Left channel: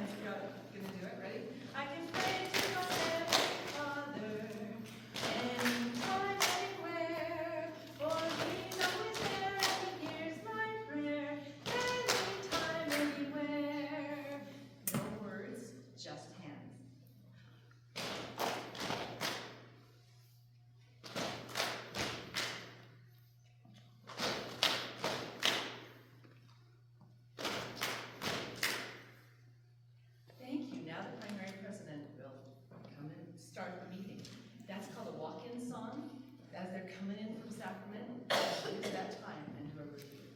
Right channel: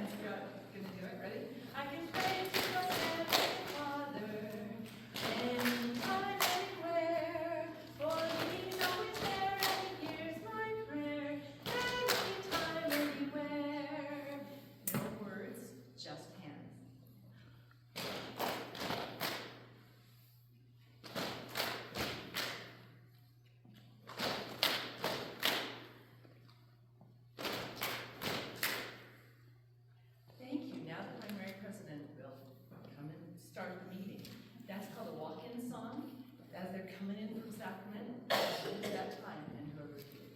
hands if you're gonna do it. Ready? I can pray to my Heavenly Father anytime, anywhere, for He's always there and He hears my prayer. Anytime, anywhere. No words, just hands. Thank you. Now the primary president will come and start the meeting. That's called a walk-in song. As they're coming in from Sacramento, it's that time, and whoever's here.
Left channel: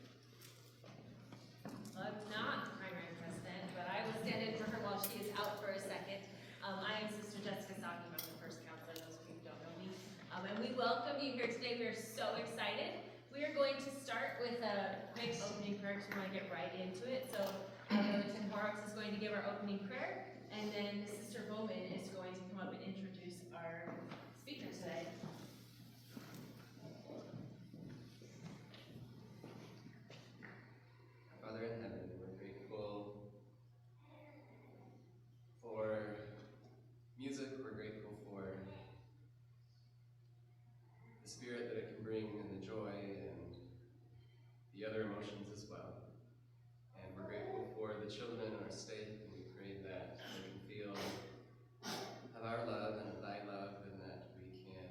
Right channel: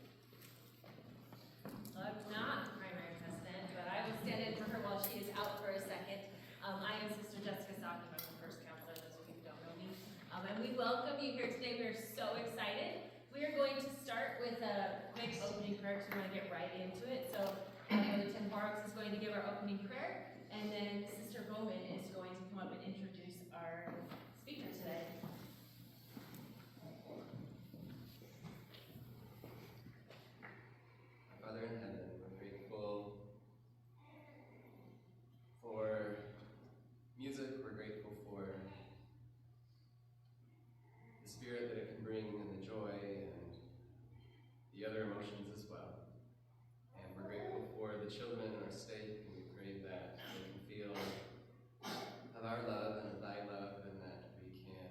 Well, I'm not the primary president, but I will stand in for her while she is out for a second. I am Sister Jessica Saki. I'm the first counselor, those of you who don't know me. And we welcome you here today. We are so excited. We are going to start with a quick opening prayer because we want to get right into it. So Brother Tim Horrocks is going to give our opening prayer, and then Sister Bowman is going to come up and introduce our speaker today. Father in heaven, we're grateful for music, we're grateful for the spirit that it can bring and the joy and the other emotions as well. And we're grateful for the children in our state, and we pray that they can feel of our love and of thy love, and that we can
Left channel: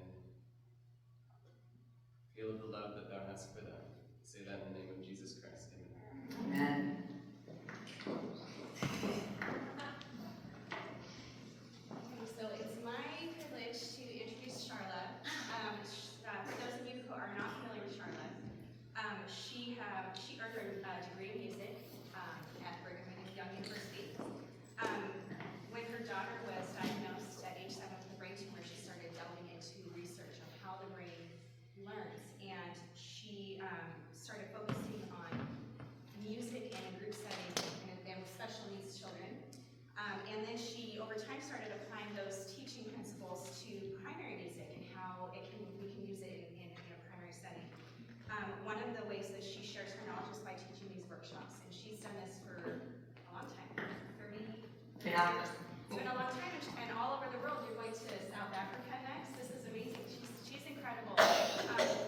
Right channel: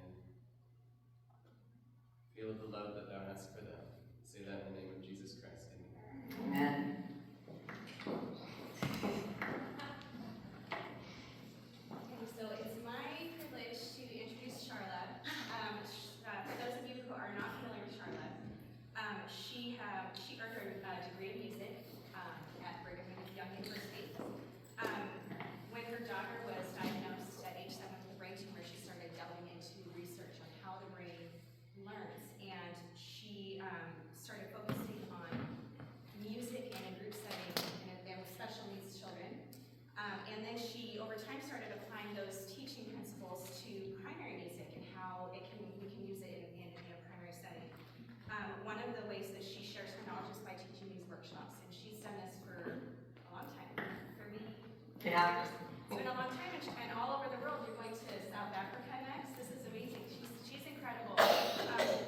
feel the love that thou hast for them. We say that in the name of Jesus Christ. Amen. Amen. So it's my privilege to introduce Sharla. For those of you who are not familiar with Sharla, she earned her degree in music at Brigham Young University. When her daughter was diagnosed at age 7 with a brain tumor, she started delving into research on how the brain learns, and she started focusing on music in a group setting and with special needs children. And then she, over time, started applying those teaching principles to primary music and how we can use it in a primary setting. One of the ways that she shares her knowledge is by teaching these workshops, and she's done this for a long time, 30 Yeah. years. It's been a long time, and all over the world. You're going to South Africa next. This is amazing. She's incredible.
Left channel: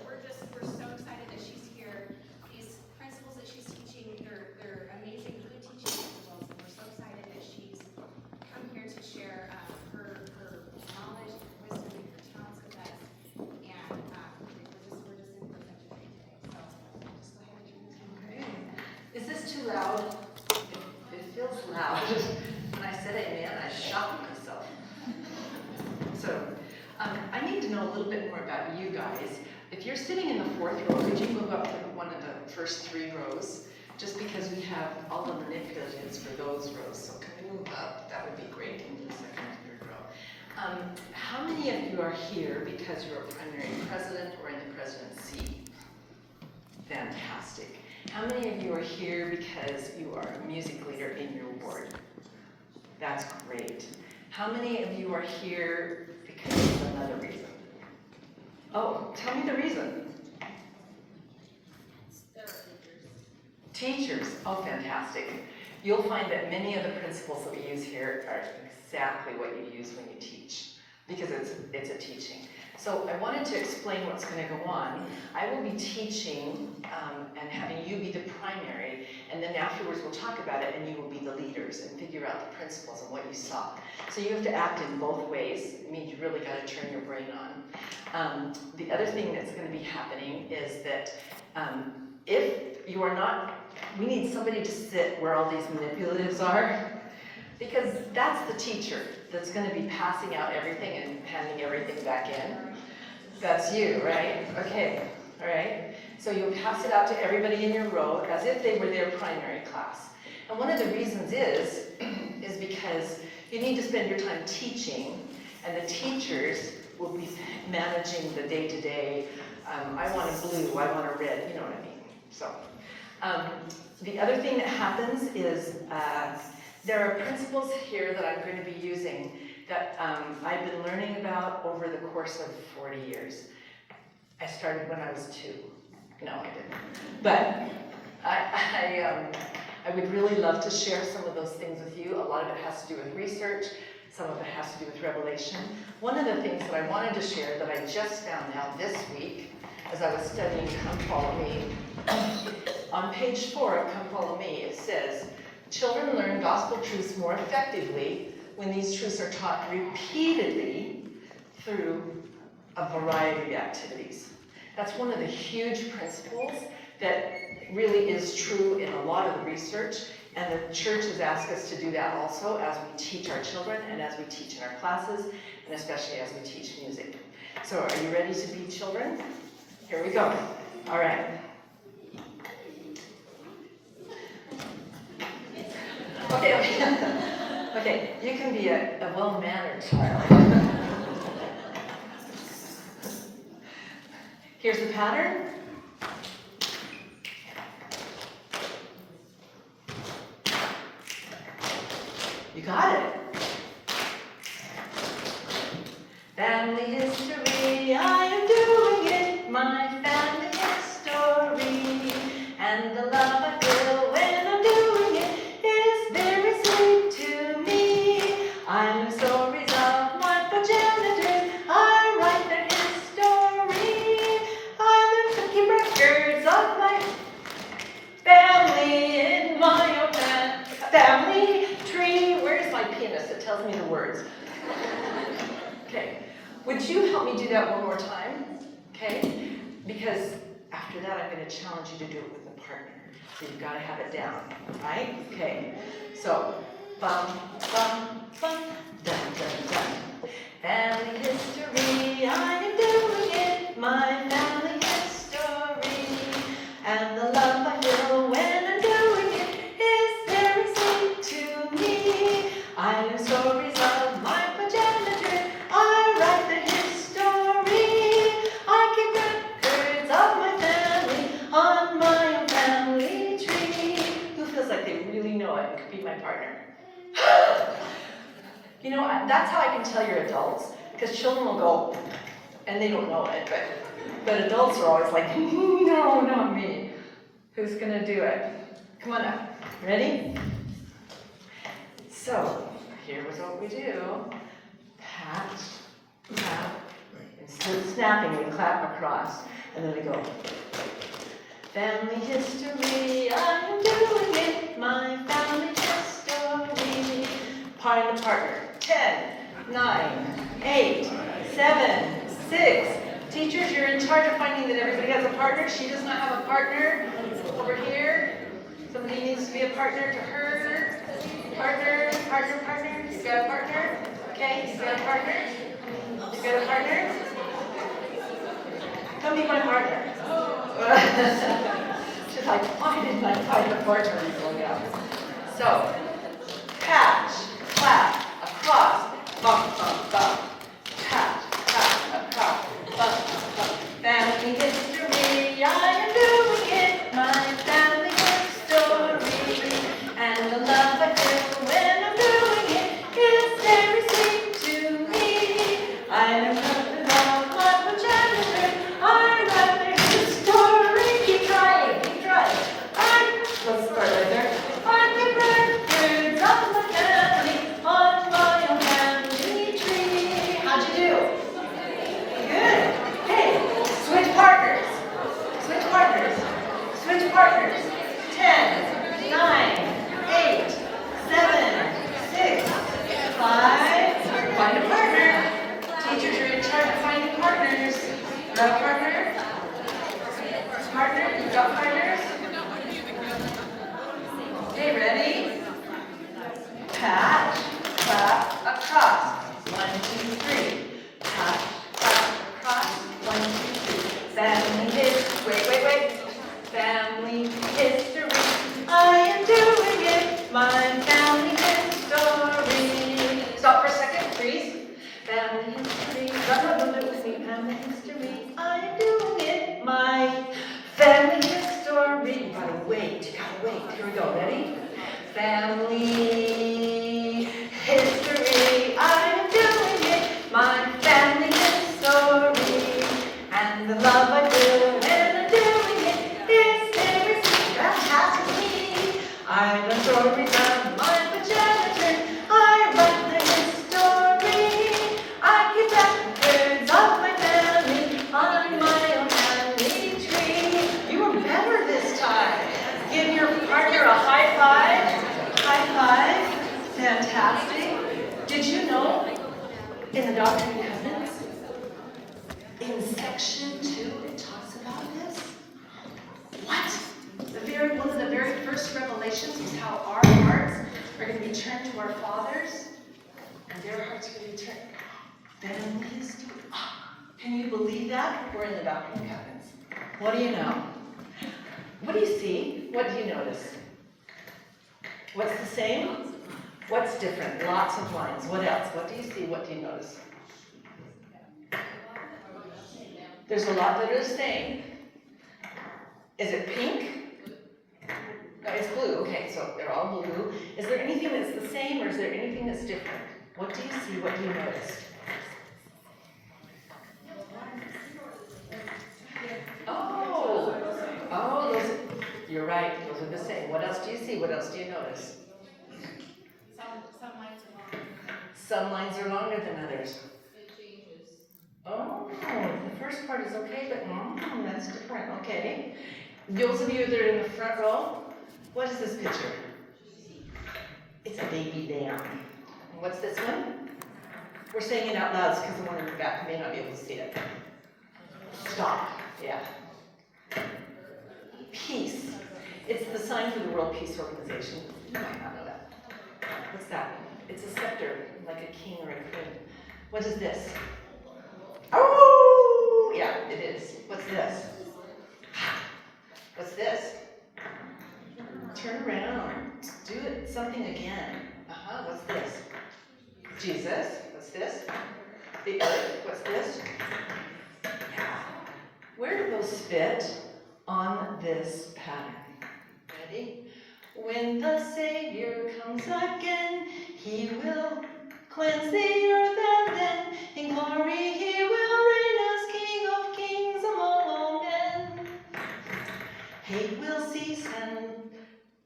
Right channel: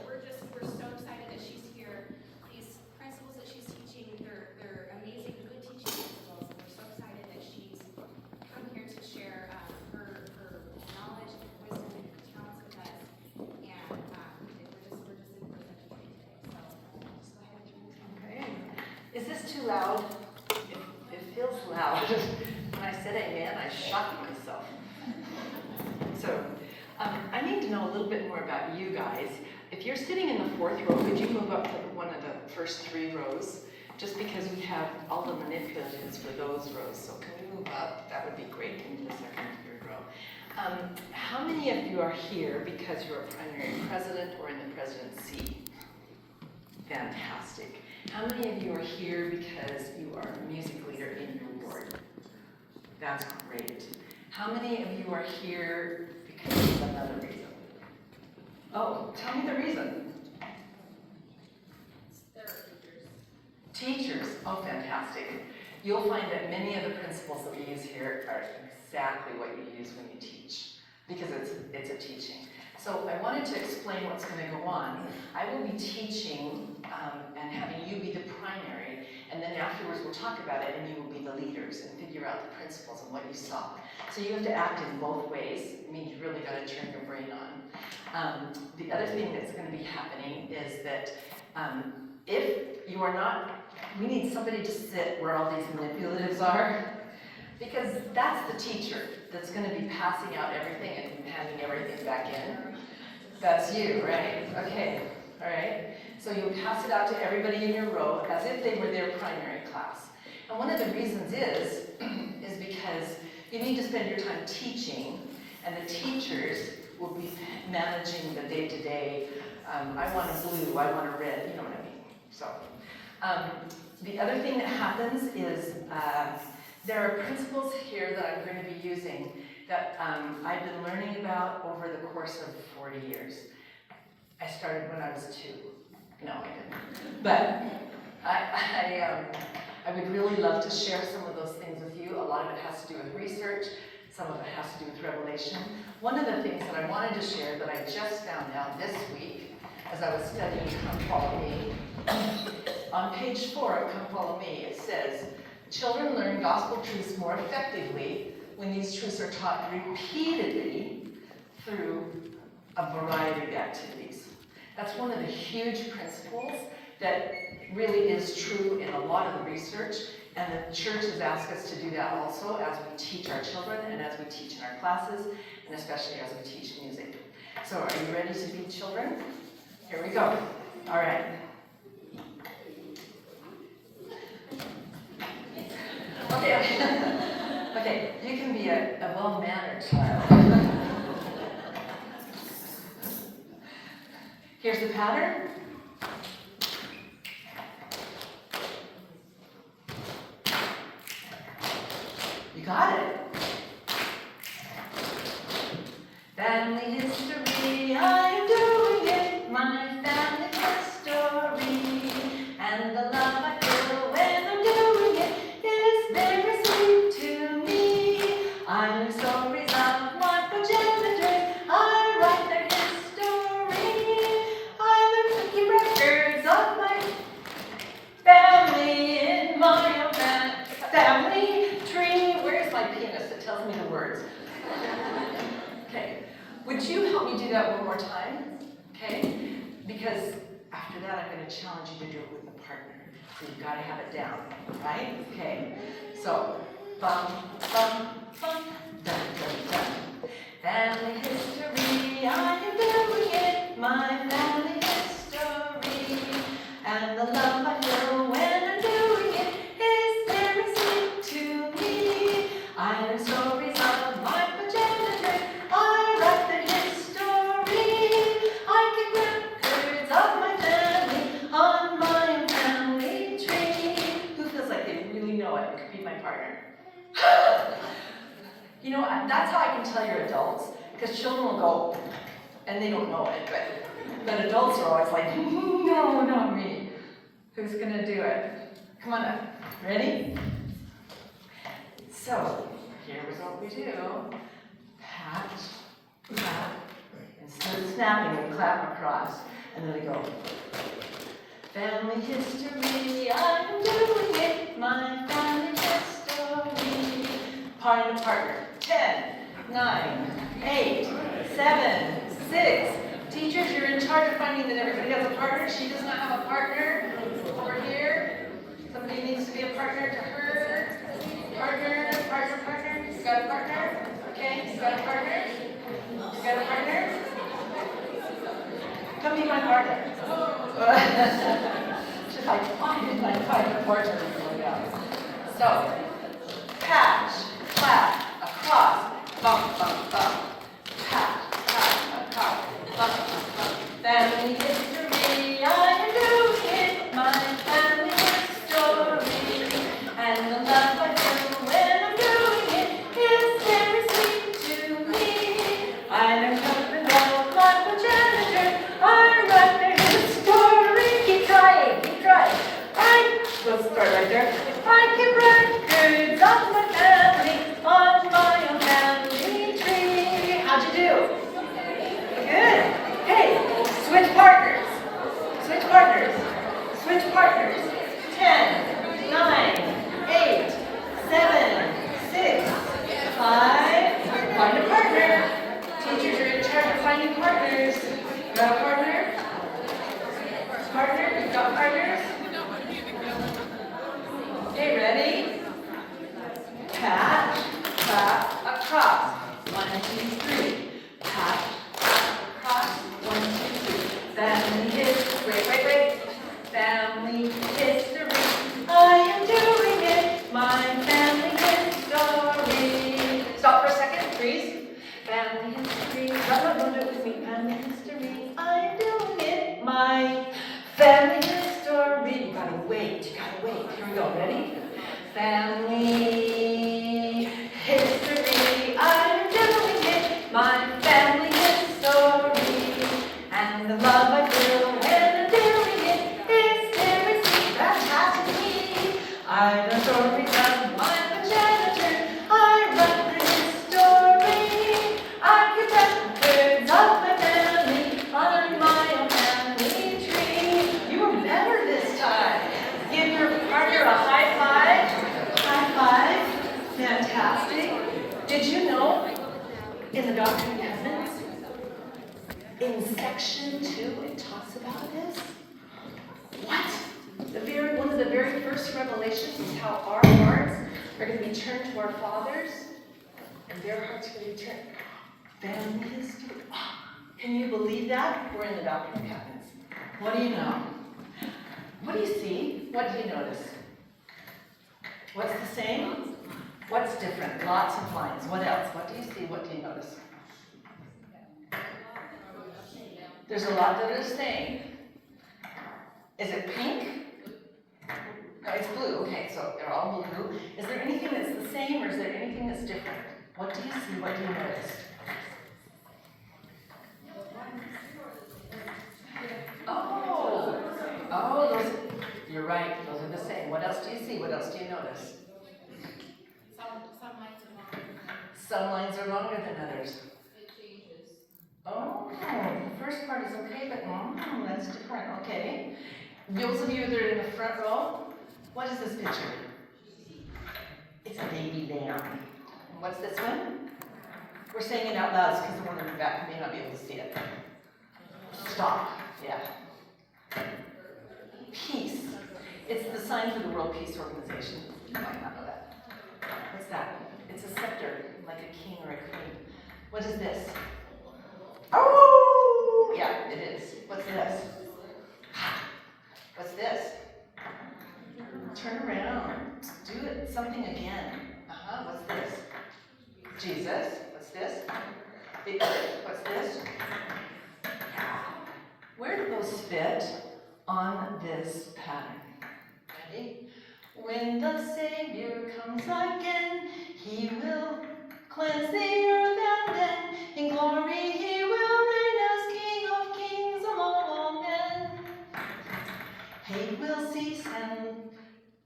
We're so excited that she's here. These principles that she's teaching, they're amazing, good teaching principles, and we're so excited that she's come here to share her knowledge, her wisdom, and her talents with us. And we're just in for such a treat today. So just go ahead and turn this on. Okay. Is this too loud? It feels loud. When I said amen, I shocked myself. So I need to know a little bit more about you guys. If you're sitting in the 4th row, could you move up to one of the first 3 rows? Just because we have all the manipulatives for those rows. So can we move up? That would be great in the 2nd and 3rd row. How many of you are here because you're a primary president or in the presidency? Fantastic. How many of you are here because you are a music leader in your ward? That's great. How many of you are here because of another reason? Oh, tell me the reason. There are teachers. Teachers. Oh, fantastic. You'll find that many of the principles that we use here are exactly what you use when you teach, because it's a teaching. So I wanted to explain what's going to go on. I will be teaching and having you be the primary, and then afterwards we'll talk about it and you will be the leaders and figure out the principles and what you saw. So you have to act in both ways. It means you really got to turn your brain on. The other thing that's going to be happening is that if you are not, we need somebody to sit where all these manipulatives are, because that's the teacher that's going to be passing out everything and handing everything back in. That's you, right? Okay, all right. So you'll pass it out to everybody in your row as if they were their primary class. And one of the reasons is because you need to spend your time teaching, and the teachers will be managing the day-to-day, I want a blue, I want a red, you know what I mean. So the other thing that happens is there are principles here that I'm going to be using that I've been learning about over the course of 40 years. I started when I was 2. No, I didn't. But I would really love to share some of those things with you. A lot of it has to do with research. Some of it has to do with revelation. One of the things that I wanted to share that I just found out this week as I was studying Come Follow Me, on page 4 of Come Follow Me, it says, children learn gospel truths more effectively when these truths are taught repeatedly through a variety of activities. That's one of the huge principles that really is true in a lot of the research, and the church has asked us to do that also as we teach our children and as we teach in our classes, and especially as we teach music. So are you ready to be children? Here we go. All right. Okay. Okay, you can be a well-mannered child. Here's the pattern. You got it. Family history, I am doing it, my family history. And the love I feel when I'm doing it is very sweet to me. I learn stories of my progenitors, I write their history. I learn to keep records of my family in my own family tree. Where's my pianist that tells me the words? Okay, would you help me do that one more time? Okay, because after that I'm going to challenge you to do it with a partner. So you've got to have it down, right? Okay, so bum, bum, bum, dun, dun, dun. Family history, I am doing it, my family history. And the love I feel when I'm doing it is very sweet to me. I learn stories of my progenitors, I write their history. I keep records of my family on my own family tree. Who feels like they really know it and could be my partner? You know, that's how I can tell you're adults, because children will go, and they don't know it, but adults are always like, no, not me. Who's gonna do it? Come on up. Ready? So, here's what we do. Pat, clap. Instead of snapping, we clap across. And then we go. Family history, I'm doing it. My family history. Find a partner. 10, 9, 8, 7, 6. Teachers, you're in charge of finding that everybody has a partner. She does not have a partner. Over here. Somebody needs to be a partner to her. Partner, partner, partner. You got a partner? Okay, you got a partner? You got a partner? Come be my partner. She's like, find my partner. So, patch, clap, across, bump, bump, bump. Patch, clap, across, bump, bump, bump. Family history, I am doing it. My family history. And the love I feel when I'm doing it is very sweet to me. I learn something about my progenitor. I write their history. Keep trying, keep trying. Let's start right there. I keep records of my family on my own family tree. How'd you do? Good. Hey, switch partners. Switch partners. Switch partners. 10, 9, 8, 7, 6, 5. Find a partner. Teachers are in charge of finding partners. You got a partner? Partner? You got partners? Okay, ready? Pat, clap, across. 1, 2, 3. Pat, clap, across. 1, 2, 3. Family history. Wait. Family history. I am doing it. My family history. Stop for a second, please. Family history. No, don't do it with me. Family history. I am doing it. My family history. You gotta wait. Here we go. Ready? Family history. I am doing it. My family history. And the love I feel when I'm doing it is very sweet. That happens to me. I of my progenitor. I write the history. I keep records of my family on my own family tree. You were better this time. Give your partner a high five. High five. Fantastic. Did you know in the Doctrine and Covenants, in section 2, it talks about this? What? One of the very first revelations was how our hearts are going to be turned to our fathers, and their hearts are going to be turned. Family history. Can you believe that? We're in the Doctrine and Covenants. What do you know? What do you see? What do you notice? What's the same? What's different? Lots of lines. What else? What do you see? What do you notice? There's a lot that are the same. Is it pink? No, it's blue. Okay, so they're all blue. Is there anything that's the same or is there anything that's different? What do you see? What do you notice? Oh, those, you're right. Those are the same. What else do you see? What else do you notice? Some lines are longer. Some lines are longer than others. It changes. Oh, the first part is okay, but that's different. Okay. Those of you that are in the front row, what is this picture? It's a baby lamb. And what's this one? We're saying it out loud because the one in the back may not be able to see it. Stop. Yeah. Peace. It's the sign for the World Peace Organization. You might not know that. What's that? It's a scepter, like a king or a queen. What is this? Oh, yeah, it is. What's this? What's this? Turn around. Do it. Something again. What's this? Jesus. What's this? What's this? Where do those fit on this pattern? Ready? When the Savior comes again, he will cleanse the earth, and then in glory he will reign as King of kings among all men. Hate will cease and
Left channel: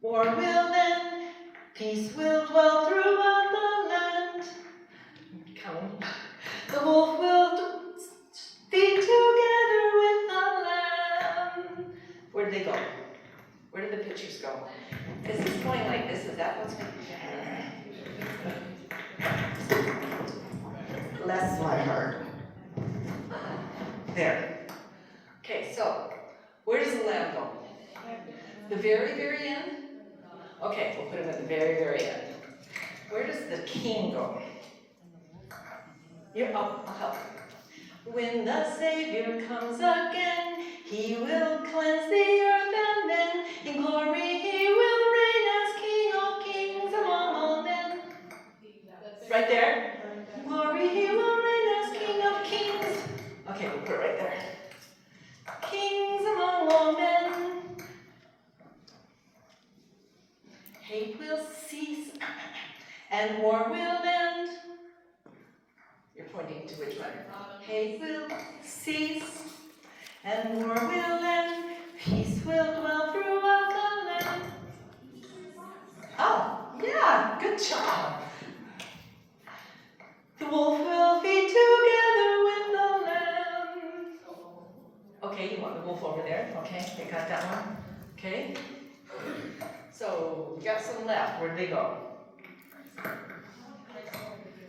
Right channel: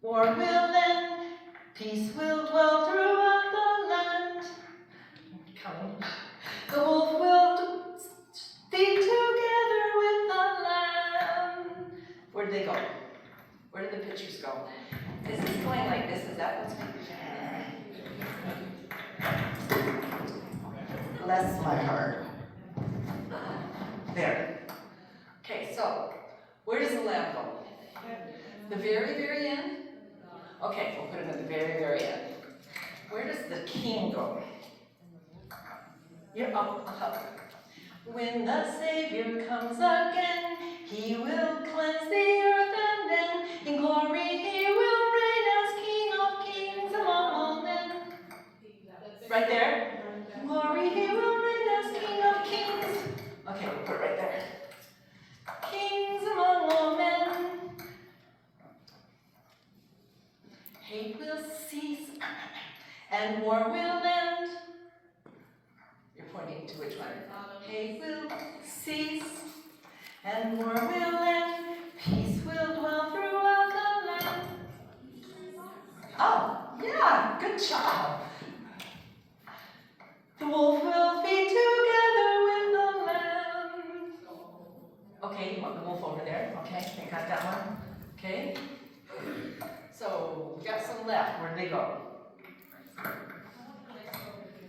war will end, peace will dwell throughout the land. Come. The wolf will be together with the lamb. Where did they go? Where did the pictures go? Is this going like this? Is that what's going? Bless my heart. There. Okay, so where does the lamb go? The very, very end? Okay, we'll put him at the very, very end. Where does the king go? Here, I'll help. When the Savior comes again, he will cleanse the earth, and then in glory he will reign as King of kings among all men. Right there? In glory he will reign as King of kings. Okay, we'll put it right there. Kings among all men. Hate will cease and war will end. You're pointing to which one? Hate will cease and war will end. Peace will dwell throughout the land. Oh, yeah, good job. The wolf will be together with the lamb. Okay, you want the wolf over there? Okay, we got that one. Okay. So we got some left. Where'd they go?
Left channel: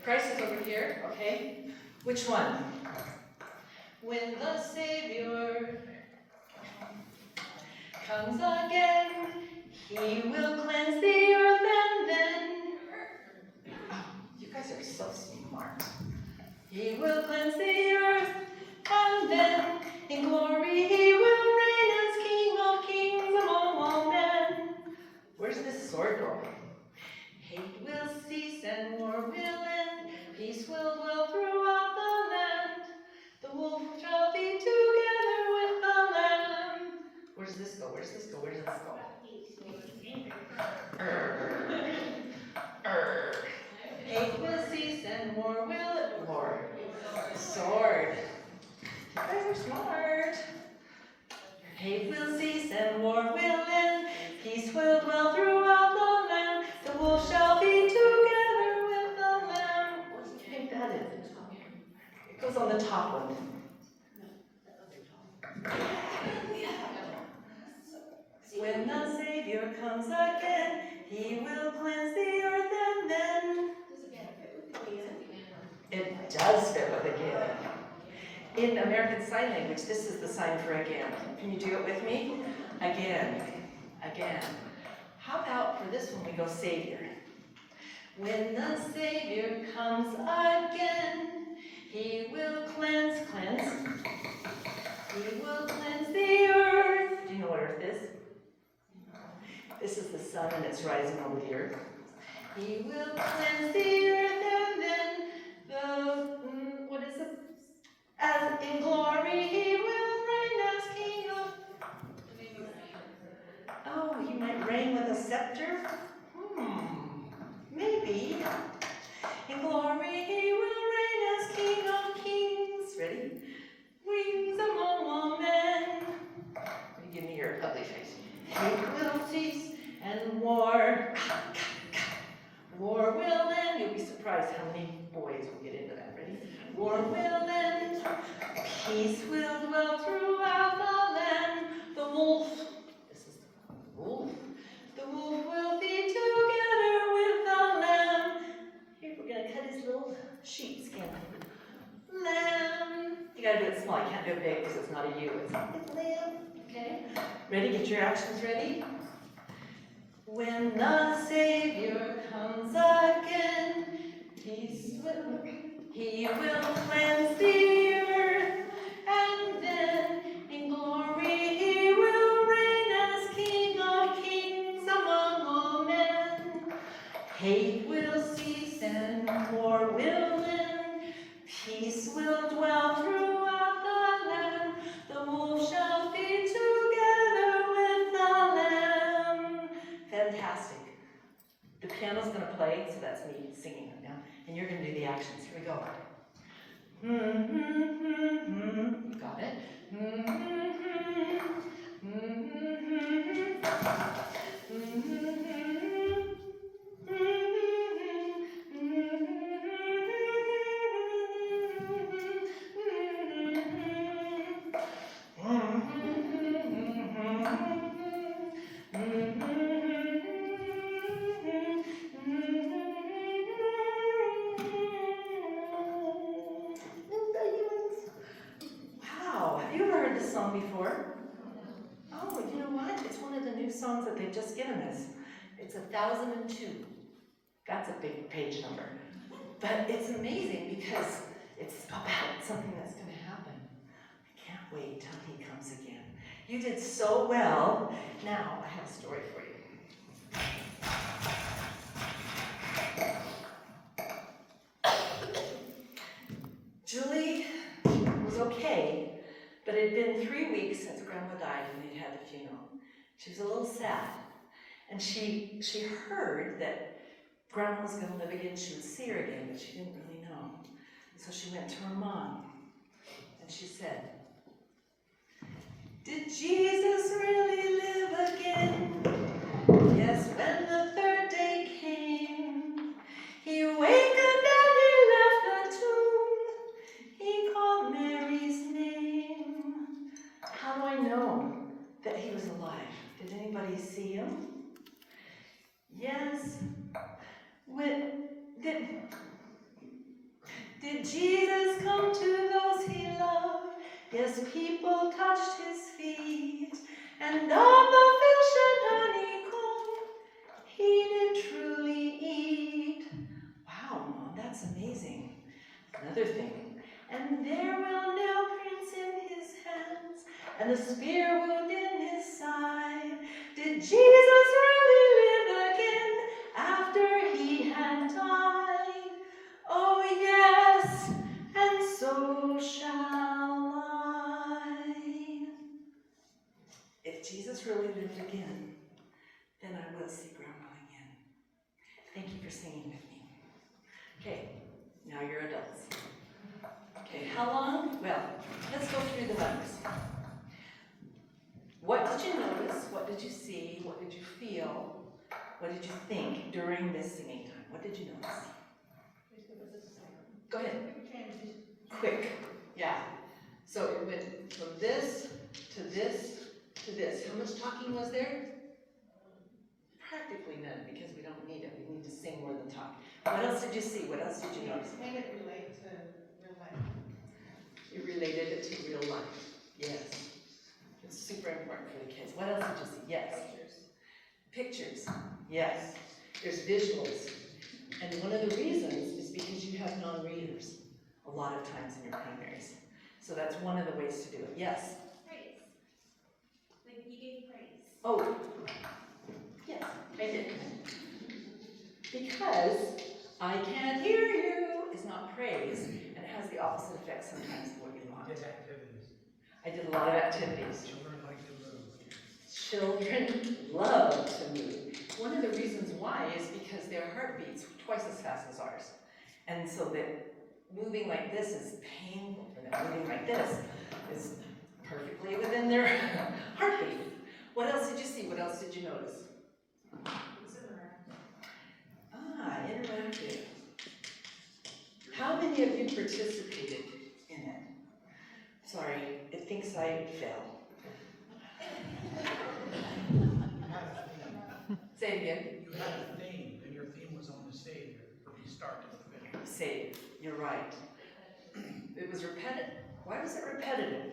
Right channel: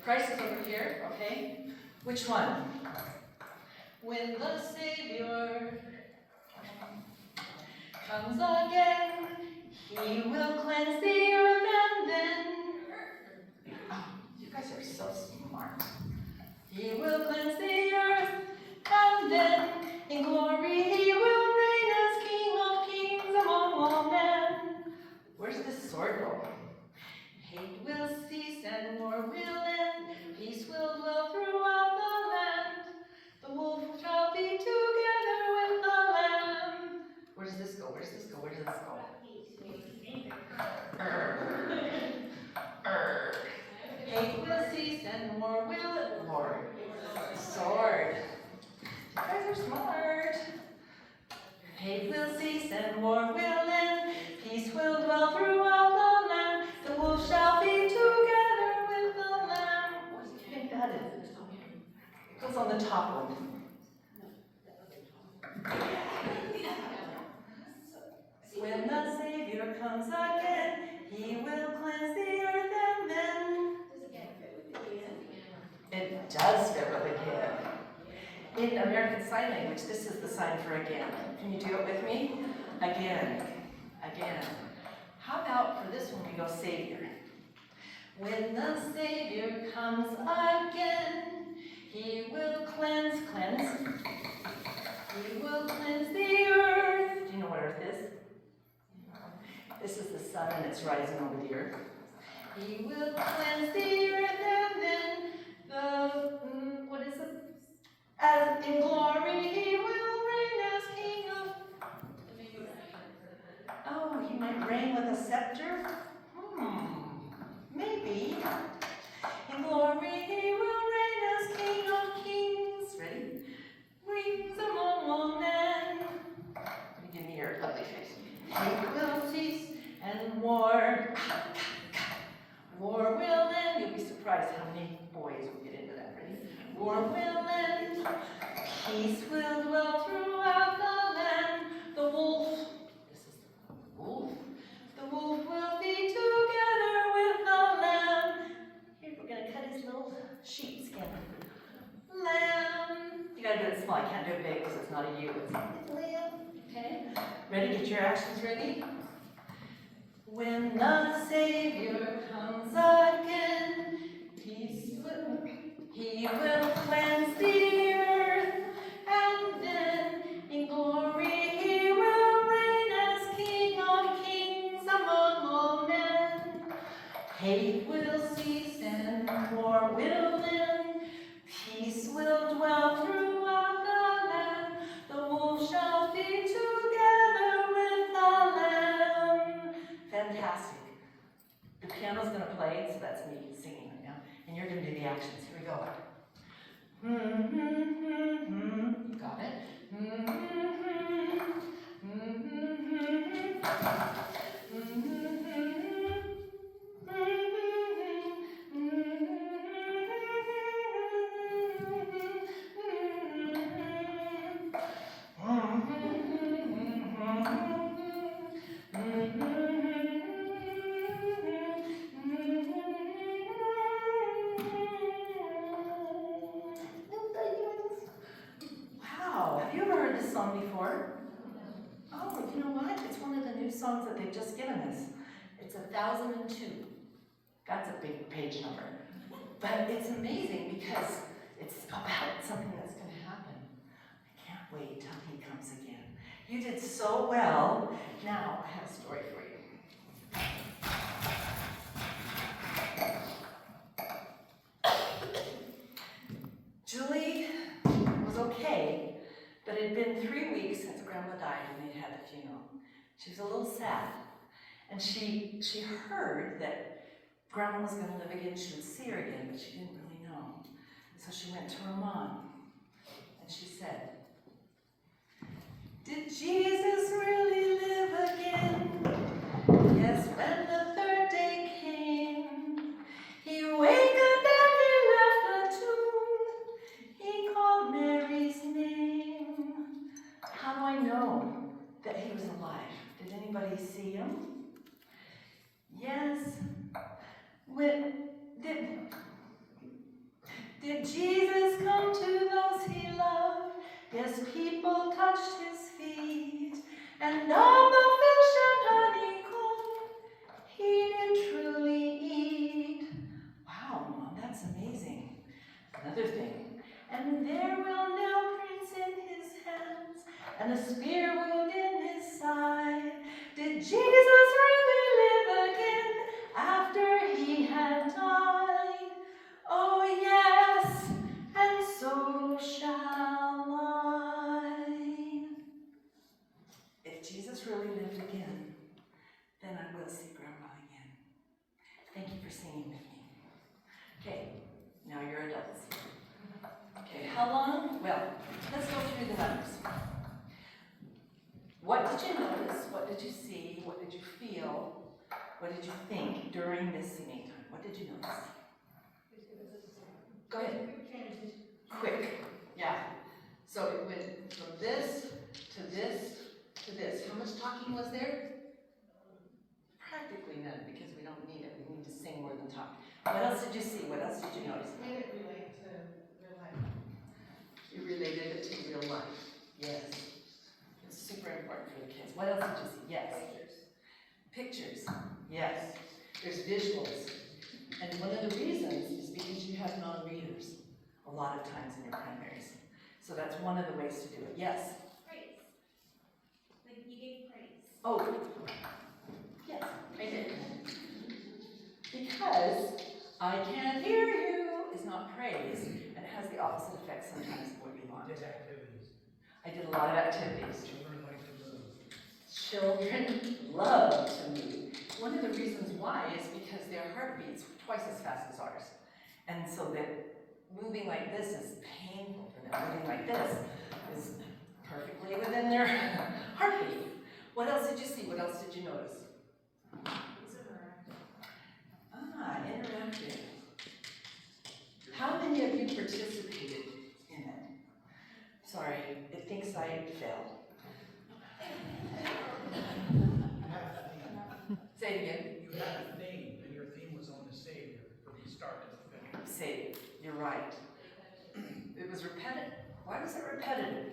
Christ is over here. Okay. Which one? When the Savior comes again, he will cleanse the earth, and then you guys are so smart. He will cleanse the earth, and then in glory he will reign as King of kings among all men. Where's this sword go? Hate will cease and war will end. Peace will dwell throughout the land. The wolf shall be together with the lamb. Where does this go? Where does this go? Where does this go? Hate will cease and war will. Lord. Sword. You guys are smart. Hate will cease and war will end. Peace will dwell throughout the land. The the top one. When the Savior comes again, he will cleanse the earth and then. It does fit with again. In American Sign Language, this is the sign for again. Can you do it with me? Again, again. How about for this one we go Savior? When the Savior comes again, he will cleanse. He will cleanse the earth. Do you know what earth is? This is the sun and it's rising over the earth. He will cleanse the earth and then what is it? As in glory he will reign as king of. Oh, he might reign with a scepter? Maybe. In glory he will reign as king of kings. Ready? Reigns among all men. Give me your ugly face. Hate will cease and war will end. You'll be surprised how many boys will get into that. Ready? War will end. Peace will dwell throughout the land. The wolf. This is the wolf. The wolf will feed together with the lamb. Here, we're gonna cut his little sheepskin. Lamb. You gotta do it small. You can't do it big because it's not a U. It's lamb. Okay. Ready? Get your actions ready. When the Savior comes again, he will cleanse the earth, and then in glory he will reign as King of kings among all men. Hate will cease and war will end. Peace will dwell throughout the land. The wolf shall feed together with the lamb. Fantastic. The piano's going to play, so that's me singing right now. And you're going to do the actions. Here we go. You got it? Wow, have you ever heard this song before? Oh, you know what? It's one of the new songs that they've just given us. It's 1002. That's a big page number. But it's amazing because it's about something that's going to happen. I can't wait till he comes again. You did so well. Now, I have a story for you. Julie was okay, but it had been 3 weeks since Grandma died and they'd had the funeral. She was a little sad. And she heard that Grandma was going to live again. She would see her again, but she didn't really know. So she went to her mom, and she said, "Did Jesus really live again? Yes, when the third day came, he awakened and he left the tomb. He called Mary's name. How do I know that he was alive? Did anybody see him? Yes. Did Jesus come to those he loved? Yes, people touched his feet, and of the fish and honeycomb he did truly eat." Wow, Mom, that's amazing. Another thing. "And there were nail prints in his hands, and a spear wound in his side. Did Jesus really live again after he had died? Oh yes, and so shall I." If Jesus really lived again, then I will see Grandma again. Thank you for singing with me. Okay, now you're adults. Okay, how long? Well, let's go through the numbers. What did you notice? What did you see? What did you feel? What did you think during this singing time? What did you notice? Go ahead. Quick. Yeah. So it went from this to this to this. How much talking was there? Practically none, because we don't need it. We need to sing more than talk. What else did you see? What else did you notice? Made it relate to real life. You related it to real life. Yes. It's super important for the kids. What else did you see? Yes. Pictures. Yes. There's visuals. And one of the reasons is because you have non-readers a lot of times in your primaries. So that's one of the ways to do it. Yes? Praise. Like you gave praise. Oh, yes, I did. Because I can't hear you is not praise, and it has the opposite effect sometimes of what you want. Did activities. I did a lot of activities. Children like to move. Children love to move. One of the reasons why is because their heart beats twice as fast as ours. And so that moving like this is painful for them. Moving like this is perfectly within their heartbeat. What else did you see? What else did you notice? Interactive. How many of you participated in it? Sorry, it thinks I fell. You had a theme. Say it again. You had a theme, and your theme was on the Savior from start to finish. Say, you're right. It was repetitive. Why was it repetitive?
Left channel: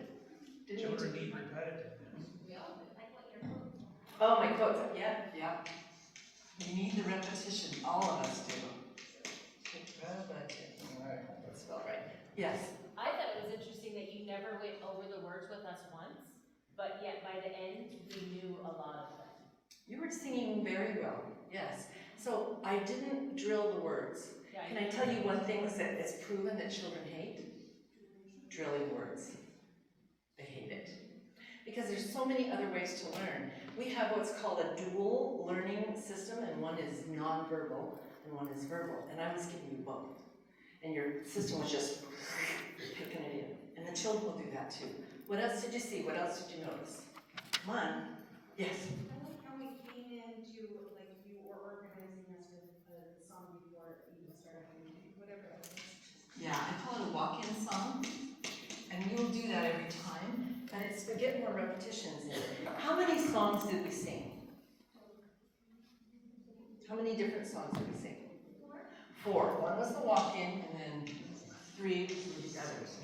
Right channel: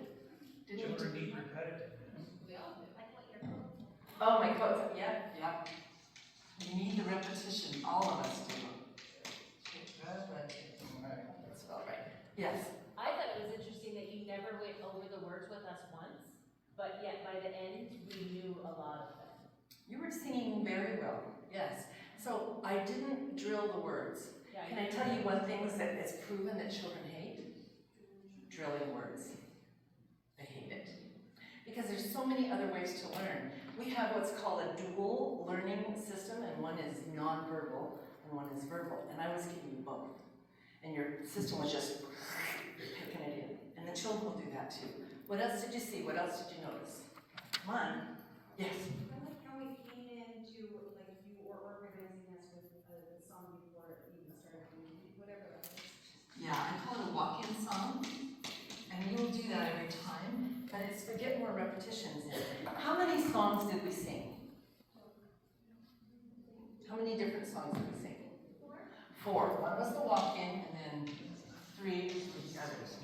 Children need repetitiveness. We all do. Like what your quote. Oh, my quotes. Yeah. You need the repetition. All of us do. Right. That spelled right. Yes. I thought it was interesting that you never went over the words with us once, but yet by the end, we knew a lot of them. You were singing very well. Yes. So I didn't drill the words. Yeah, Can I tell you one thing that it's proven that children hate? Drilling words. They hate it. Because there's so many other ways to learn. We have what's called a dual learning system, and one is nonverbal and one is verbal. And I was giving you both. And your system was just picking it in. And the children will do that too. What else did you see? What else did you notice? Come on. Yes. I like how we came into, like, you were organizing us with a song before it even started, whatever that was. Yeah, I call it a walk-in song. And you will do that every time. But it's to get more repetitions in it. How many songs did we sing? How many different songs did we sing? Four. One was the walk-in, and then 3 with the others.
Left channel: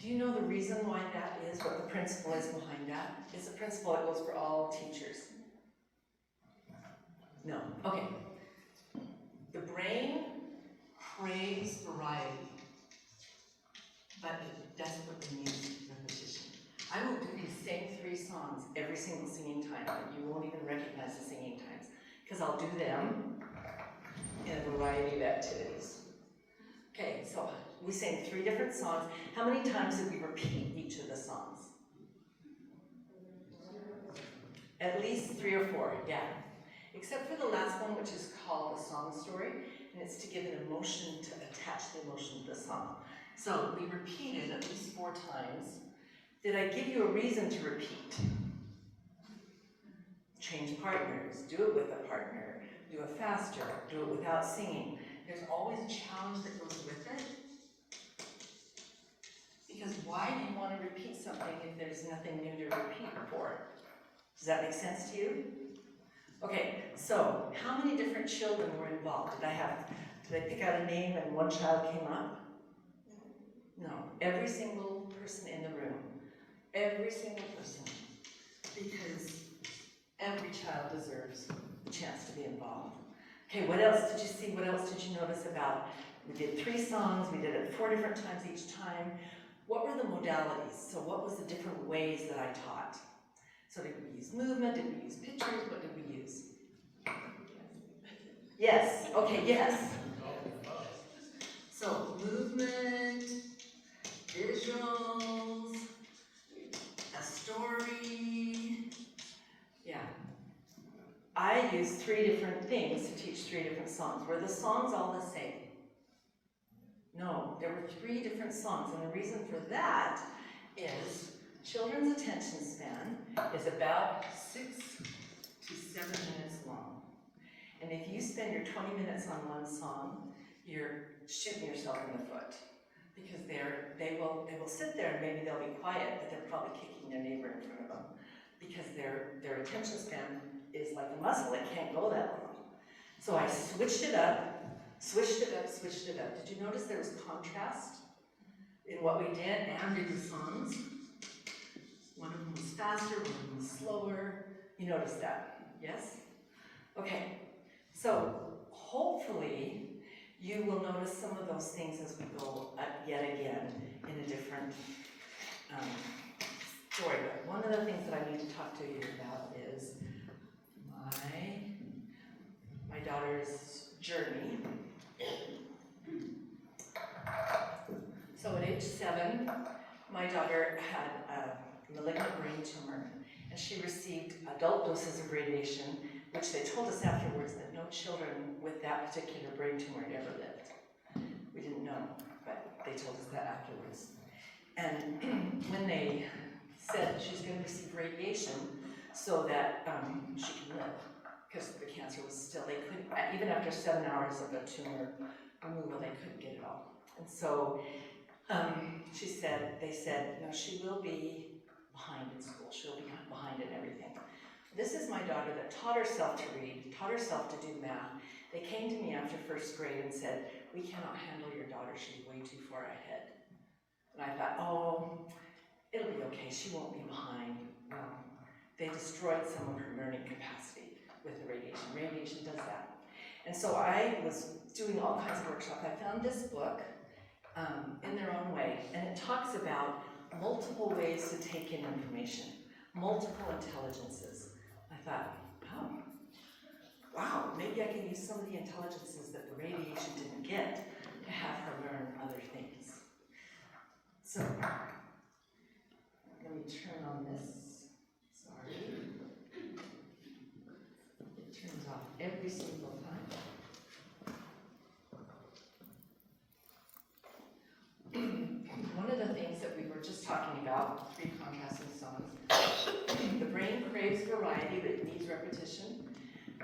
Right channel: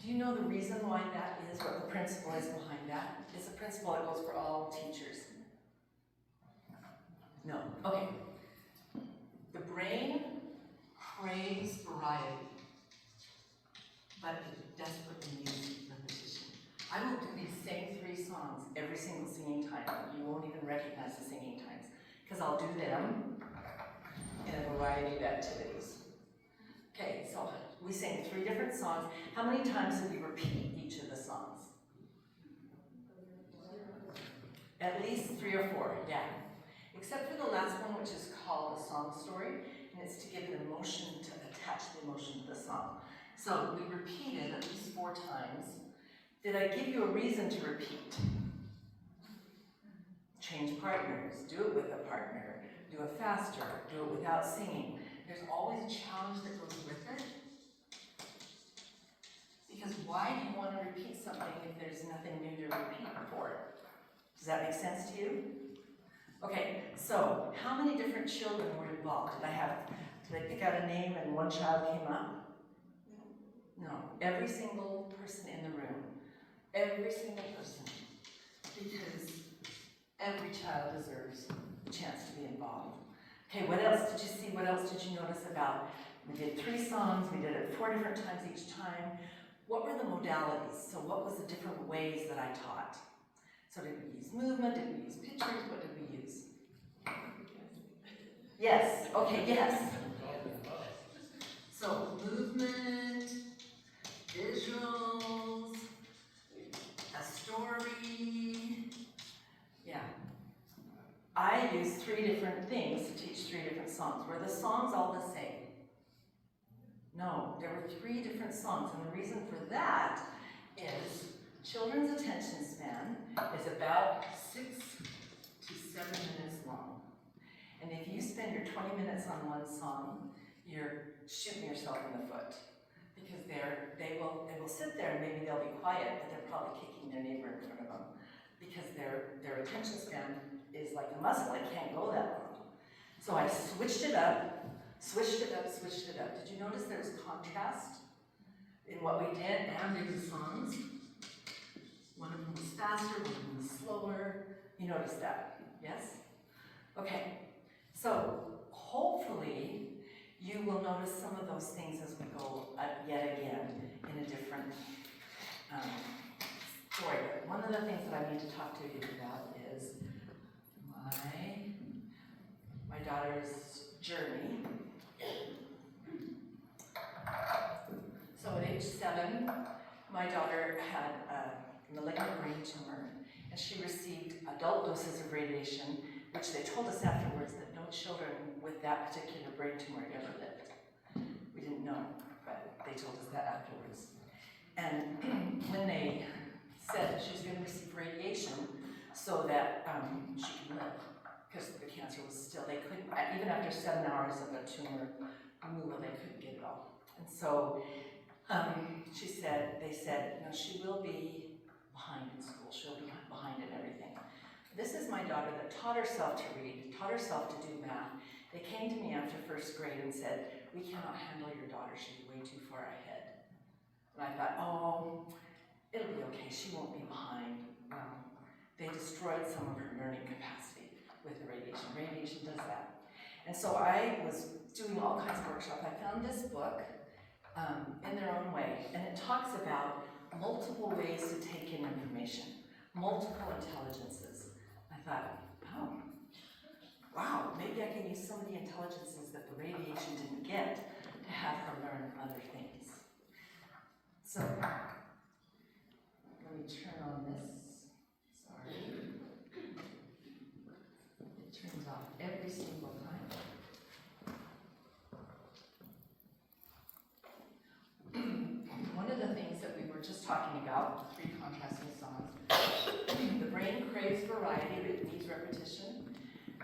Do you know the reason why that is, what the principle is behind that? It's a principle that goes for all teachers. No. Okay. The brain craves variety, but it desperately needs repetition. I will do these same 3 songs every single singing time, but you won't even recognize the singing times, because I'll do them in a variety of activities. Okay, so we sang 3 different songs. How many times did we repeat each of the songs? At least 3 or 4, yeah. Except for the last one, which is called a song story, and it's to give an emotion, to attach the emotion to the song. So we repeated at least 4 times. Did I give you a reason to repeat? Change partners, do it with a partner, do it faster, do it without singing. There's always a challenge that goes with it. Because why do you want to repeat something if there's nothing new to repeat for it? Does that make sense to you? Okay, so how many different children were involved? Did I pick out a name and one child came up? No, every single person in the room. Every single person. Because every child deserves a chance to be involved. Okay, what else did you see? What else did you notice about? We did 3 songs, we did it 4 different times each time. What were the modalities? So what was the different ways that I taught? So did we use movement? Did we use pictures? What did we use? Yes, okay, yes. So movement, visuals, a story. Yeah. I used 3 different things to teach 3 different songs. Were the songs all the same? No, there were 3 different songs, and the reason for that is children's attention span is about 6 to 7 minutes long. And if you spend your 20 minutes on one song, you're shooting yourself in the foot. because they will sit there and maybe they'll be quiet, but they're probably kicking their neighbor in front of them because their attention span is like a muscle, it can't go that long. So I switched it up. Did you notice there was contrast in what we did and in the songs? One of them was faster, one of them was slower. You noticed that, yes? Okay, so hopefully you will notice some of those things as we go yet again in a different story. But one of the things that I need to talk to you about is my daughter's journey. So at age 7, my daughter had a malignant brain tumor, and she received adult doses of radiation, which they told us afterwards that no children with that particular brain tumor ever lived. We didn't know, but they told us that afterwards. And when they said she was going to receive radiation so that she could live, because the cancer was still, they couldn't, even after 7 hours of a tumor removal, they couldn't get it all. And so they said, no, she will be behind in school. She'll be behind in everything. This is my daughter that taught herself to read, taught herself to do math. They came to me after 1st grade and said, we cannot handle your daughter. She's way too far ahead. And I thought, oh, it'll be okay. She won't be behind. They destroyed some of her learning capacity with the radiation. Radiation does that. And so I was doing all kinds of workshops. I found this book in their own way, and it talks about multiple ways to take in information, multiple intelligences. I thought, oh, wow, maybe I can use some of the intelligences that the radiation didn't get to have her learn other things. So, let me turn on this. Sorry. It turns off every single time. One of the things that we were just talking about, 3 contrasting songs. The brain craves variety, but it needs repetition.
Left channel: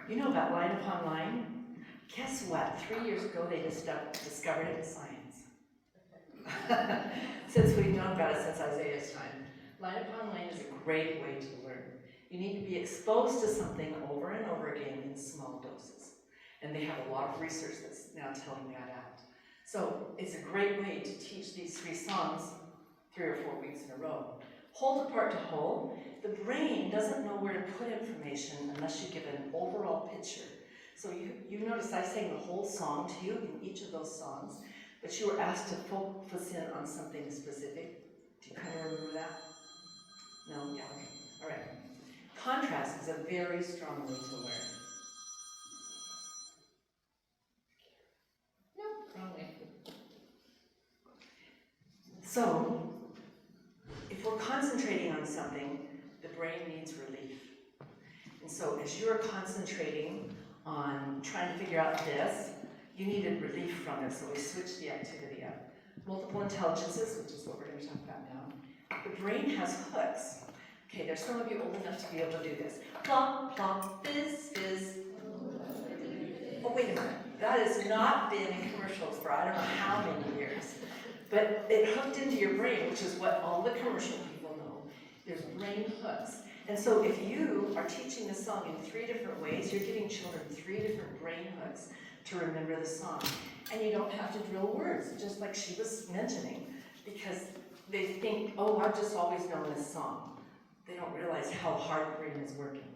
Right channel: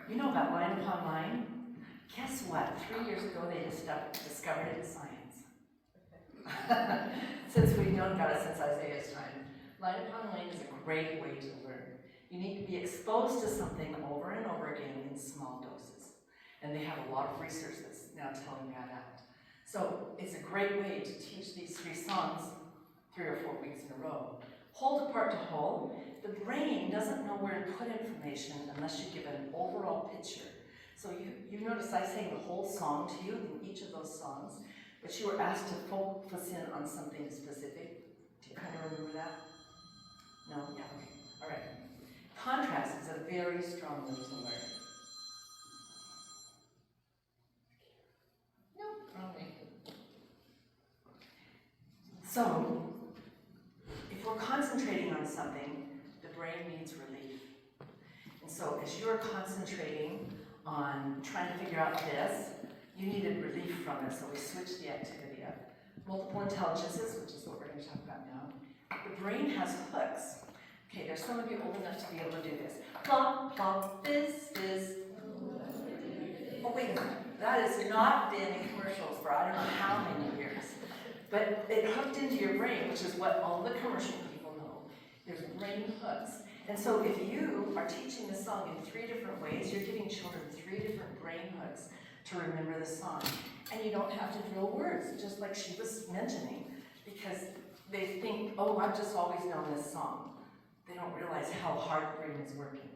You know about line upon line? Guess what? 3 years ago, they discovered it in science. Since we've known about it since Isaiah's time. Line upon line is a great way to learn. You need to be exposed to something over and over again in small doses. And they have a lot of research that's now telling that out. So it's a great way to teach these 3 songs 3 or 4 weeks in a row. Hold apart to whole. The brain doesn't know where to put information unless you give an overall picture. So you notice I sang the whole song to you in each of those songs, but you were asked to focus in on something specific. Do you kind of remember that? No? Yeah, okay. All right. Contrast is a very strong way to learn. No, wrong way. So, if we're concentrating on something, the brain needs relief. And so as you're concentrating on trying to figure out this, you needed relief from it, so we switched the activity up. Multiple intelligences, which is what we're going to talk about now. The brain has hooks. Okay, there's some of you old enough to be able to do this. Plop, plop, fizz, fizz. Oh, wait a minute. That has not been in commercials for I don't know how many years. But it hooked into your brain, which is what all the commercial people know. There's brain hooks. And so if you are teaching the song in 3 different ways, you're giving children 3 different brain hooks to remember the song. And you don't have to drill words, just like she was mentioning, because they think, oh, I've just always known this song. They don't realize how hard the brain is working.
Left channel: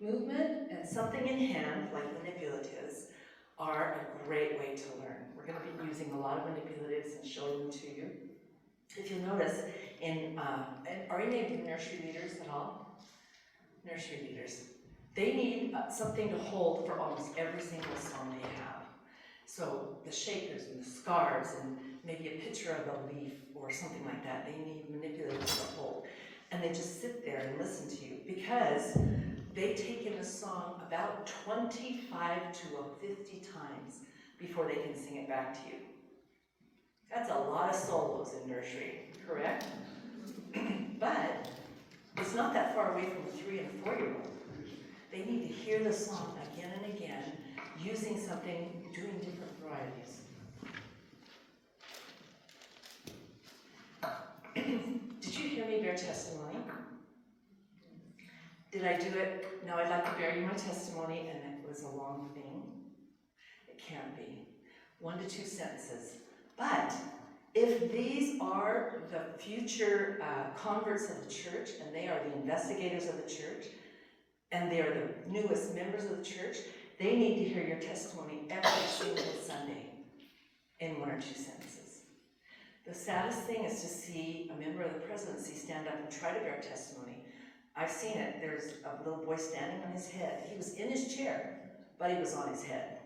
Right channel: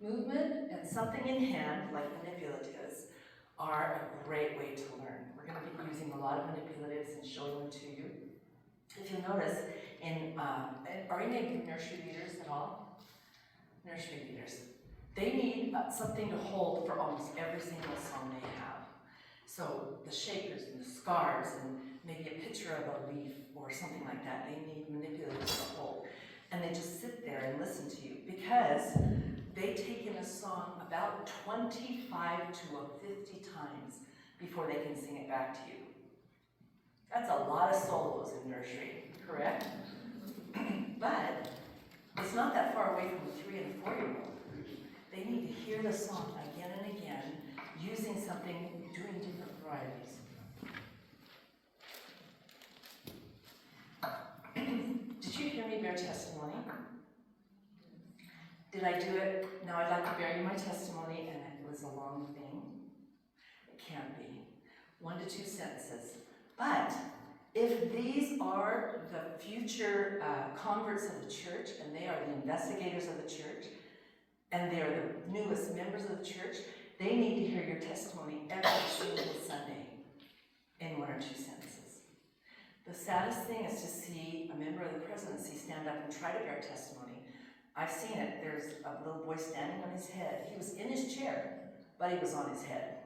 Movement and something in hand, like manipulatives, are a great way to learn. We're going to be using a lot of manipulatives and showing them to you. If you'll notice, are any of you nursery leaders at all? Nursery leaders. They need something to hold for almost every single song they have. So the shakers and the scarves and maybe a picture of a leaf or something like that, they need manipulatives to hold. And they just sit there and listen to you because they take in a song about 25 to 50 times before they can sing it back to you. That's a lot of solos in nursery, correct? But it's not that far away from the 3 and 4-year-old. They need to hear the song again and again, using something, doing different varieties. your testimony? Did I do it? Now I'd like to bear you my testimony, and it was a long thing. It can't be. 1 to 2 sentences. But if these are the future converts of the church, and they are the investigators of the church, and they are the newest members of the church, they need to hear your testimony every single Sunday in 1 or 2 sentences. The saddest thing is to see a member of the presidency stand up and try to bear testimony. I've seen it. There's a little boy standing on his head. He was in his chair, but he was on his head.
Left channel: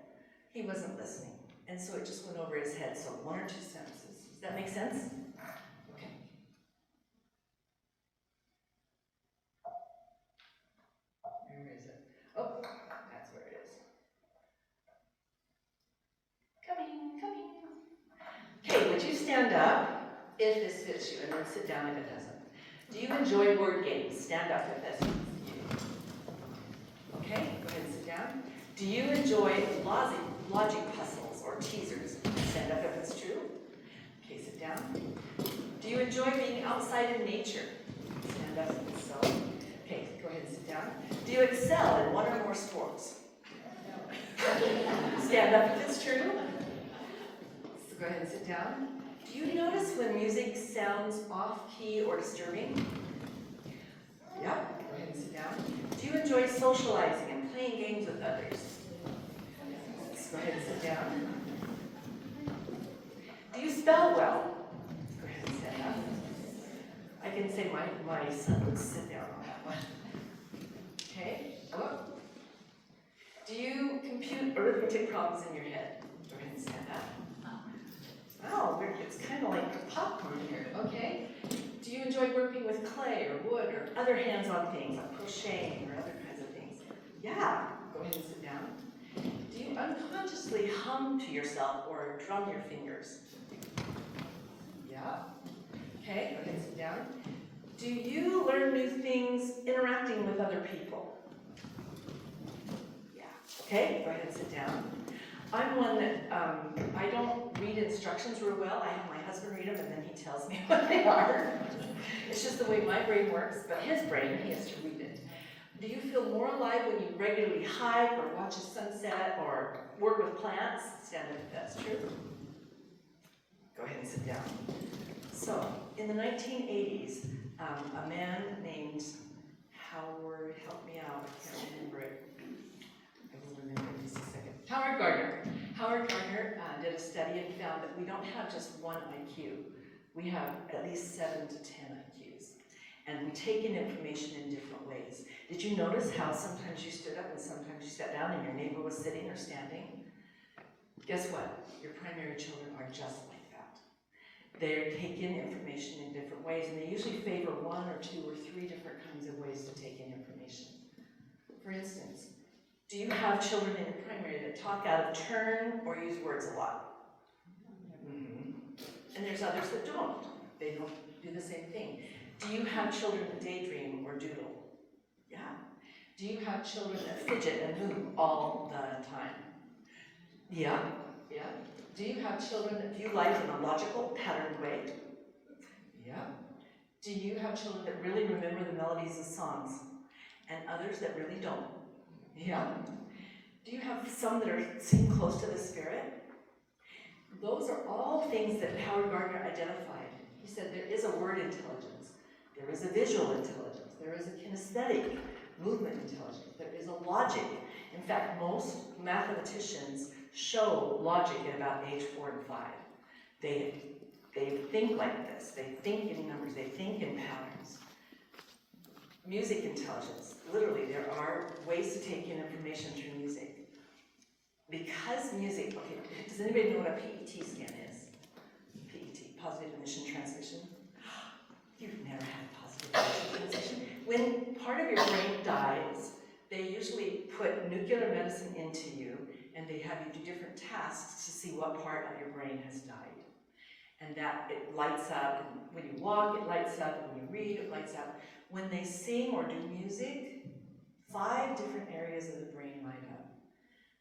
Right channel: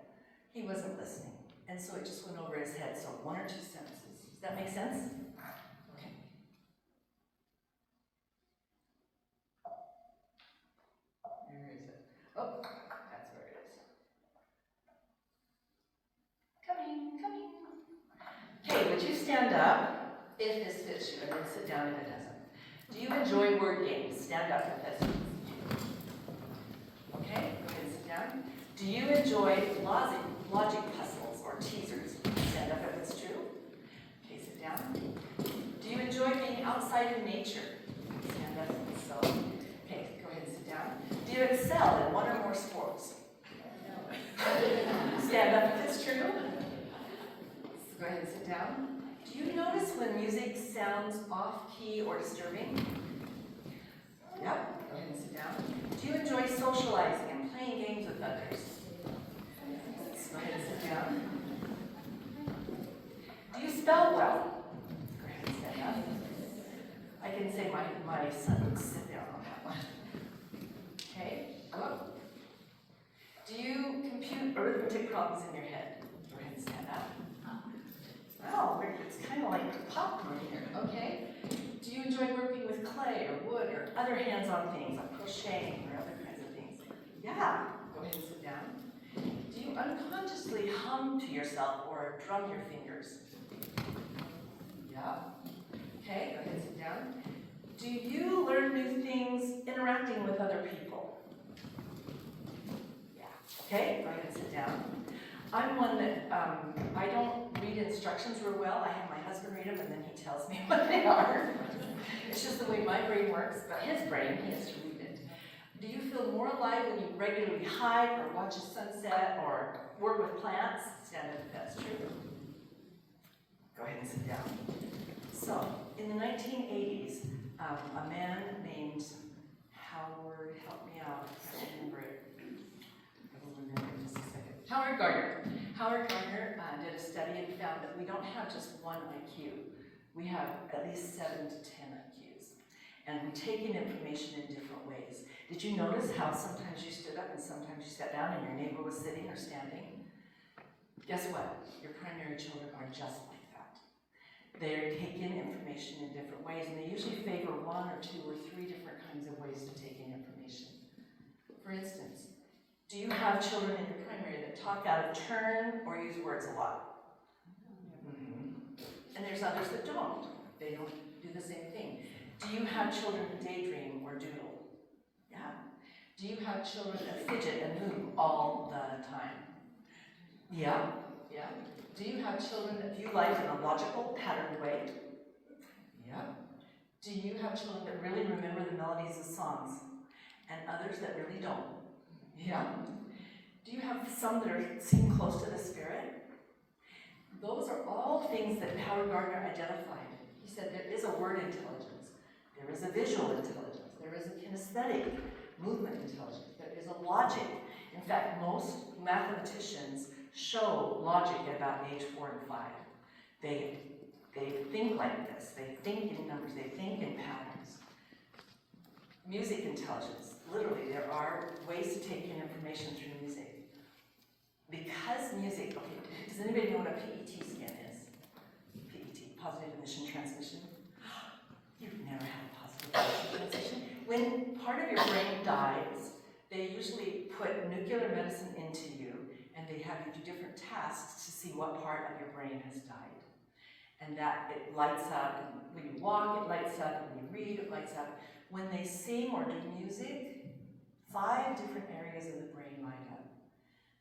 He wasn't listening. And so it just went over his head. So 1 or 2 sentences. Does that make sense? Okay. Where is it? Oh, that's where it is. Coming. Okay, would you stand up if this fits you, and then sit down if it doesn't? Do you enjoy word games? Stand up if that's you. Okay, go ahead and sit down. Do you enjoy logic puzzles or teasers? Stand up if it's true. Okay, sit down. Do you enjoy being outside in nature? Stand up if it's so. Okay, go ahead and sit down. Do you excel in 1 or more sports? Stand up if it's true. So go ahead and sit down. Do you notice when music sounds off-key or disturbing? Yeah, go ahead and sit down. Do you enjoy socializing and playing games with others? Go ahead and sit down. Do you spell well? Go ahead and stand up. I can say my son would sit down on that one. Okay, go up. Do you compute arithmetic problems in your head? Go ahead and stand up. Oh, it's kind of like popcorn here. Okay. Do you enjoy working with clay or wood or other hands-on things like crocheting or other kinds of things? Yeah. Go ahead and sit down. Do you unconsciously hum to yourself or drum your fingers? Yeah. Okay. Go ahead and sit down. Do you learn new things interacting with other people? Yeah. Okay. Go ahead and sit down. I'm one that, I don't read instructions real well. I have my husband read them and then he tells me what they are. It's just the way my brain works, but his brain, he has to read it. Do you feel more alive when you regularly hike or watch a sunset or work with plants? Stand up if that's true. Go ahead and sit down. So, in the 1980s, a man named Howard, help me out, I can't remember it. I will remember in just a second. Howard Gardner did a study and found that we don't have just 1 IQ. We have at least 7 to 10 IQs. And we take in information in different ways. Did you notice how sometimes you stood up and sometimes you sat down and your neighbor was sitting or standing? Guess what? Your primary children are just like that. They take in information in different ways, and they usually favor 1 or 2 or 3 different kinds of ways to take in information. For instance, do you have children in your primary that talk out of turn or use words a lot? And there's others that don't. They don't do the same thing. Do you have children that daydream or doodle? Yeah. Do you have children that fidget and move all the time? Yeah. Do you have children that view life in a logical, patterned way? Yeah. Do you have children that really remember the melodies of songs and others that really don't? Yeah. Do you have some that seem close to the Spirit? Those are all things that Howard Gardner identified. He said there is a word intelligence, there is a visual intelligence, there is a kinesthetic movement intelligence, there is a logic. In fact, most mathematicians show logic at about age 4 and 5. They think like this, they think in numbers, they think in patterns. Music intelligence, literally there are ways to take in information through music. Because music, okay, does anybody know what a PET scan is? PET, positive emission transmission. You've never had a positive emission transmission. When part of your brain dies, they usually put nuclear medicine into you, and they have you do different tasks to see what part of your brain has died. And that, it lights up, and when you walk, it lights up, and when you read, it lights up. When they sing or do music, 5 different areas of the brain light up.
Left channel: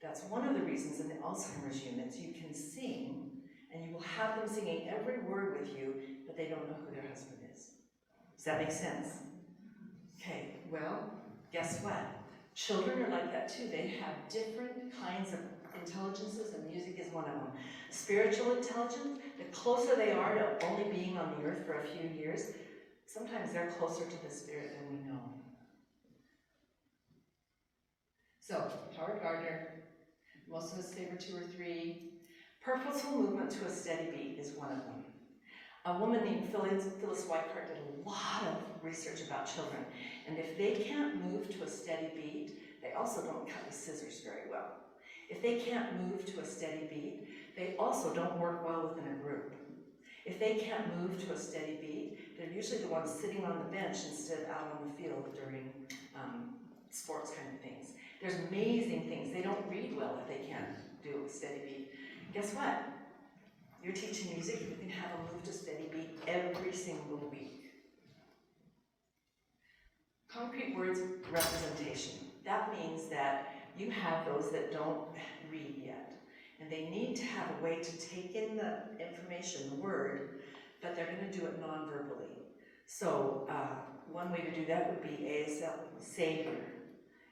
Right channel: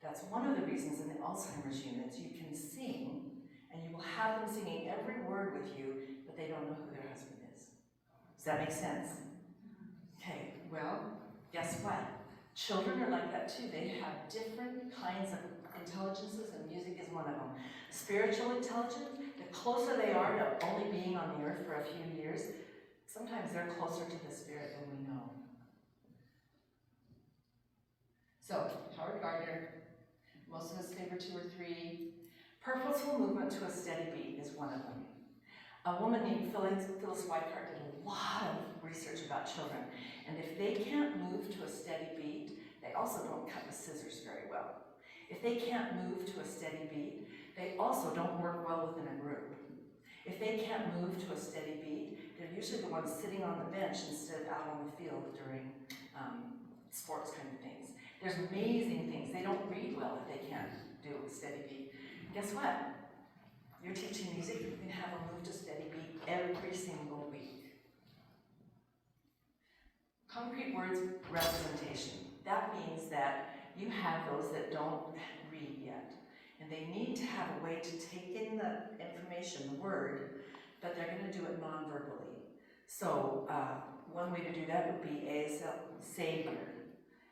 That's one of the reasons in the Alzheimer's units you can sing, and you will have them singing every word with you, but they don't know who their husband is. Does that make sense? Okay, well, guess what? Children are like that too. They have different kinds of intelligences, and music is one of them. Spiritual intelligence, the closer they are to only being on the earth for a few years, sometimes they're closer to the spirit than we know. So, Howard Gardner, most of us favor 2 or 3. Purposeful movement to a steady beat is one of them. A woman named Phyllis Weikart did a lot of research about children, and if they can't move to a steady beat, they also don't cut with scissors very well. If they can't move to a steady beat, they also don't work well within a group. If they can't move to a steady beat, they're usually the ones sitting on the bench instead of out on the field during sports kind of things. There's amazing things. They don't read well if they can't do a steady beat. Guess what? You're teaching music, you can have them move to steady beat every single week. Concrete words representation. That means that you have those that don't read yet, and they need to have a way to take in the information, the word, but they're going to do it non-verbally. So one way to do that would be ASL, Savior.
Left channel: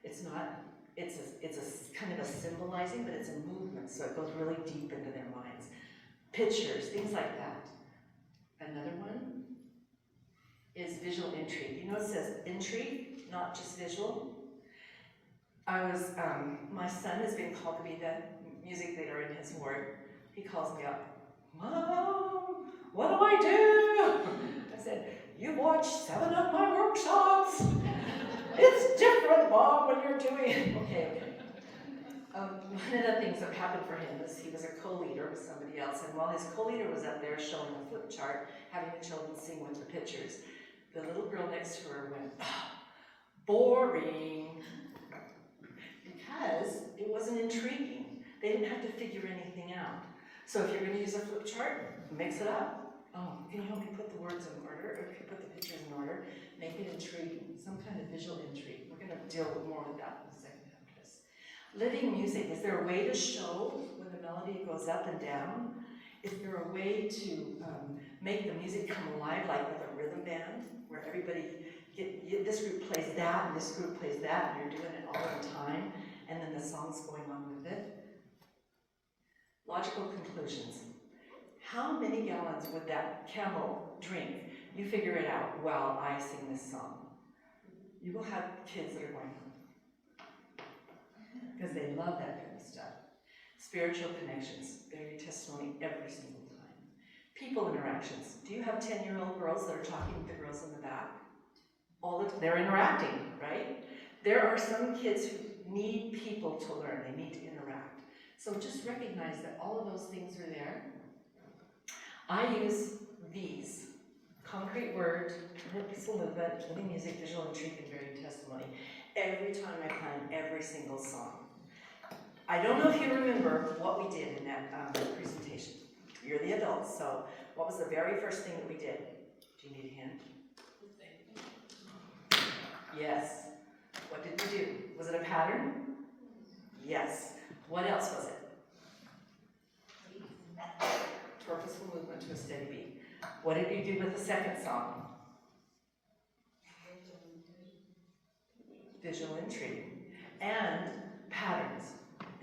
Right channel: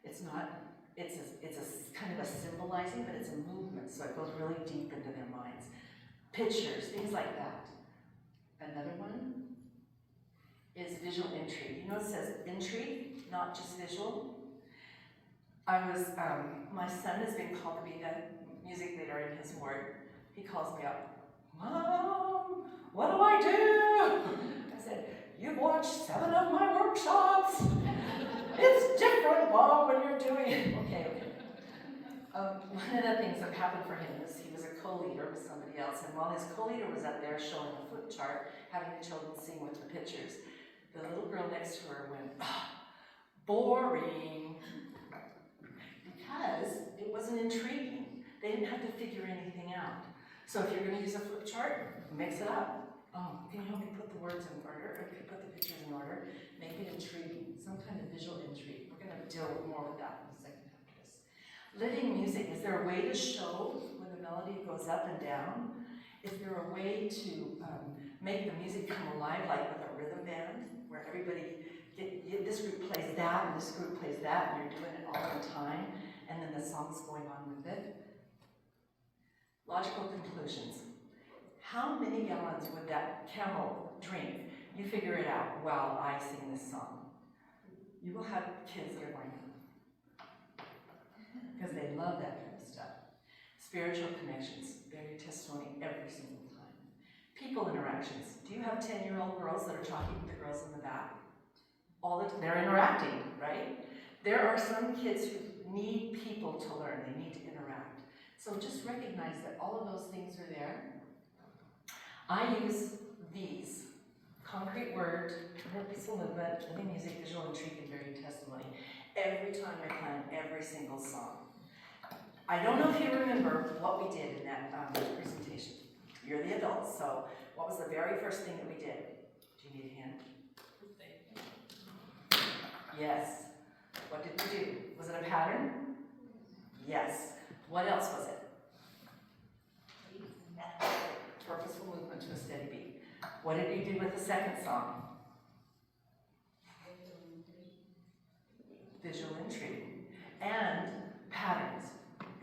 It's a kind of a symbolizing, but it's a movement, so it goes really deep into their minds. Pictures, things like that. Another one is visual intrigue. You know it says intrigue, not just visual. My son has been called to be the music leader in his ward. He calls me up, Mom, what do I do? I said, you've watched 7 of my workshops. It's different, Mom, when you're doing it. Okay. One of the things that happened for him is he was a co-leader with somebody else, and while his co-leader was up there showing a flip chart, having the children sing with the pictures, the little girl next to her went, boring, because it wasn't intriguing. They didn't have to figure anything out. So if you're going to use a flip chart, mix it up. Oh, can you help me put the words in order, or put the pictures in order? Make it intriguing, some kind of visual intrigue. We're going to deal with more with that in the second half of this. Living music, is there a way to show when the melody goes up and down? Is there a way to make the music come alive, like with a rhythm band, where everybody, this group plays that, and this group plays that, and you're doing it all in time, and then the song's going on with it? Logical conclusions. How many gallons would that camel drink? You figure it out while I sing this song. You will have kids that are going, because they love that kind of stuff. Spiritual connections, bear your testimony every single time. People interactions. Do you have 10-year-old girls that are talking with the girls in the back? They're interacting, right? There are some kids who need people to learn. They need to interact. So just recognize that all of those things are there. I use these. Concrete word, purposeful movement, living music, visual intrigue, and varied testimony. Every time I plan every single song. I don't know if you remember what we did in that presentation. You're the adults, so what was the very first thing that we did? Do you need a hand? Yes. What did we do? Was it a pattern? Yes. What else was it? Purposeful movement to a steady beat. What did you do with the second song? Visual intrigue. And patterns.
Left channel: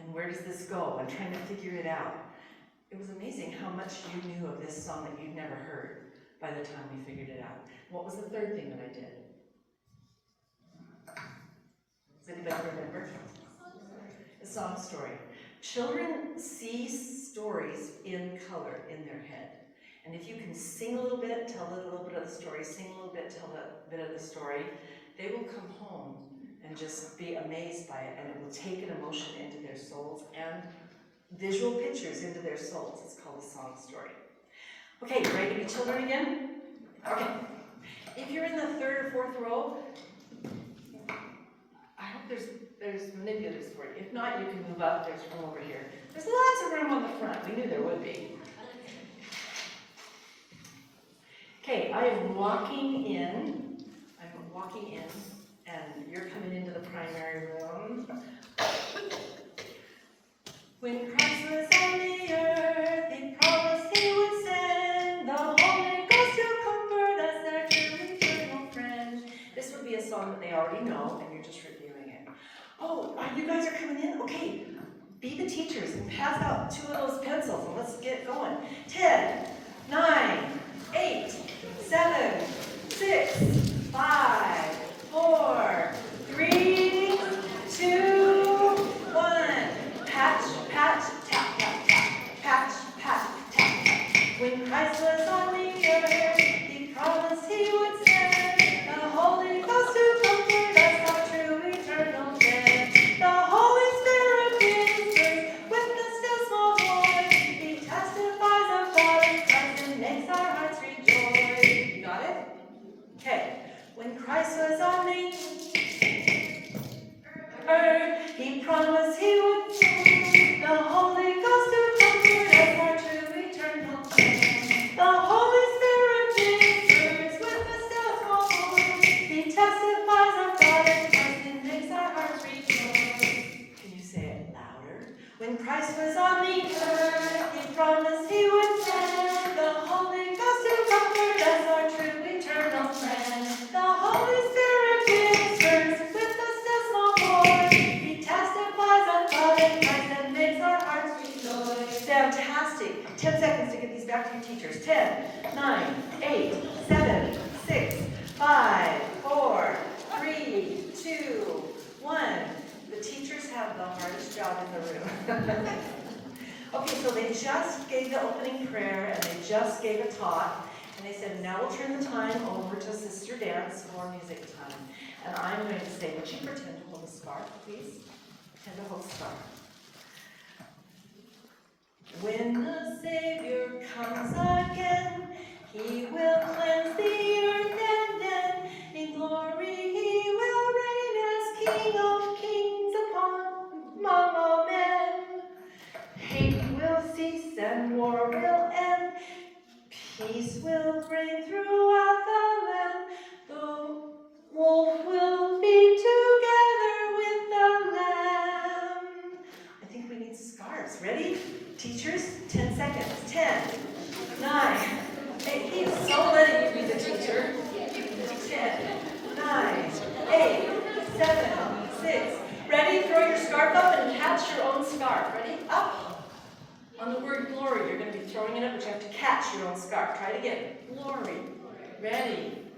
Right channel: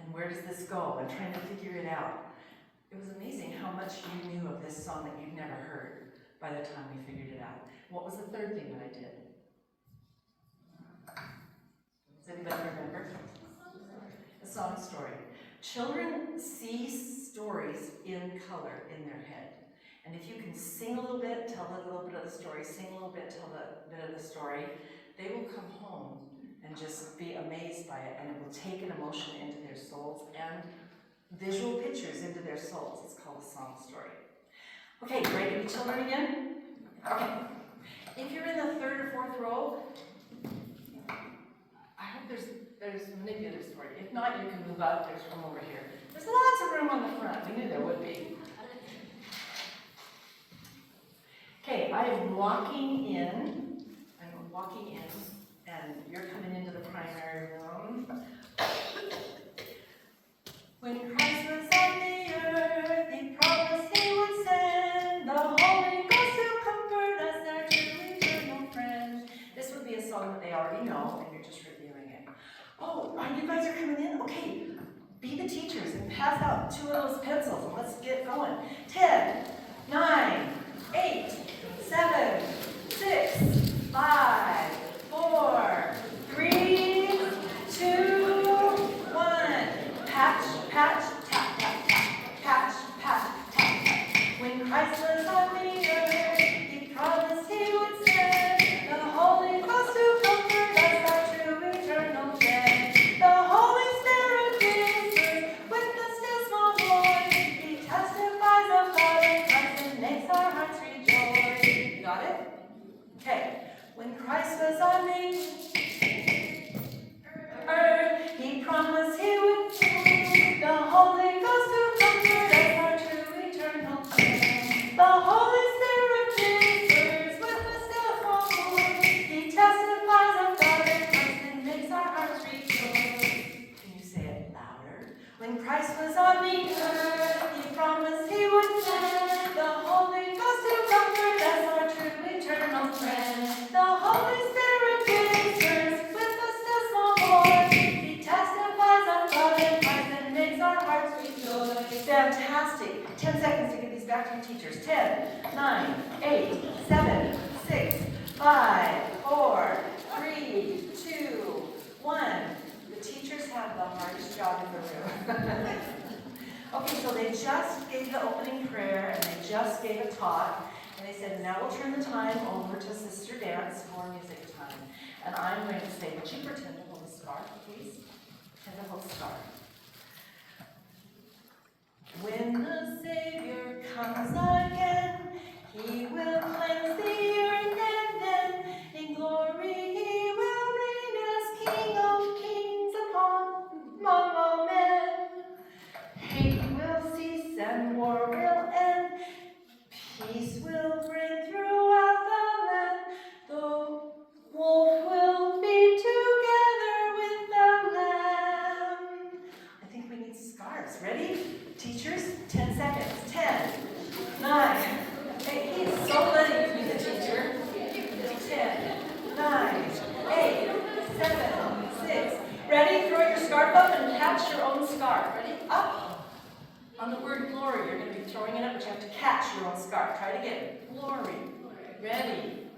And where does this go? I'm trying to figure it out. It was amazing how much you knew of this song that you'd never heard by the time we figured it out. What was the third thing that I did? Does anybody remember? The song story. Children see stories in color in their head. And if you can sing a little bit, tell a little bit of the story, sing a little bit, tell a bit of the story, they will come home and just be amazed by it, and it will take an emotion into their souls and visual pictures into their souls. It's called a song story. Okay, you ready to be children again? Okay. If you're in the third or fourth row, I hope there's manipulators for you. If not, you can move up. There's room over here. There's lots of room on the front. We knew there would be. Okay, I am walking in, and you're coming into the primary room. When Christ was on the earth, he promised he would send the Holy Ghost to comfort us there to eternal Fantastic. 10 seconds to get these back to your teachers. 10, 9, 8, 7, 6, 5, 4, 3, 2, 1. The teachers have the hardest job in the room. Okay, so they just gave the opening prayer and they just gave a talk. And they said, now we'll turn the time over to Sister Dance for music time. And I'm going to say, would you pretend to hold a scarf, please? Pretend to hold a scarf. When the Savior comes again, he will cleanse the earth, and then in glory he will reign as King of Kings among all men. Hate will cease and war will end. Peace will reign throughout the land. The wolf will be together with the lamb. I think we need scarves. Ready? Teachers, 10 seconds. 10, 9, 8. He is so letting you be the teacher. 10, 9, 8, 7, 6. Ready? Throw your scarf up and catch your own scarf. Ready? Up. On the word glory, you're going to be throwing it up, but you have to catch your own scarf. Try it again. Glory. Ready?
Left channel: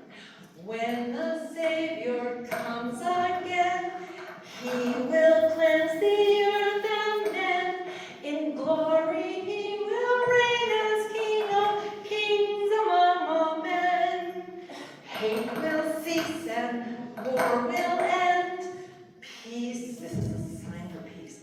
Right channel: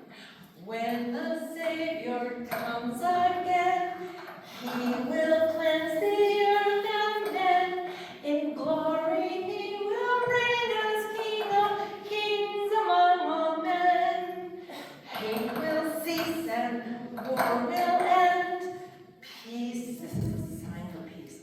When the Savior comes again, he will cleanse the earth and men. In glory he will reign as King of Kings among all men. Hate will cease and war will end. Peace, this is a sign for peace.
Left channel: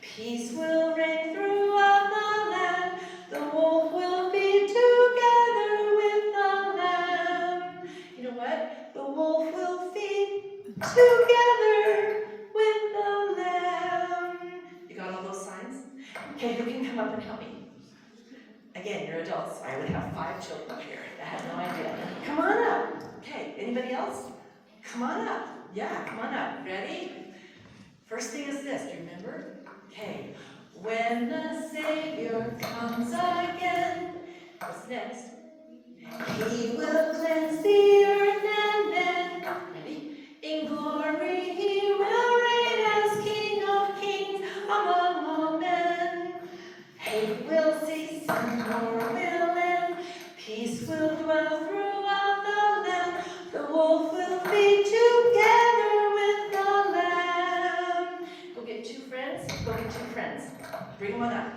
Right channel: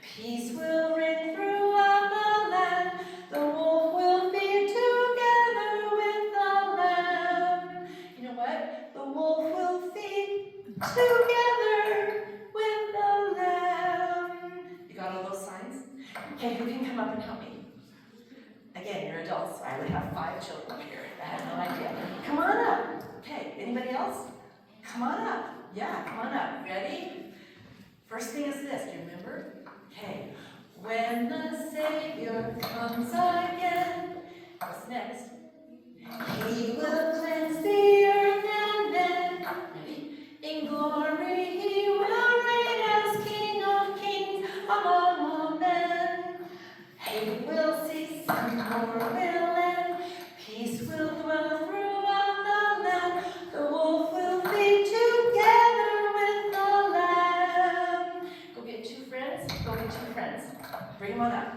Peace will reign throughout the land. The wolf will be together with the lamb. You know what? The wolf will feed together with the lamb. You got all those signs? Okay, who can come up and help me? Again, you're adults. I would have 5 children here. I have no idea. Come on up. Okay, anybody else? Come on up. Yeah, come on up. Ready? First thing is this. Do you remember? Okay. When the Savior comes again, what's next? He will cleanse the earth and men. Ready? In glory he will reign as King of Kings among all men. Hate will cease and war will end. Peace will dwell throughout the land. The wolf will be together with the lamb. Go get 2 friends. Go get 2 friends. Bring them on up.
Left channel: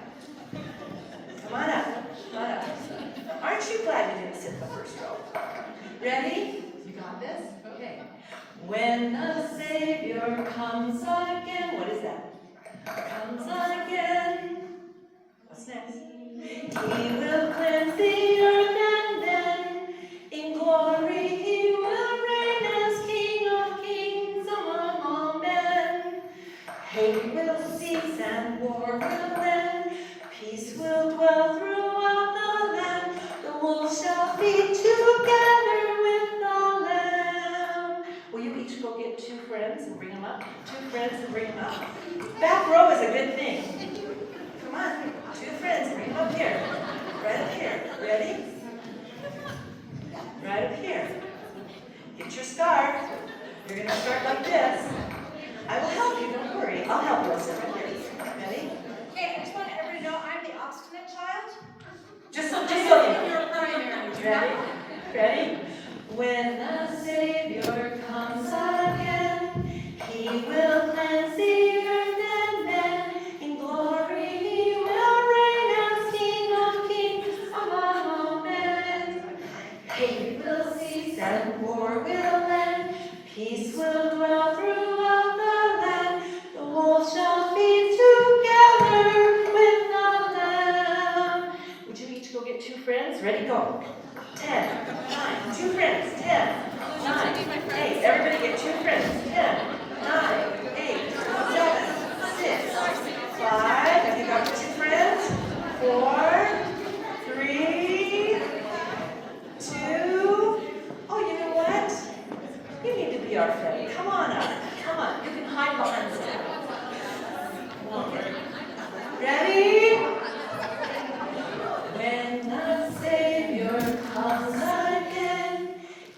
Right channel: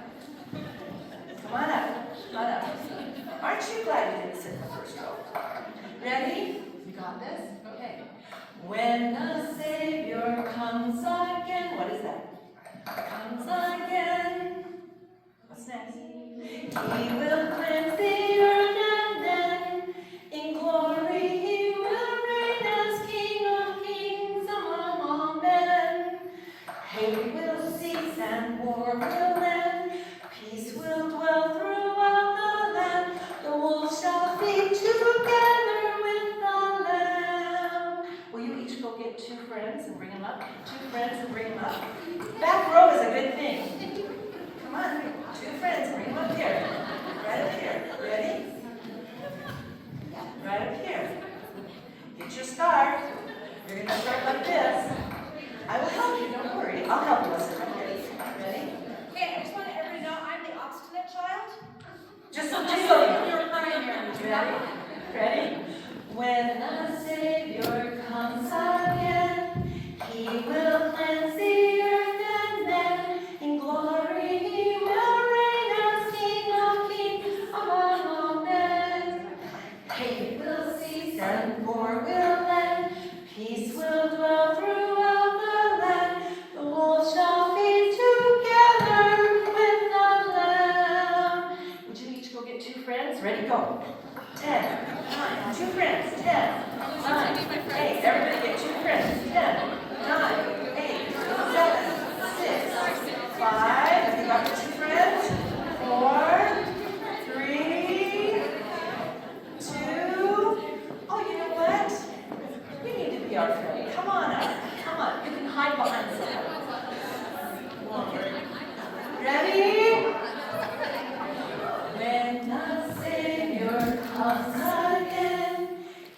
Come on up. Come on up. Aren't you glad you didn't sit in the first row? Ready? You got this? Okay. When the Savior comes again, what is that? Comes again. What's next? He will cleanse the earth and then in glory he will reign as King of Kings among all men. Hate will cease and war will end. Peace will dwell throughout the land. The wolf shall feed together with the lamb. Will you each go get 2 friends and bring them up? 2 friends and bring them up. Back row is a good thing. Come on, 2 friends, bring them up here. Right up here. Ready? Right up here. Get your scarf. You're going to start like this. I will help you, don't worry. I'll help you with some of this. Ready? Okay, I just want everybody to know I'm the obstinate child. Just So so in your primary, do not Ready? Ready? When the Savior comes again, he will cleanse the earth and men. In glory he will reign as King of Kings among all men. Hate will cease and war will end. Peace will dwell throughout the land. The wolf shall be together with the lamb. Would you each go get 2 friends? Ready, go. 10, 9, 2 friends. 10, 9, 8. Everybody get 2 friends. 10, 9, 8, 7, 6, 5. Have you got your 2 friends? 4, 3, 2. Oh, you know what? You need to be our friend. Come on up. Come on. You can hide behind someone. Okay. Ready? When the Savior comes again,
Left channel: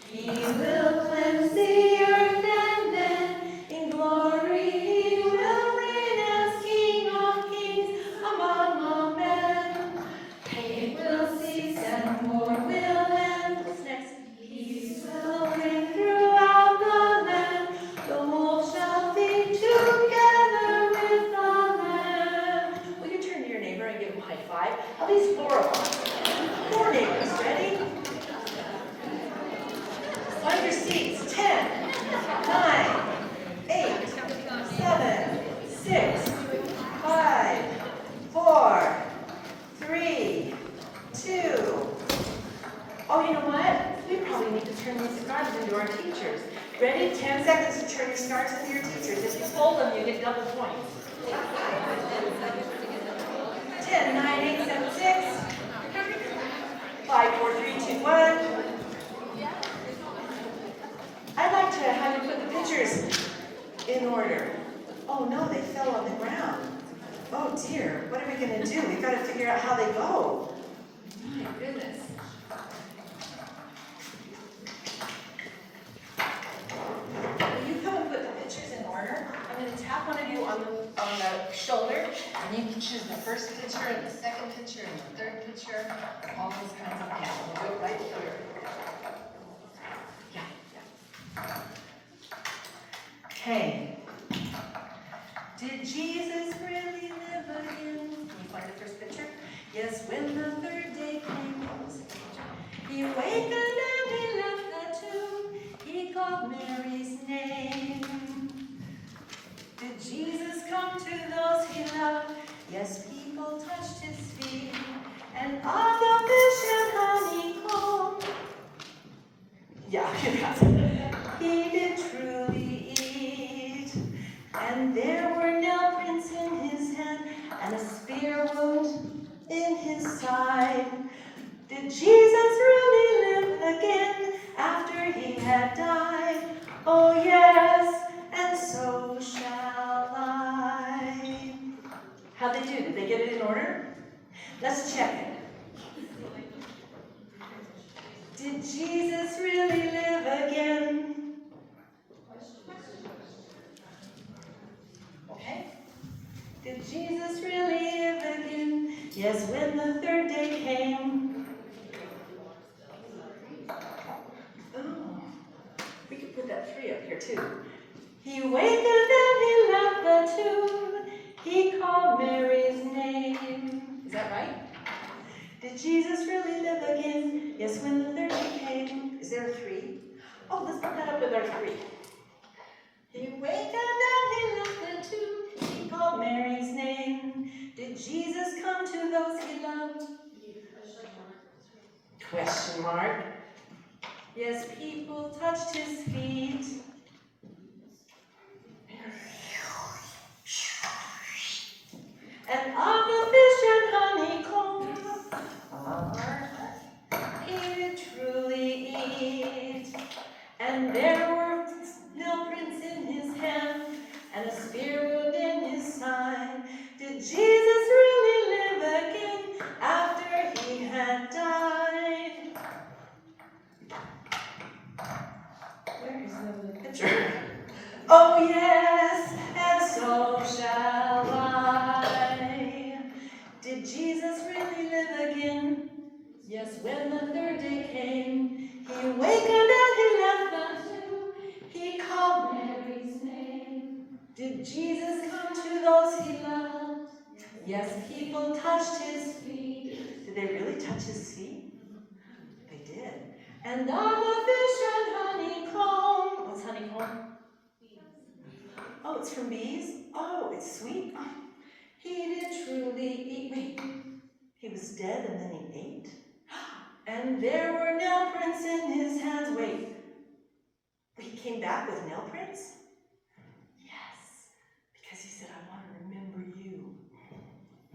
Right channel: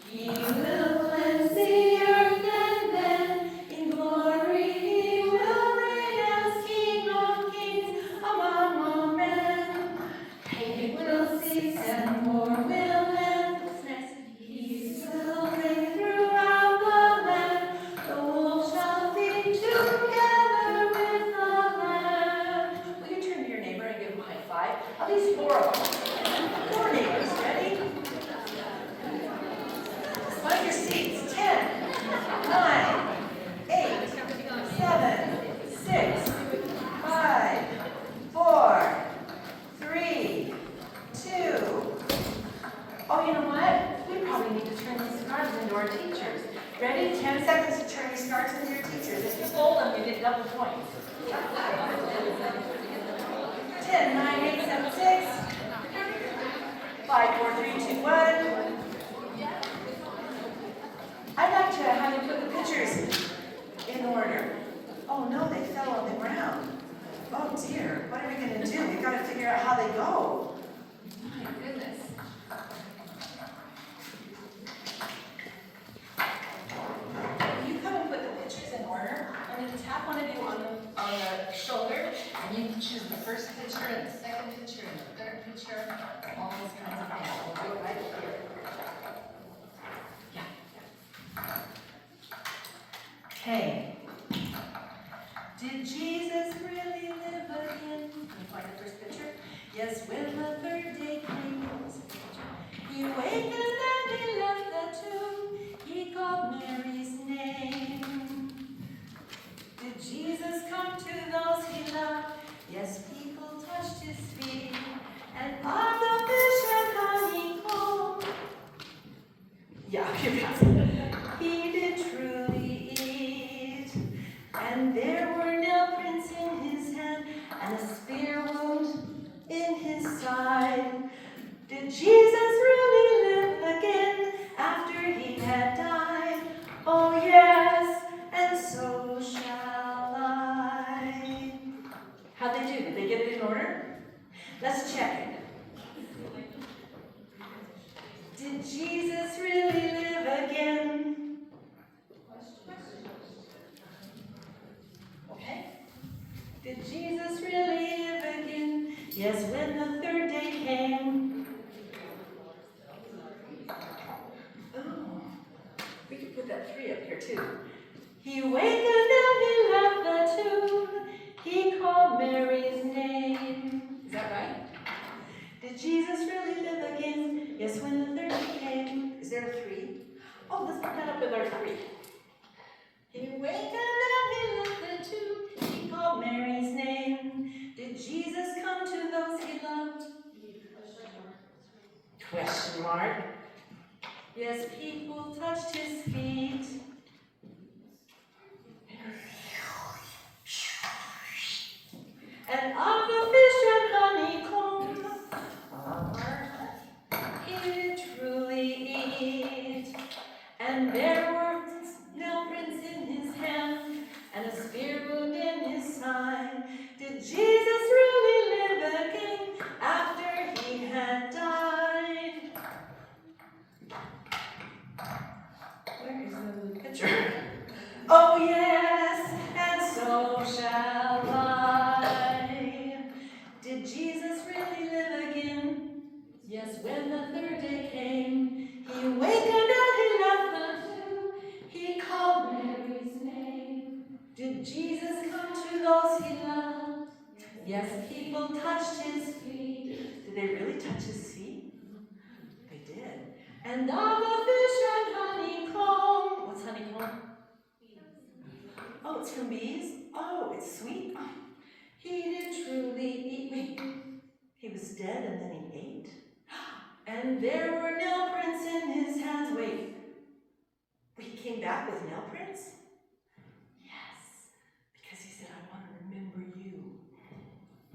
he will cleanse the earth and then in glory At least 4 of them. 4 neighbors, ready? Find your seats. 10, 9, 8, 7, 6, 5, 4, 3, 2. Oh, you know what? We probably need to turn these cards into our teachers. Ready? 10 seconds to turn your cards into your teachers. If you fold them, you get double points. 10, 9, 8, 7, 6, 5, 4, 3, 2, 1. I'd like to have you put the pictures in order. Oh no, they fell on the ground. Oh dear, what are we going to do? We've got to figure out how they go. My goodness. Will you come and put the pictures in order? I'm going to tap one of you on the shoulder, and you can choose the first picture and the second picture and the third picture, all those kinds of things. We'll do it right here. Yeah. Okay. Did Jesus really live again? Can you find the first picture? Yes, when the third day came, he wakened and he left the tomb. He called Mary's name. Did Jesus come to those he loved? Yes, people touched his feet. And of the fish and honeycomb, yeah, you got it. He did truly eat. And there were nail prints in his hand and a spear wound in his side. Did Jesus really live again after he had died? Oh yes, and so shall I. How'd they do? Did they get it in order? Let's check it. Did Jesus really live again? Okay. Did Jesus really live again? Yes, when the third day came. Oh, we could put that 3 up here too. He wakened and he left the tomb. He called Mary's name. Is that right? Did Jesus really live again? Yes, when the third day came. Is there a 3? Oh, let's put that up with our 3. He wakened and he left the tomb. He called Mary's name. Did Jesus come to those he loved? Question mark. Yes, people touched his feet. And of the fish and honeycomb, he did truly eat. And there were nail prints in his hand and a spear wound in his side. Did Jesus really live again after he had died? Where is the picture? Oh yes, and so shall I. Did Jesus really live again? Yes, when the third day came, he wakened and he left the tomb. He called Mary's name. Did Jesus come to those he loved? Yes, people touched his feet. Did they really touch his feet? They did. And of the fish and honeycomb. What's honeycomb? Oh, it's from bees? Oh, it's sweet? Oh, he did truly eat. Wait, he was dead and then he ate? And there were nail prints in his hands. Wait, he came back with nail prints? Yes, because he said, I want to remember you.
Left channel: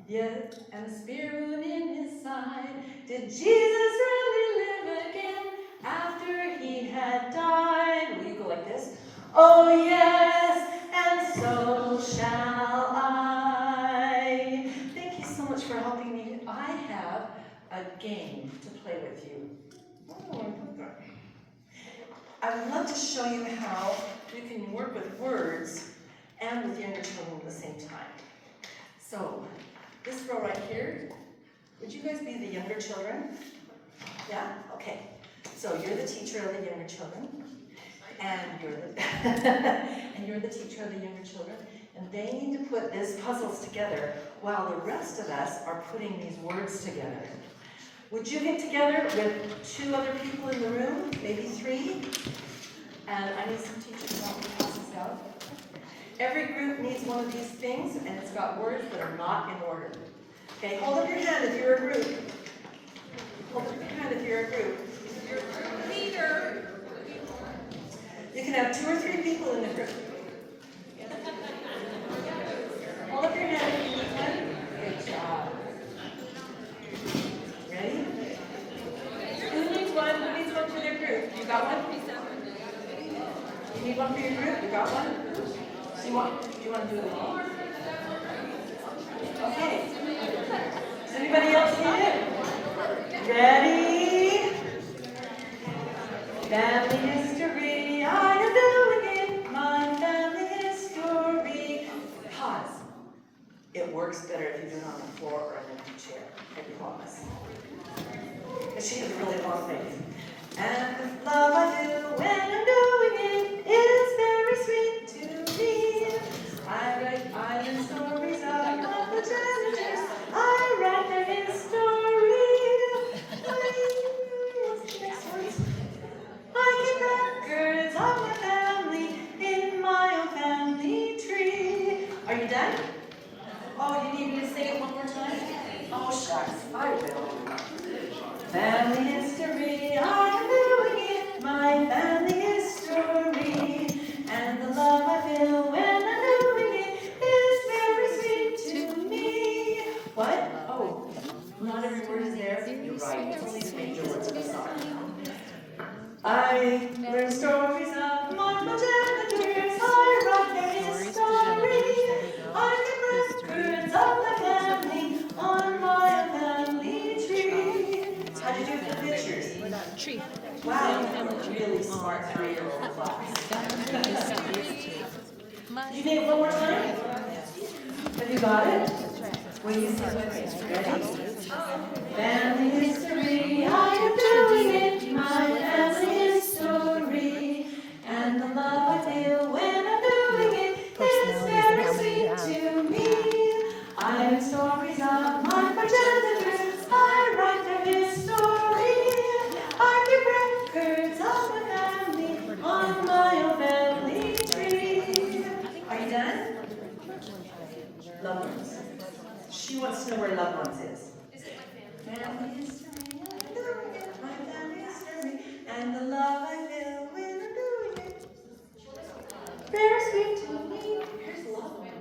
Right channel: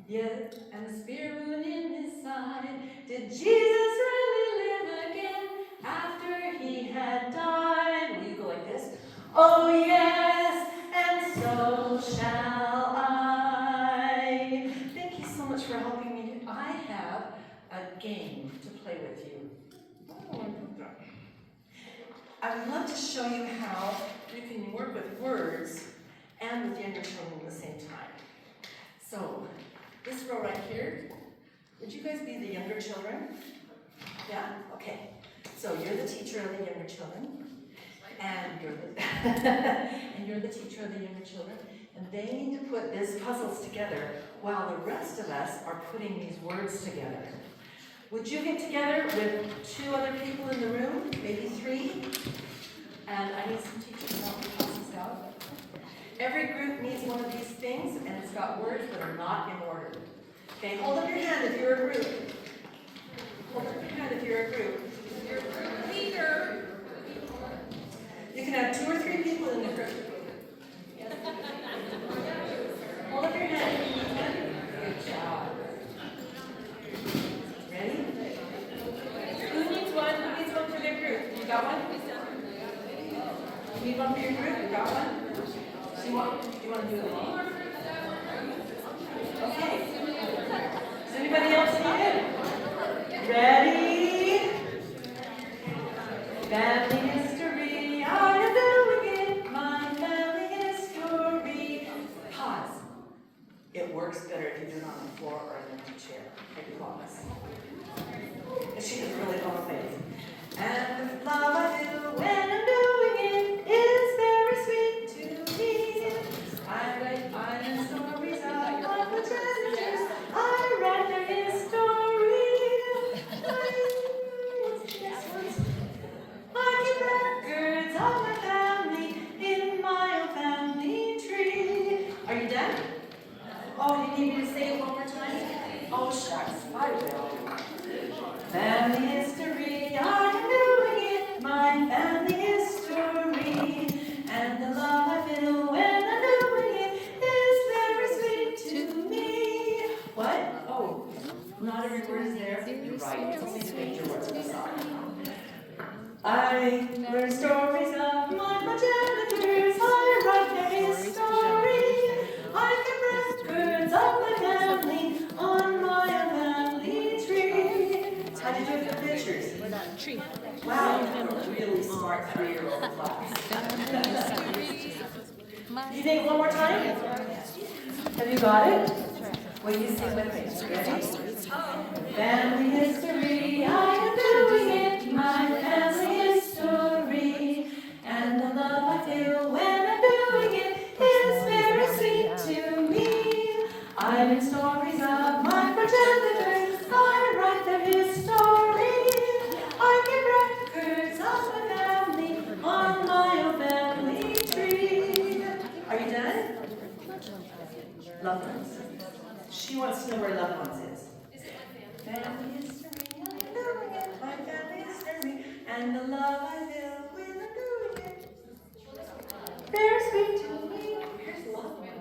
Yeah, and a spear wound in his side. Did Jesus really live again after he had died? Will you go like this? Oh yes, and so shall I. Thank you so much for helping me. I have a game to play with you. I would love to show you how you can work with words and with younger children at the same time. So, this row right here, would you guys be the younger children? Yeah? Okay. So you're the teacher of the younger children, and you're the and you're the teacher of the younger children. And they need to put these puzzles together while the rest of us are putting these words together. Would you get together with 2 other people in the room, maybe 3? And I need some teachers to help me pass this out. Every group needs one of these things, and it's got words that are not in order. Okay, hold up your hand if you're a group. Hold up your hand if you're a group. Your group leader. You can have 2 or 3 people in the group. Hold up your hand if you need one. Good job. Ready? Who needs one? Who needs one for their group? You got one? You need one for your group? You got one? Do you want to do it with me? Okay. Does anybody else need it? Ready? Family history, I am doing it. My family history. Pause. It works better if you do it on the floor or an empty chair. I promise. She has a really long face. And the love I feel when I'm doing it is very sweet to me. I write island stories of my progenitors. I write their history. What's the next one? I keep records of my family in my own family tree. Are you done? Oh, you need me to say it one more time? Oh, shucks, I will. Family history, I am doing it. My family history. And the love I feel when I'm doing it is very sweet to me. What? Oh, not every word is there. You're right. It's only the major words of the song. I learn stories of my progenitors. I write their history. I keep records of my family on my family tree. How do you do it with pictures? Wow, really smart 3-year-old class. You need it one more time? Have you got it? Will you sing with me? Ready? Family history, I am doing it. My family history. And the love I feel when I'm doing it is very sweet to me. I learn stories of my progenitors. I write their history. I keep records of my family on my own family tree. Are you done? Loved ones. She wants to know where loved ones is. Family history, I'm doing it. My family history, and the love I feel when I'm doing it. Very sweet to me. Here's loved one.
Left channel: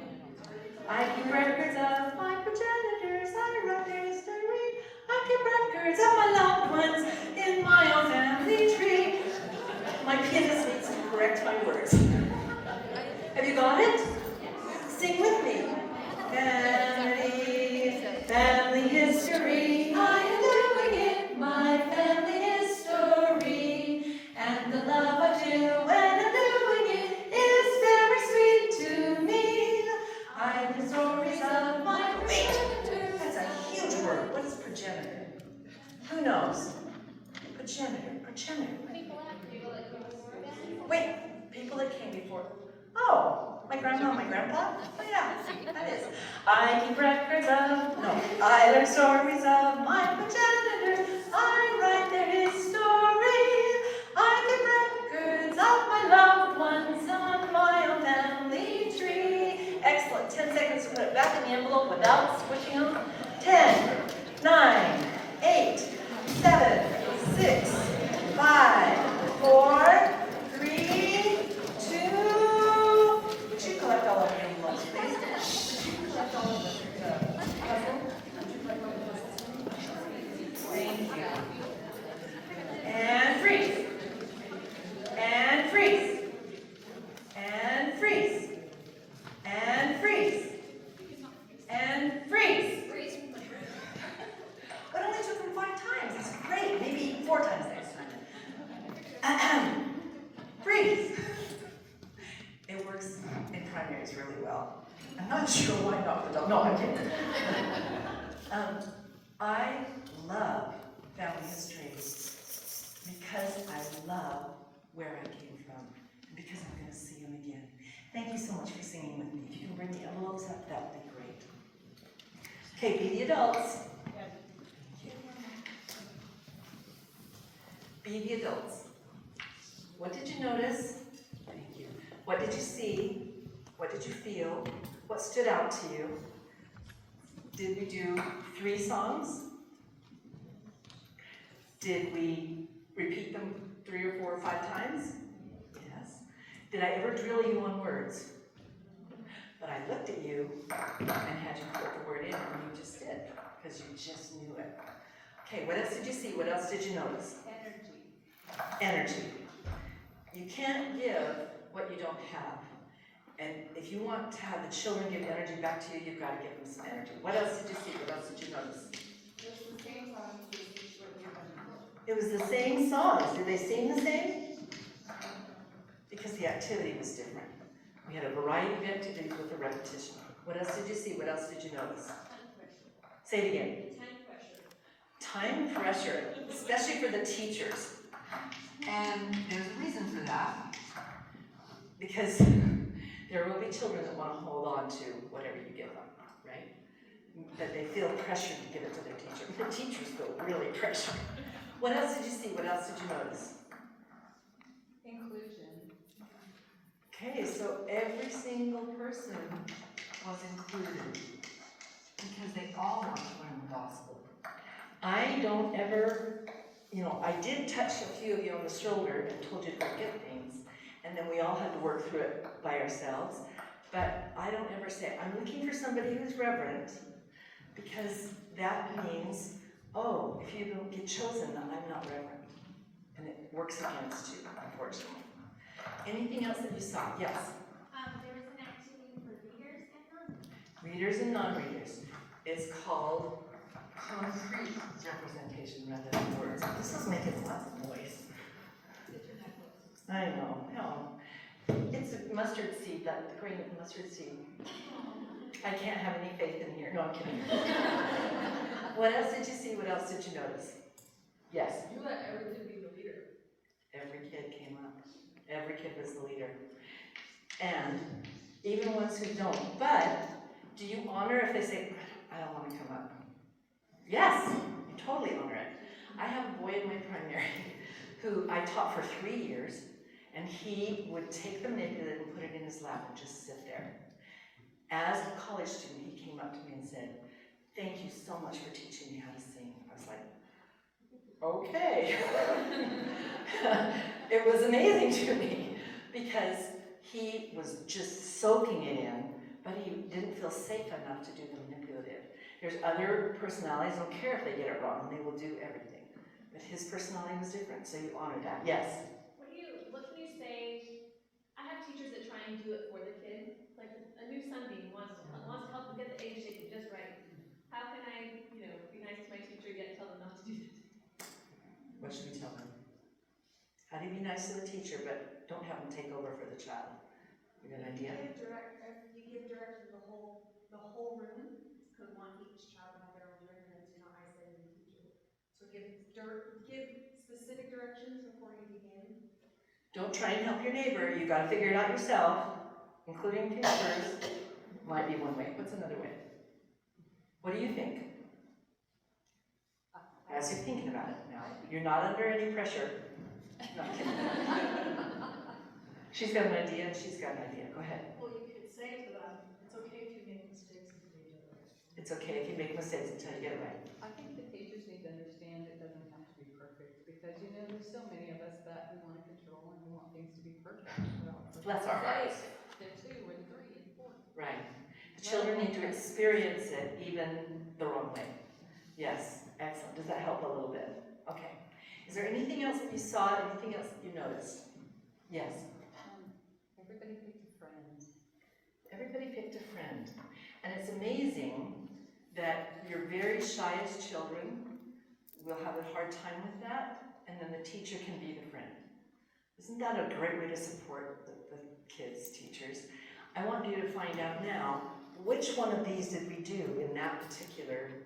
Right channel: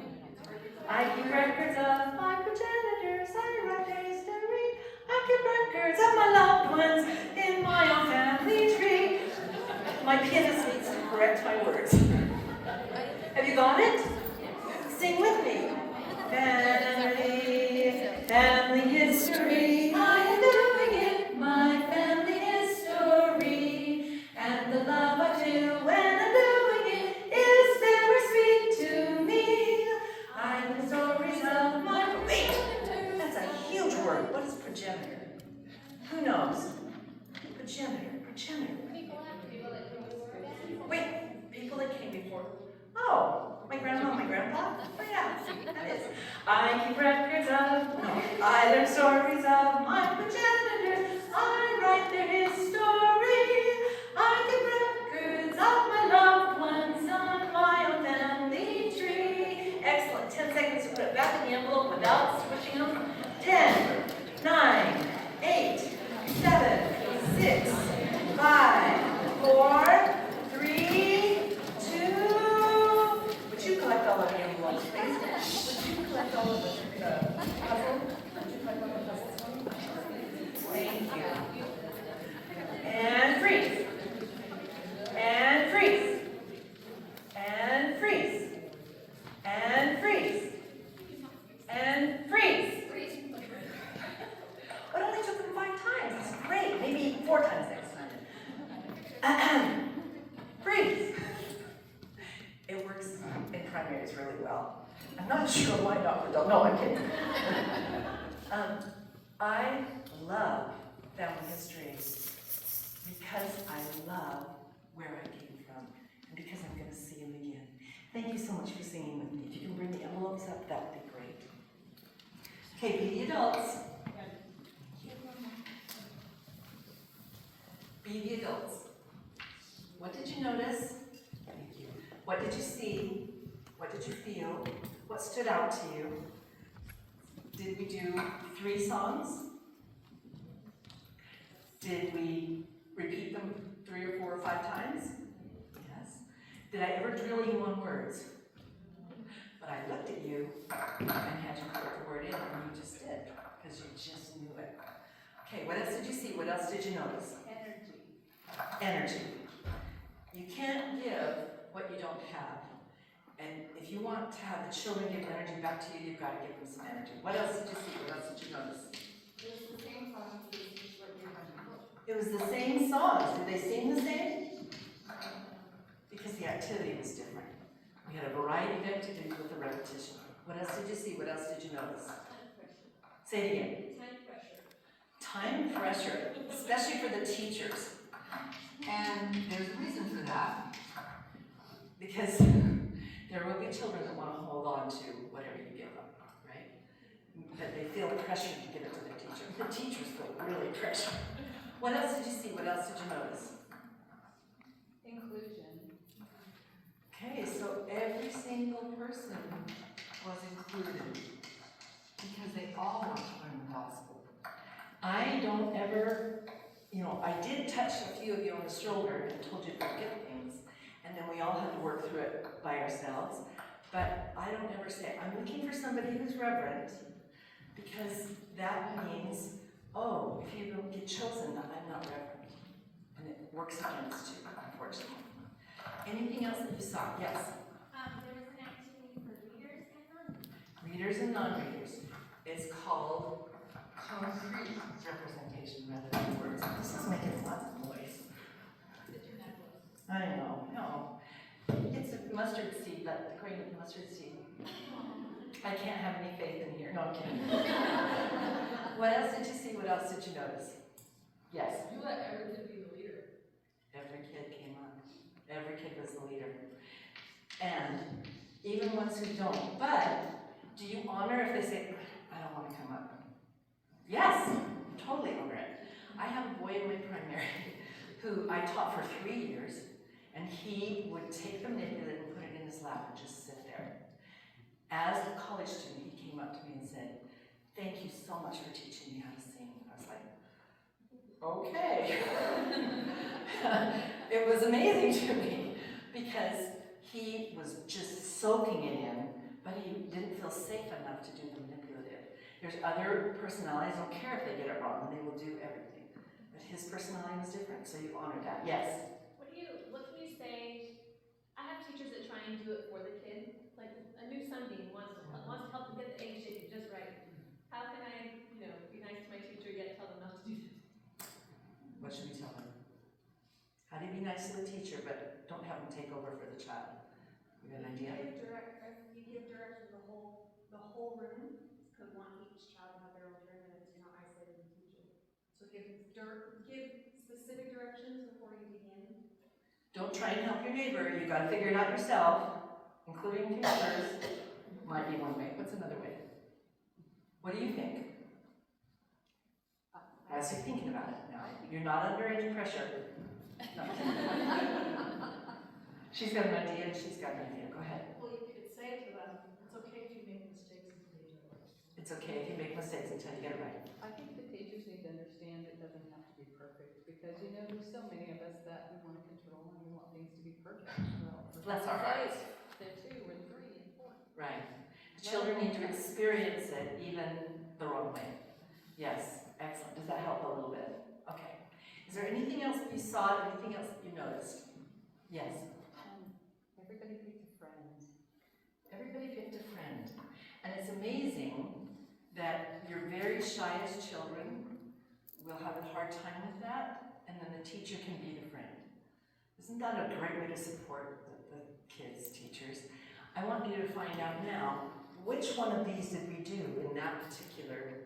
I keep records of my progenitors. I write their history. I keep records of my loved ones in my own family tree. My pianist needs to correct my words. Have you got it? Sing with me. Family history, I am doing it. My family history, and the love I feel when I'm doing it is very sweet to me. I have the stories of my progenitors. That's a huge word. What is progenitor? Who knows? Progenitor. Wait, people that came before. Oh, my grandma and my grandpa? Oh yeah, that is. I keep records of, no, I learn stories of my progenitors. I write their history. I keep records of my loved ones on my own family tree. Excellent. 10 seconds to put it back in the envelope without switching them. 10, 9, 8, 7, 6, 5, 4, 3, 2. Would you collect all of your envelopes, please? Would you collect all of the puzzle? Would you collect all the puzzles? Thank you. And freeze. And freeze. And freeze. And freeze. And freeze. It only took them 5 times. That's great. Maybe 4 times next time. Freeze. It works in primaries really well. I'm not sure why not the dog. No, I'm kidding. I love family history because I love where I came from and because I'm going to see them again. Thank you so much for singing with me. If you can bring the envelopes up, that would be great. Okay, be the adults. Be the adults. What did you notice? Thank you. What did you see? What did you feel? What stood out to you? Did we do 3 songs? Did we repeat them 3 or 4 or 5 times? Yes. Did I ever drill you on words? But I looked at you and had you put the word in, and you just did, because you just knew it. Okay, what else did you see? What else did you notice? Energy. You can't give what you don't have. And if you want to have the children give energy back to you, you've got to give them some energy. What else did you see? What else did you notice? It was the same songs as what they've done before. It was the same songs. Did they sing the same? Because the activity was different. We had a variety of activities with the repetition. What else did you see? What else did you notice? Time pressure. Say it again. Time pressure. Time pressure, especially for the teachers. And there's a reason for that. Because there will be children that want to hold on to whatever you give them, right? But they feel pressured to give it to their teacher. The teachers feel really pressured. What else did you see? What else did you notice? Inclusion. Okay, so every single person was included because they all want to learn the gospel. I don't ever, I did touch a few of you on the shoulder and told you to forget things, and then we all had to work through it by ourselves. But I don't ever say, I'm looking for somebody who's reverent, because that means, oh, if you don't get chosen, I'm not reverent. And it works against you, unfortunately. Anything else that you saw? Yes? There was an activity for readers and non-readers. Readers and non-readers. It's called concrete representation rather than words. This is making lots of noise. I know, no. It's a mustard seed, like the grain of the mustard seed. I can't have any faith in here. No, I'm kidding. What else did you see? What else did you notice? Yes? You let every kid be the leader. Every kid came up. Every kid was the leader. And even ones who don't. But do you honor if they say, I don't want to come up? Yes, you totally honor it. I have a boy in my primary who I taught for 3 years, and he would take the manipulate and put it in his lap and just sit there. As a college student, he came up to me and said, thank you so much for teaching me how to sing. I was like, okay. It was amazing to me because he was just soaking it in, but he didn't feel safe enough to do the manipulative. There's other personalities, don't care if they get it wrong, they will do everything. But his personality was different, so you honor that. Yes? What can you say? I have teachers that try and do it for the kid. Like a new sunbeam wants to help them get the egg shaken just right. How can I, be nice to my teacher yet tell them not to do that? What should we tell them? How do you be nice to the teacher, but don't have them take over for the child? You got an idea? If you give direction to the whole room, because each child will have their own direction, and you're not isolating the teacher. So give specific directions before you begin. Don't try and help your neighbor. You got to figure it out yourself, including teachers. Might be one way. What's another way? What do you think? As you're thinking about it, no. You're not under any pressure. No, I'm kidding. She's got an idea, and she's got an idea. Go ahead. Well, you could say to them, it's okay if you make mistakes until you get it right. It's okay if you make mistakes until you get it right. I think the teachers need to understand it doesn't have to be perfect, because there's so many of us that we want to control and we want things to be perfect. Well, Bless our hearts. They're 2 and 3 and 4. Right. The children need to experience it even the wrong way. Yes, excellent. Does that help a little bit? Okay. Is there anything else that you saw, anything else that you noticed? Yes? Everybody picked a friend. Everybody picked a friend. And it's amazing that your very shyest children will have a hard time with that, and then the teacher can be the friend. Isn't that a great way to support the kids, teachers? I want you to find out now, which one of these did we do in that particular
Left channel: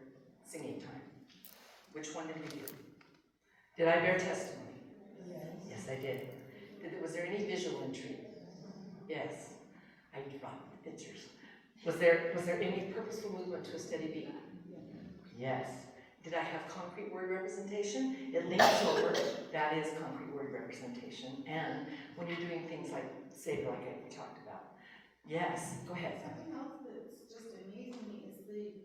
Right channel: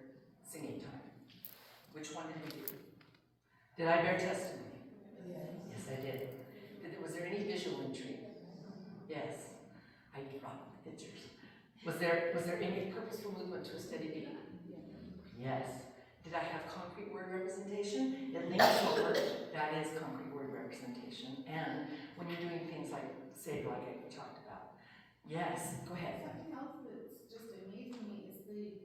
singing time? Which one did we do? Did I bear testimony? Yes. Yes, I did. Was there any visual intrigue? Yes. I brought the pictures. Was there any purposeful movement to a steady beat? Yes. Did I have concrete word representation? It leans over. That is concrete word representation. And when you're doing things like Savior, like I talked about. Yes, go ahead. Something else that's just amazing me is the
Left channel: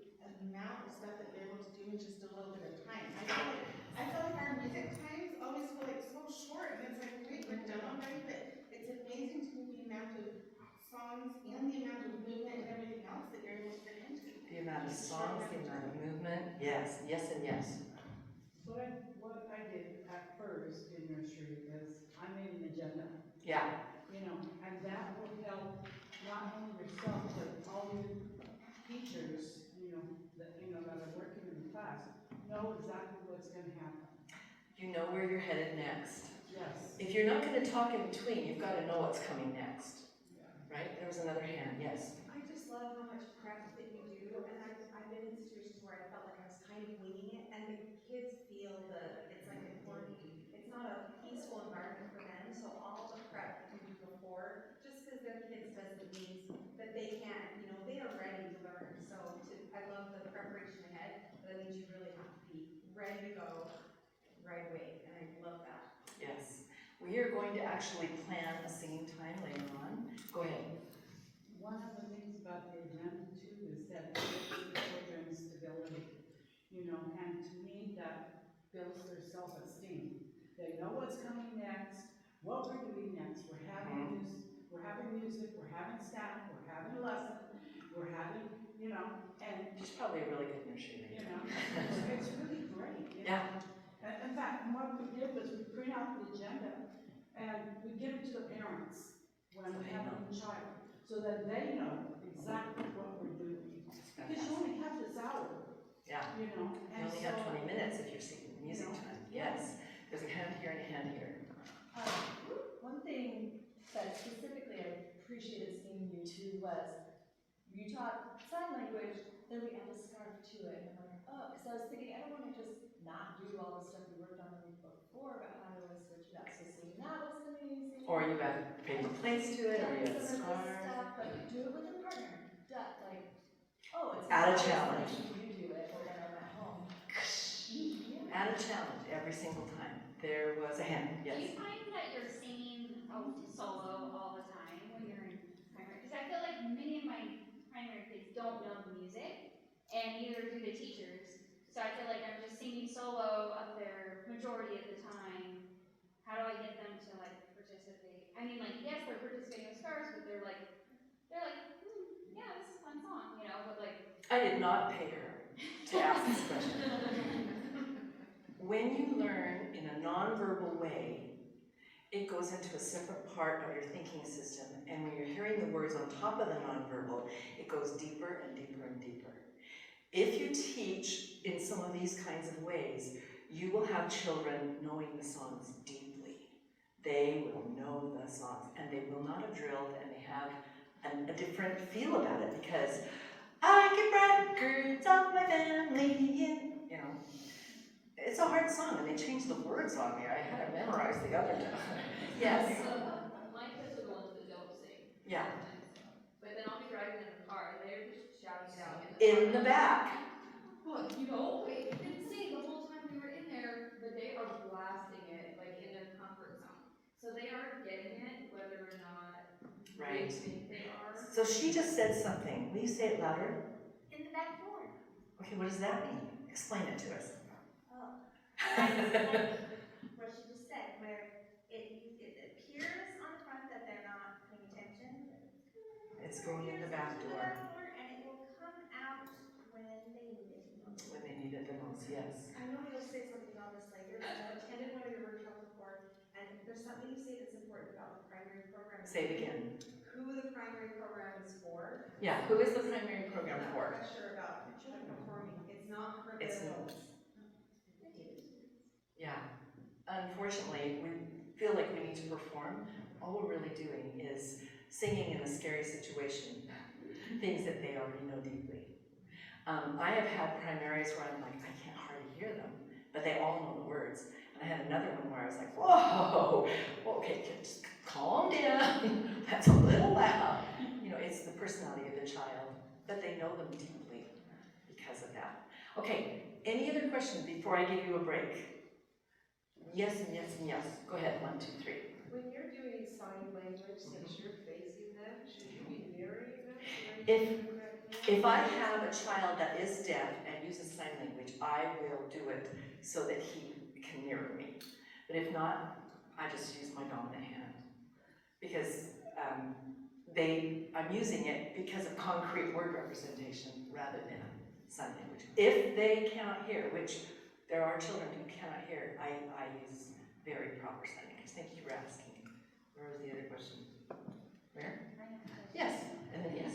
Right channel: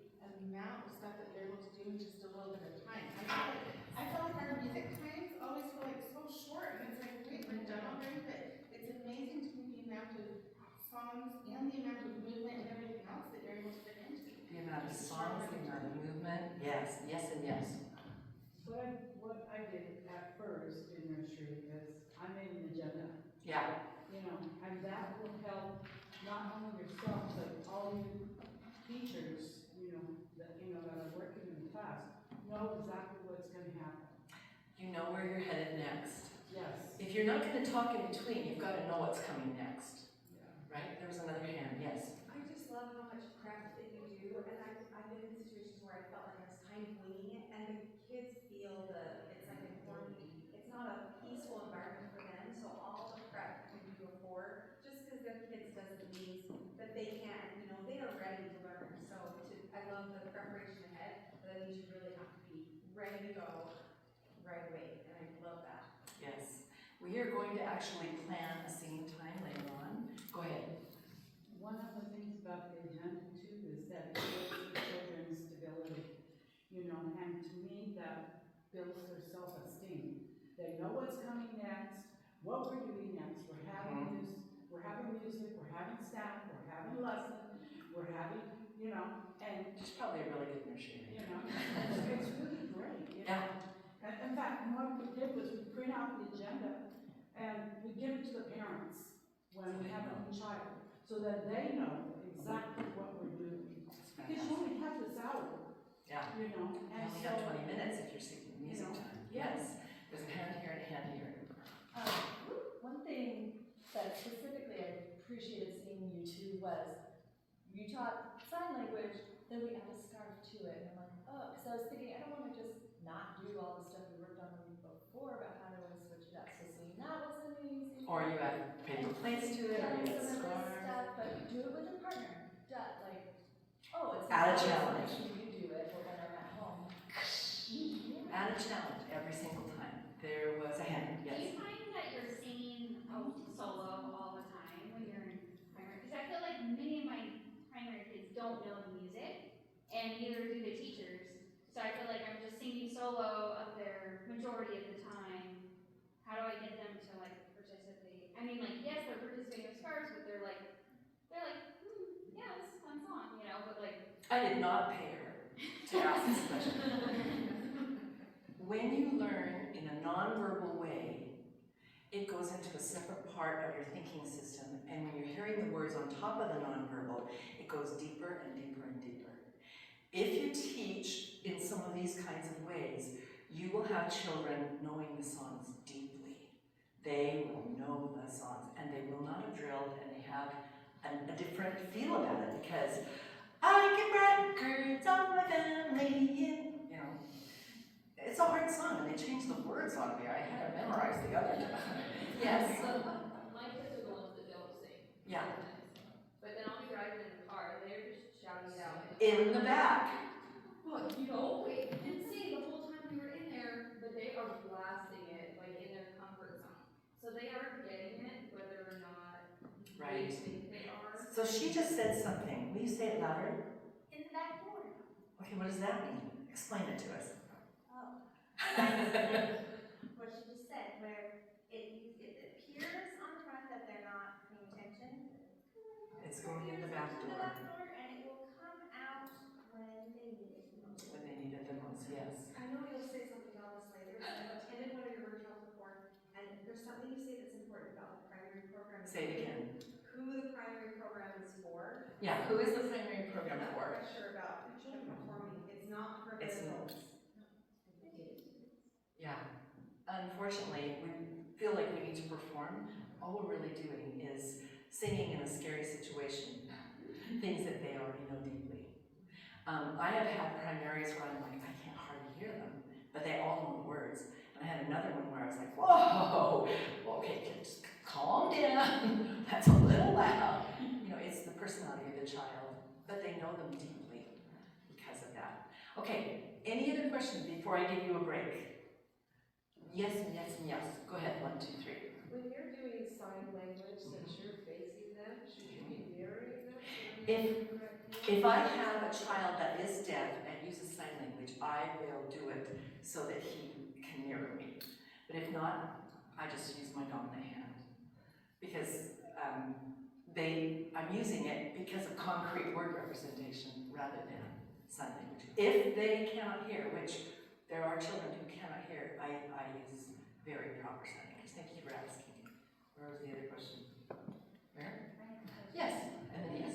amount of stuff that you're able to do in just a little bit of time. I feel like our music times always feel like so short, and it's like, wait, we're done already. But it's amazing to me the amount of songs and the amount of movement and everything else that you're able to fit into. The amount of songs, the amount of movement. Yes, yes, and yes. What I did at first in nursery is I made an agenda. Yeah. You know, and that will help not only yourself, but all your teachers, that are working in the class, know exactly what's gonna happen. You know where you're headed next. Yes. If you're not gonna talk in between, you've gotta know what's coming next. Yeah. Right? There was another hand, yes. I just love how much prep that you do, and I've been in situations where I felt like I was kind of winging it, and the kids feel it's like a quarantine. It's not a peaceful environment for them, so all the prep that you do before, just because they're kids doesn't mean that they can't, they are ready to learn. So I love the preparation ahead, but that means you really have to be ready to go right away, and I love that. Yes. We are going to actually plan a singing time later on. Go ahead. One of the things about the agenda too is that it builds the children's stability, and to me that builds their self-esteem. They know what's coming next, what we're doing next. We're having music, we're having staff, we're having a lesson, we're having, and She's probably a really good nursery. it's really great. Yeah. And in fact, what we did was we print out the agenda and we give it to the parents when we have a new child, so that they know exactly what we're doing. Because you only have this hour. Yeah. And you only have 20 minutes if you're singing music time. Yes. There's a hand here and a hand here. One thing that specifically I appreciated seeing you two was you taught sign language, then we add a scarf to it, and I'm like, oh, because I was thinking, I don't want to just not do all the stuff we worked on the week before, but how do I switch it up? So seeing that was amazing. Or you add paper plates to it, or you add a some of this scarf. stuff, but do it with a partner. It's Add a not always challenge. letting you do it, but when I'm at home. Add a challenge every single time. There was a hand. Do you Yes. find that you're singing solo all the time when you're in primary? Because I feel like many of my primary kids don't know the music, and neither do the teachers. So I feel like I'm just singing solo up there majority of the time. How do I get them to participate? I mean, yes, they're participating with scars, but they're like, yeah, this is a fun song, but I did not pay her to ask this question. When you learn in a nonverbal way, it goes into a separate part of your thinking system, and when you're hearing the words on top of the nonverbal, it goes deeper and deeper and deeper. If you teach in some of these kinds of ways, you will have children knowing the songs deeply. They will know the songs, and they will not have drilled, and they have a different feel about it, because I get records of my family, and, it's a hard song, and they changed the words on me. I had to memorize the other time. Yes. My kids are the ones that don't sing. Yeah. But then I'll be driving in the car, and they're just shouting it out. In the back. Look, wait, they didn't sing the whole time we were in there, but they are blasting it, in their comfort zone. So they are getting it, whether or not Right. they think they are. So she just said something. Will you say it louder? in the back door. Okay, what does that mean? Explain it to us. What she just said, where it appears on the front that they're not paying attention. It's going in the back To the door. back door, and it will come out when they need it the most. When they need it the most, yes. I know you'll say something about this later, but I've attended one of your workshops before, and there's something you say that's important about the primary program. Say it again. Who the primary program is for. Yeah, who is the primary program I'm not for? quite sure about performing. It's not for the It's not. adults. Yeah. Unfortunately, we feel like we need to perform. All we're really doing is singing in a scary situation, things that they already know deeply. I have had primaries where I'm like, I can't hardly hear them, but they all know the words. And I had another one where I was like, whoa, okay, just calm down. That's a little loud. it's the personality of the child, but they know them deeply because of that. Okay, any other questions before I give you a break? Yes and yes and yes. Go ahead, 1, 2, 3. When you're doing sign language that you're facing them, should you be mirroring them so they're doing the correct thing? If I have a child that is deaf and uses sign language, I will do it so that he can mirror me. But if not, I just use my dominant hand. Because I'm using it because of concrete word representation rather than sign language. If they cannot hear, which there are children who cannot hear, I use very proper sign language. Thank you for asking. Where was the other question? Where? Yes, and then yes.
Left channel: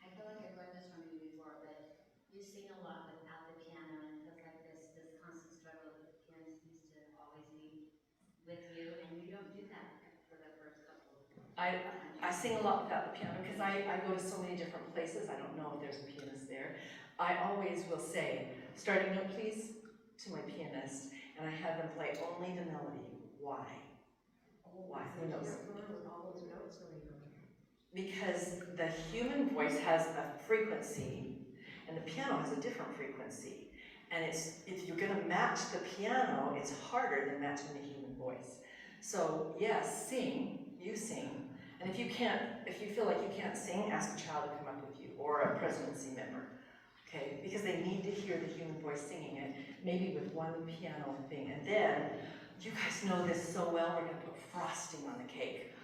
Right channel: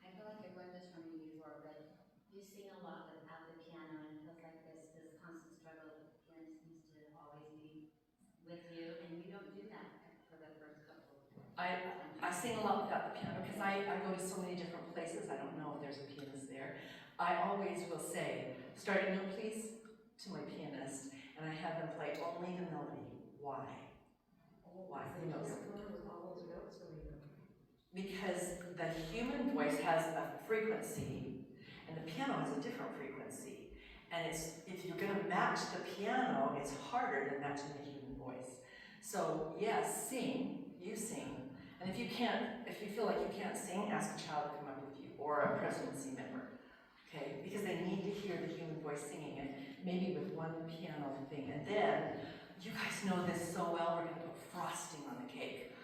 I feel like I've learned this from you before, but you sing a lot without the piano, and it feels like this constant struggle that the pianist needs to always be with you, and you don't do that for the first couple of I sing a lot without the piano because I go to so many different places. I don't know if there's a pianist there. I always will say, starting note please, to my pianist, and I have them play only the melody. Why? Why? Who knows? With all those notes going on. Because the human voice has a frequency, and the piano has a different frequency. And if you're going to match the piano, it's harder than matching the human voice. So yes, you sing. And if you feel like you can't sing, ask a child to come up with you, or a presidency member, okay? Because they need to hear the human voice singing it, maybe with one piano thing. And then, you guys know this so well, we're gonna put frosting on the cake.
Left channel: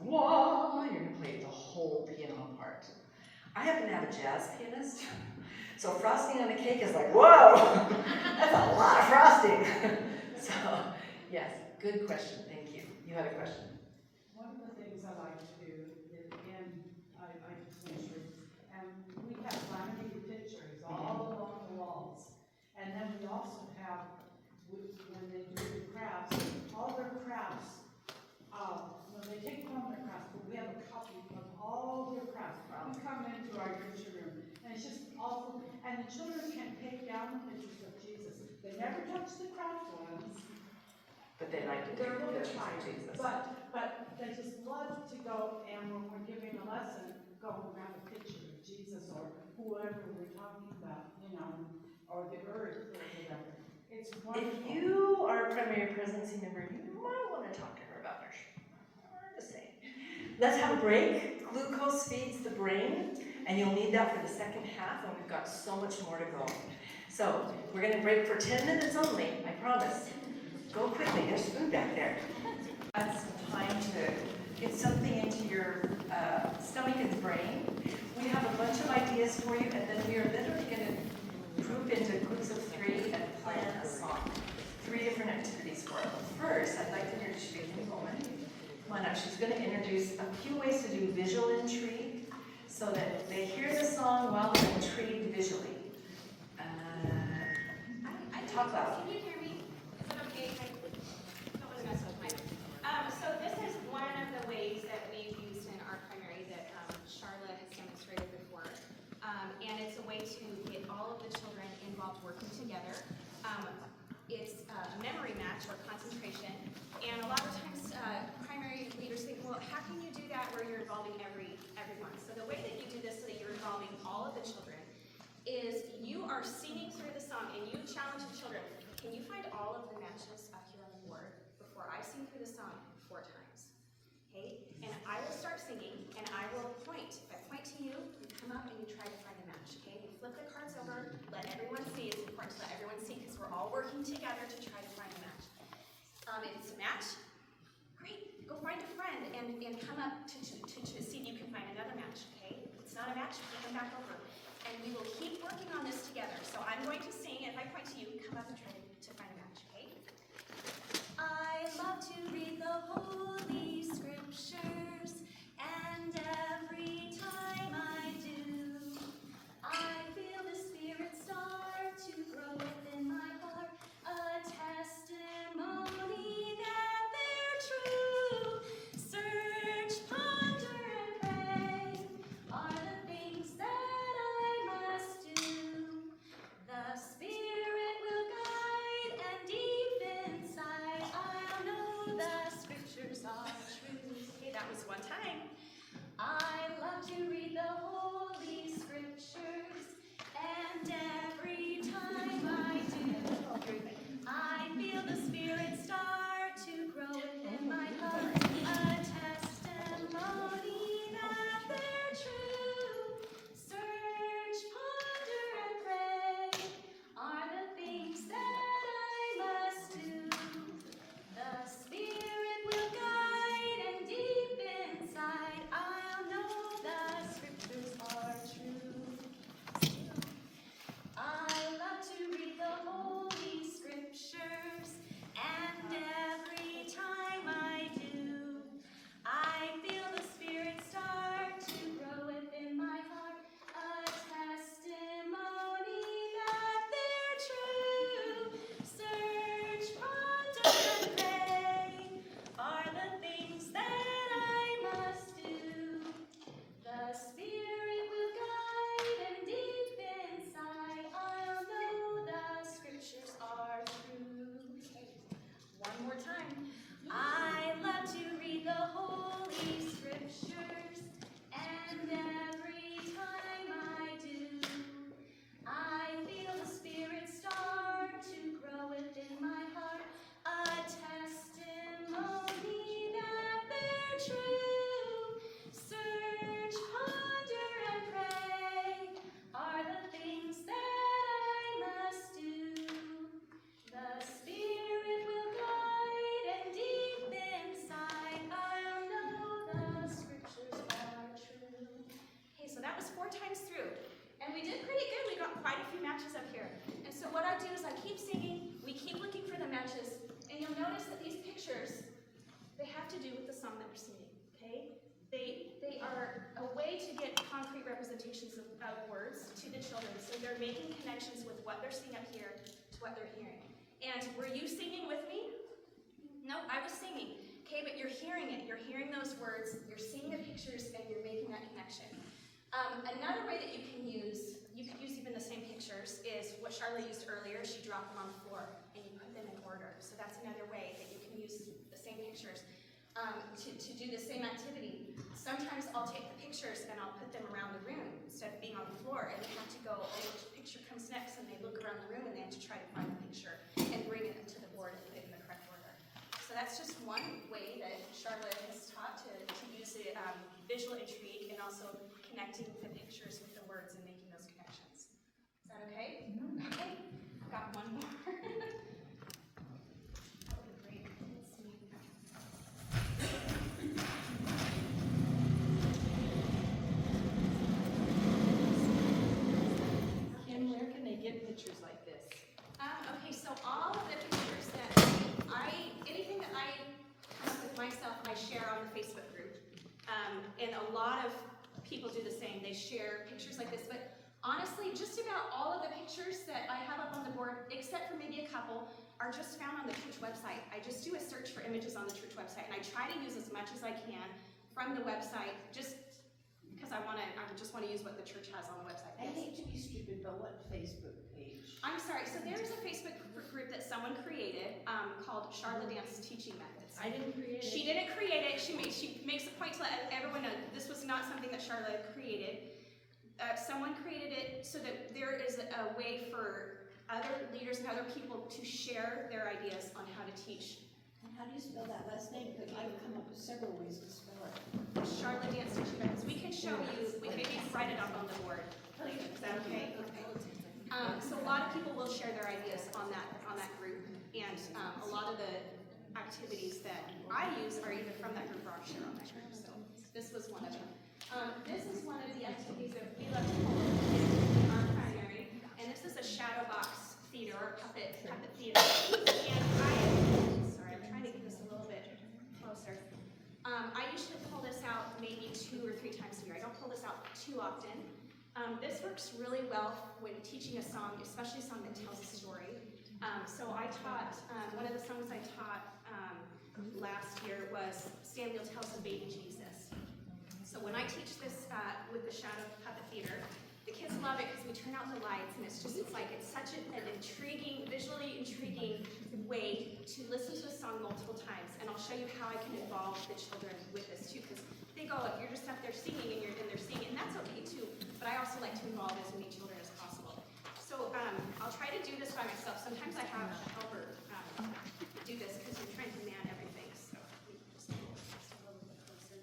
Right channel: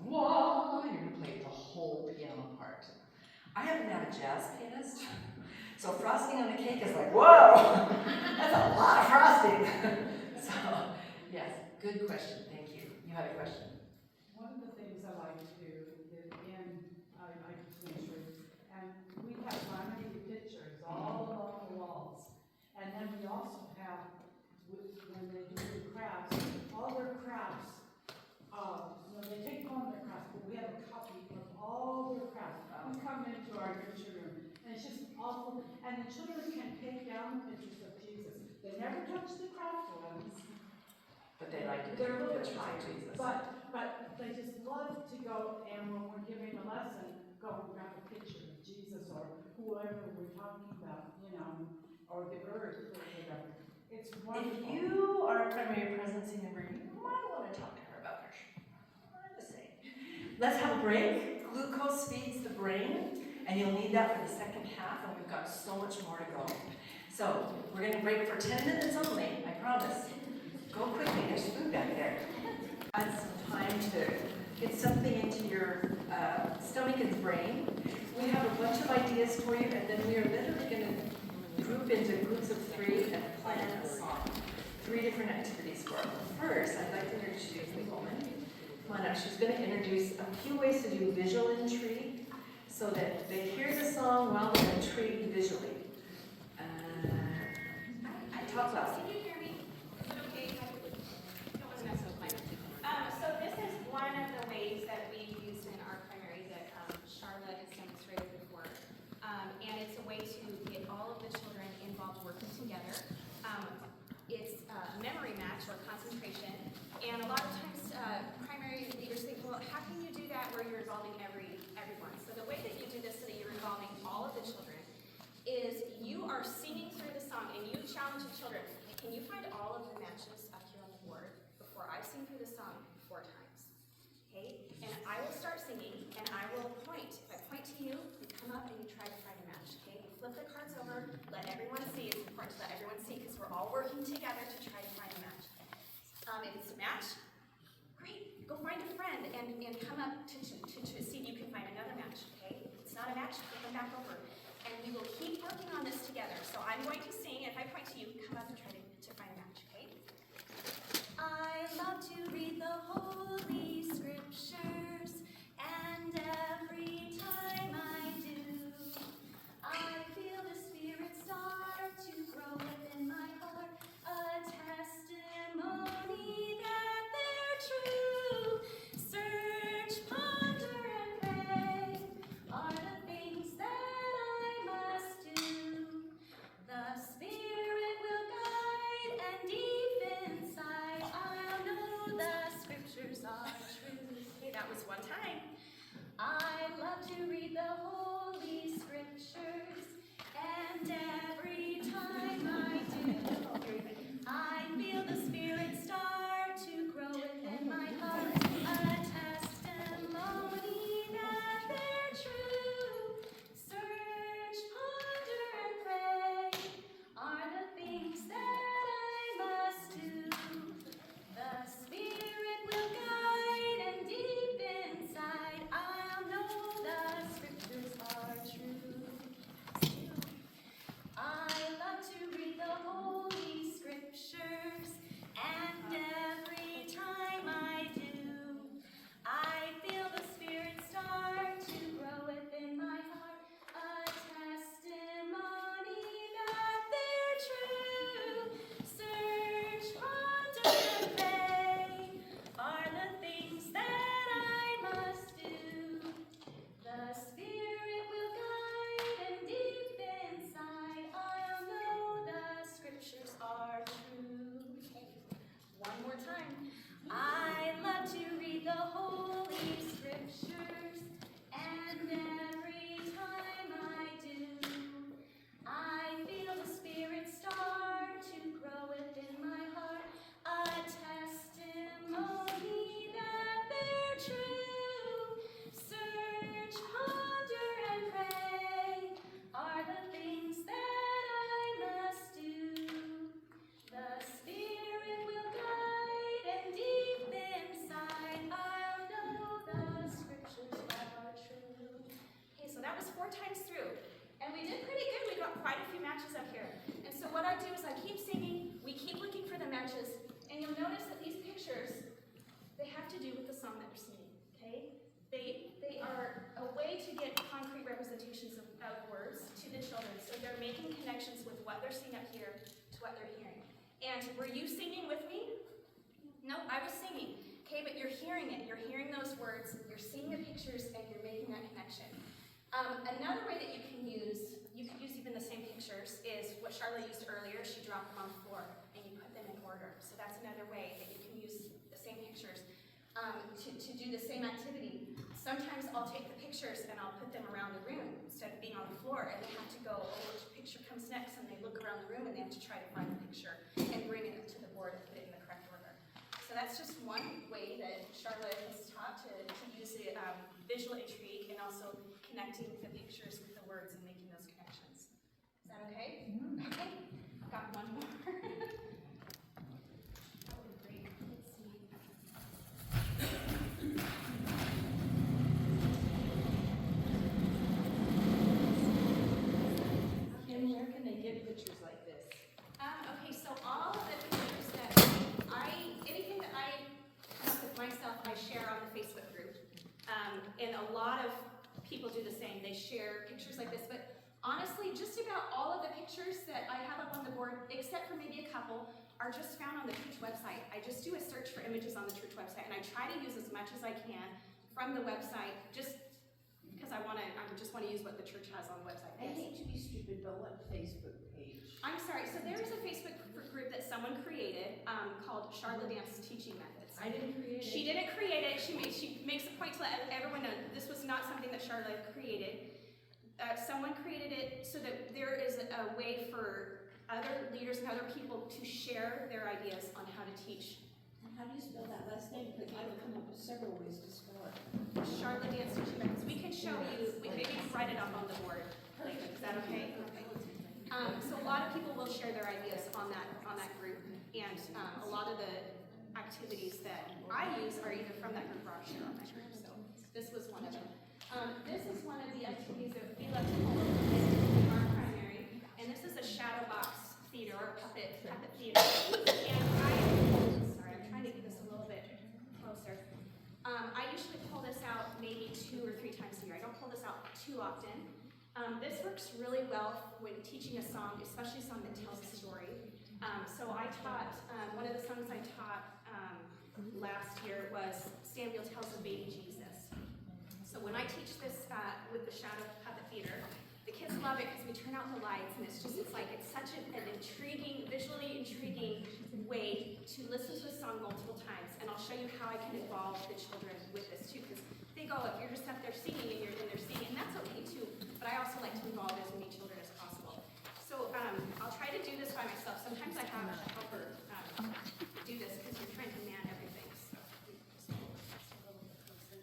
Whoa, you're gonna play the whole piano part. I happen to have a jazz pianist, so frosting on the cake is like, whoa, that's a lot of frosting. So, yes, good question, thank you. You had a question. One of the things I like to do is, I just mentioned, and we have laminated pictures all along the walls. And then we also have, when they do the crafts, all their crafts, they take home their crafts, but we have a copy of all their crafts. We come into our nursery room, and it's just awful. And the children can take down the pictures of Jesus. They never touch the craft ones. But they like to They're take a little pictures of tired, Jesus. but they just love to go, and when we're giving a lesson, go and grab a picture of Jesus or whoever we're talking about, or the earth or whatever. It's wonderful. If you are a primary presidency member, you might want to talk to her about her. I'm just saying. Let's have a break. Glucose feeds the brain, and you'll need that for the second half, and we've got so much more to go. So, we're going to break for 10 minutes only, I promise. Go quickly, there's food back there. Add some time to get something into your stomach and brain. We have a bunch of ideas for you, and then we are literally going to group into groups of 3 and plan a song. 3 different activities for it. First, I'd like to introduce you to the woman. Come on up. She's going to introduce a few ways to do visual intrigue so that they hear the song while they're intrigued visually. Talk loud. Can you hear me? Is it okay if I don't want to mess with mine? So this is one of the ways that we've used in our primary that Sharla has demonstrated before. And it's a way to get all of the children involved working together. It's a memory match or concentration. And a lot of times primary leaders think, well, how can you do that where you're involving everyone? So the way that you do this so that you're involving all of the children is you are singing through the song and you challenge the children. Can you find all of the matches up here on the board before I sing through the song 4 times? Okay? And I will start singing and I will point. If I point to you, you come up and you try to find a match. Okay? You flip the cards over, let everyone see. It's important to let everyone see because we're all working together to try to find a match. If it's a match, great. Go find a friend and come up to see if you can find another match. Okay? If it's not a match, flip them back over. And we will keep working on this together. So I'm going to sing, and if I point to you, come up and try to find a match, okay? I love to read the Holy Scriptures, and every time I do, I feel the Spirit start to grow within my heart, a testimony that they're true. Search, ponder, and pray are the things that I must do. The to do with the song that we're singing, okay? They are a way to get concrete representations of words to the children, so they're making connections with what they're seeing up here to what they're hearing. And were you singing with me? No, I was singing, okay, but you're hearing it. You're hearing those words, you're seeing the pictures, and you're making that connection. Another way that you could use even the same pictures, is what Sharla used earlier. She dropped them on the floor, and you put them in order. So that's another way that you can use the same pictures to do the same activity. Sometimes I'll take the pictures and I'll put them around the room instead of being on the floor, and they have to go, oh, which picture comes next, and they look around the room and they have to try to find the picture and bring it to the board and put it in the correct order. So that's just one way that Sharla has taught to use the visual intrigue, and also connecting the pictures with the words and making those connections. Is that okay? Okay, I've got one more. That would be great. Let's see. Kim, where can they get pictures like this? Okay, so all of the pictures that anything that I come up with myself, I share on the Facebook group. And a lot of people do the same. They share pictures like this, but honestly, just about all of the pictures that I have up on the board, except for maybe a couple, are just found on the church website. I just do a search for images on the church website, and I try to use as much as I can from the website, just because I just want to use what the church has on the website. I Yes. hate to be stupid, but what Facebook page? I'm sorry, so there is a Facebook group that someone created called Sharla Dance Teaching Methods. I didn't create it. She didn't create it. She makes a point to let everyone know this was not something that Sharla created. Someone created it so that there is a way for other leaders and other people to share their ideas on how to teach. And how do you spell that last name? Because I would come up with several ways to spell it. Sharla Dance Teaching Methods. We can show you, maybe we can write it up on the board later. Is that okay? Okay. So a lot of people will share their ideas on that group, and a lot of the activities that I use are either from that group or I'll share on that group. So this was one of them. This is one of the activities that we love to call in our primary, and this is a shadow box theater or puppet theater. And I'm trying to get this a little bit closer. I usually pull this out maybe 2 or 3 times a year. I don't pull this out too often. This works really well when teaching a song, especially a song that tells a story. So I taught, one of the songs I taught last year was Samuel Tells the Baby Jesus. So when I teach this with the Shadow Puppet Theater, the kids love it because we turn out the lights, and it's such an intriguing, visually intriguing way to listen to a song multiple times. And I'll show you how I can involve the children with this too, because they go, if you're just up there singing and they're singing, and that's okay too, but I also like to involve as many children as possible. So I'll try to do this by myself. Sometimes I have a helper do this because you're trying to man everything. So let me just pull this a little bit closer.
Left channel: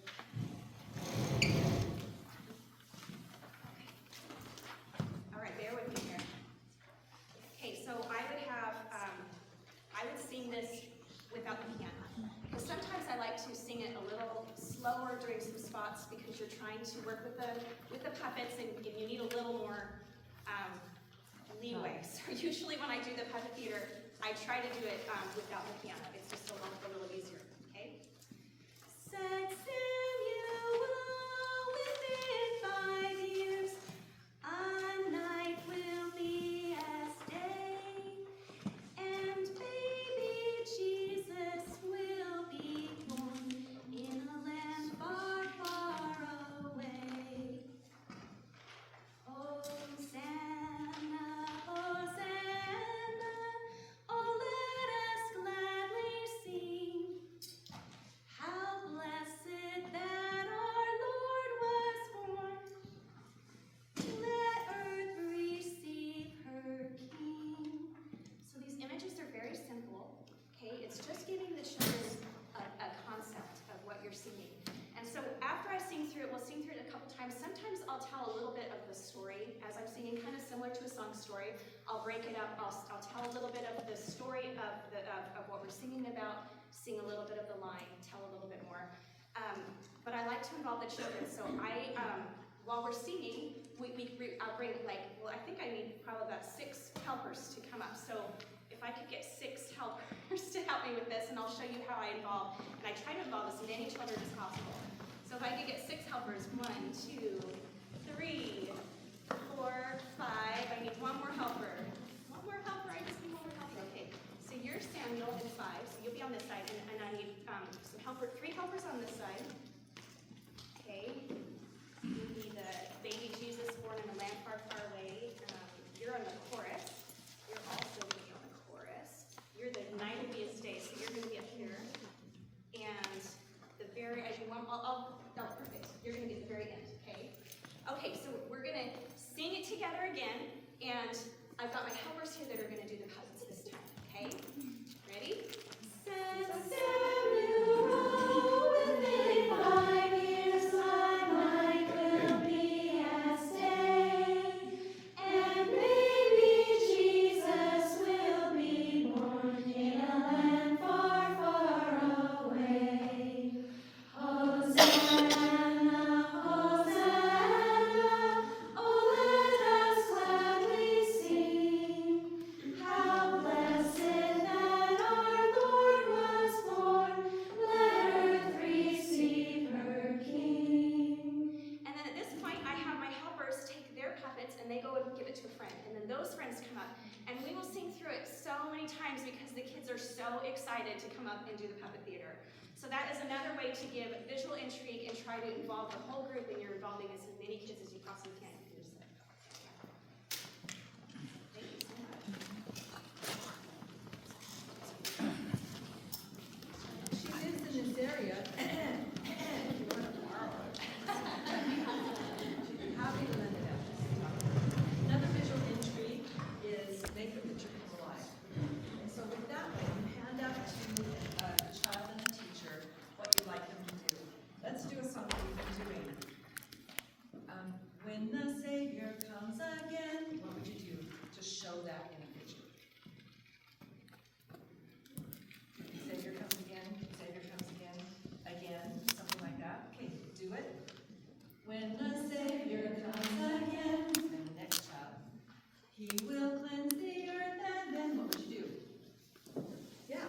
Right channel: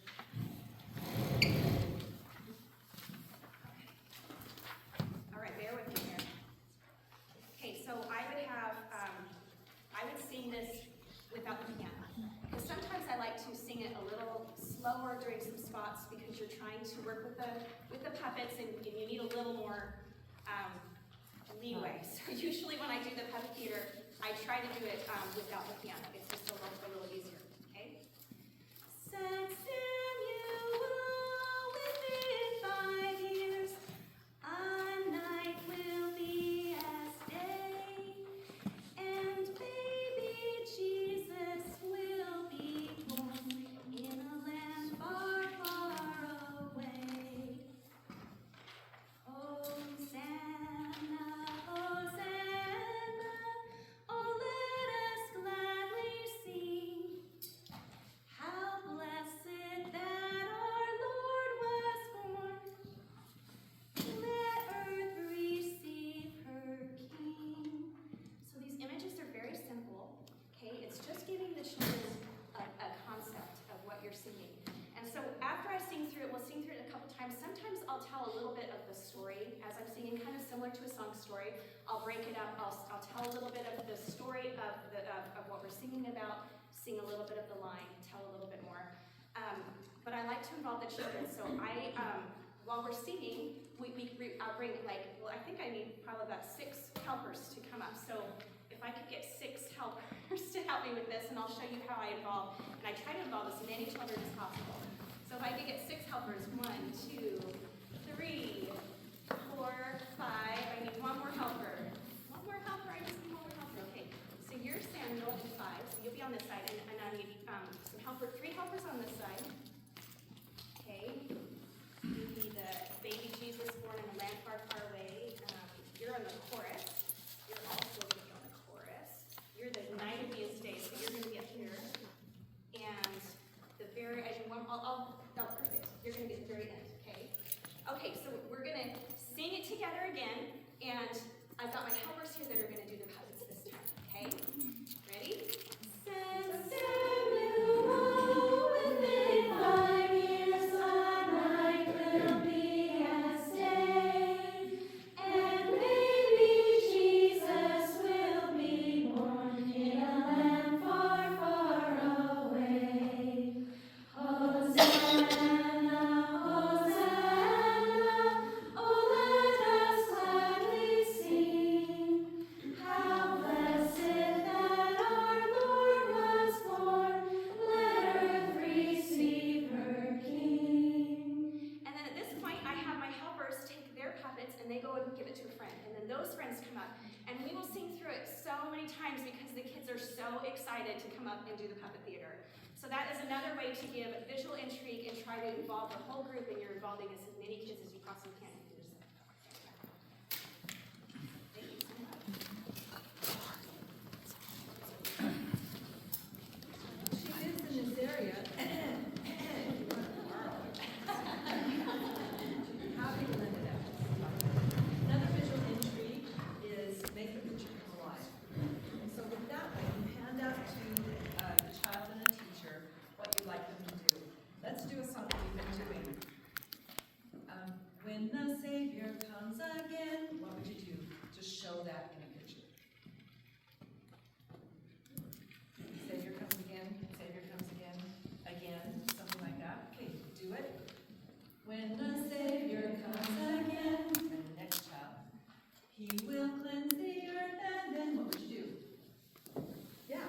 All right, bear with me here. Okay, so I would sing this without the piano. Because sometimes I like to sing it a little slower during some spots because you're trying to work with the puppets, and you need a little more leeway. So usually when I do the puppet theater, I try to do it without the piano. It's just a little easier, okay? Said Samuel, within 5 years, a night will be as day, and baby Jesus will be born in a land far, far away. Hosanna, Hosanna, oh let us gladly sing. How blessed that our Lord was born. Let earth receive her King. So these images are very simple, okay? It's just giving the children a concept of what you're singing. And so after I sing through it, we'll sing through it a couple times. Sometimes I'll tell a little bit of the story as I'm singing, kind of similar to a song story. I'll break it up. I'll tell a little bit of the story of what we're singing about, sing a little bit of the line, tell a little bit more. But I like to involve the children. So while we're singing, I'll bring I think I need probably about 6 helpers to come up. So if if I could get 6 helpers to help me with this, and I'll show you how I involve, and I try to involve as many children as possible. So if I could get 6 helpers, 1, 2, 3, 4, 5, I need 1 more helper. 1 more helper, I just need 1 more helper, okay. So you're Samuel and 5, so you'll be on this side, and I need some 3 helpers on this side. Okay, you'll be the baby Jesus born in a land far, far away. You're on the chorus. You're also going to be on the chorus. You're the night of his day, so you're going to be up here. And I do one, perfect. You're going to be at the very end, okay? Okay, so we're going to sing it together again, and I've got my helpers here that are going to do the puppets this time, okay? Ready? Samuel, within 5 years my life will be at stake, and baby Jesus will be born in a land far, far away. Hosanna, Hosanna, oh let us gladly sing. How blessed that our Lord was born, let earth receive her King. And then at this point, I have my helpers take their puppets and they go and give it to a friend. And then those friends come up. And we will sing through it so many times because the kids are so excited to come up and do the puppet theater. So that is another way to give visual intrigue and try to involve the whole group, and you're involving as many kids as you possibly can. You can just thank you so much. She lives in this area. You want to borrow it. How do you rent it out? Another visual intrigue is make the picture come alive. And so with that way, you hand out to the child and the teacher what you'd like them to do. Let's do a song that we've been doing. When the Savior comes again, what would you do to show that in a picture? Savior comes again, something like that. Okay, do it. When the Savior comes again, and the next child, he will cleanse the earth, and then what would you do? Yeah.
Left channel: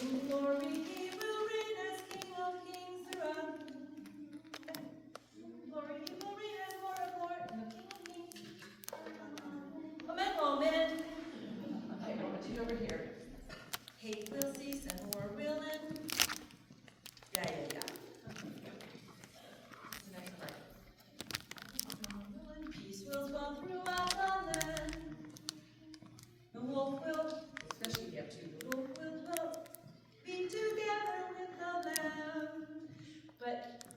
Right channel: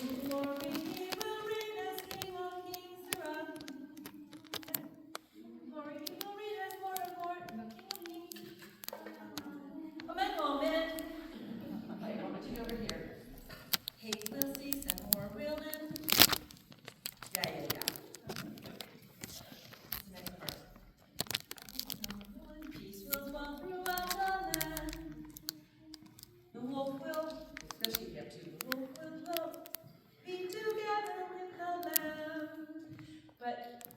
In glory he will reign as King of Kings throughout. In glory he will reign as Lord of Lords, and the King of Kings. Amen, amen. Okay, what would you do over here? Hate will cease and war will end. Yeah. What's the next part? Peace will dwell throughout the land. The wolf will, especially if you have 2, the wolf will dwell, be together with the lamb. But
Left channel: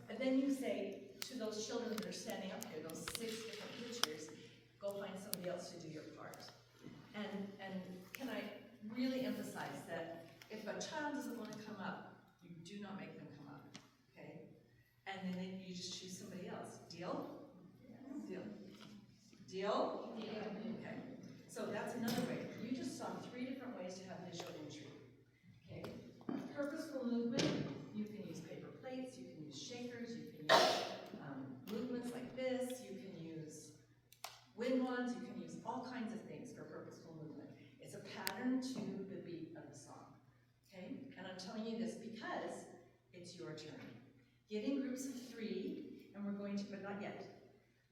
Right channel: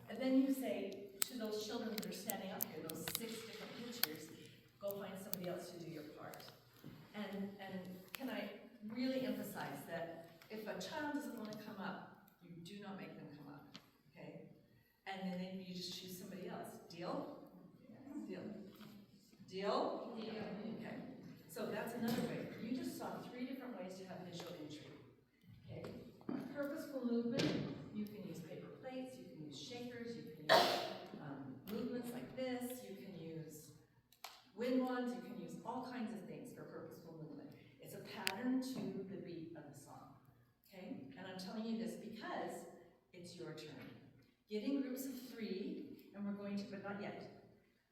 and then you say to those children that are standing up here, those 6 different pictures, go find somebody else to do your part. And can I really emphasize that if a child doesn't want to come up, you do not make them come up, okay? And then you just choose somebody else. Deal? Deal. Deal? Okay. So that's another way. You just saw 3 different ways to have visual intrigue. Okay? Purposeful movement. You can use paper plates. You can use shakers. You can use movements like this. You can use wind wands. You can use all kinds of things for purposeful movement. It's a pattern to the beat of the song. Okay? And I'm telling you this because it's your turn. Get in groups of 3, and we're going to, but not yet.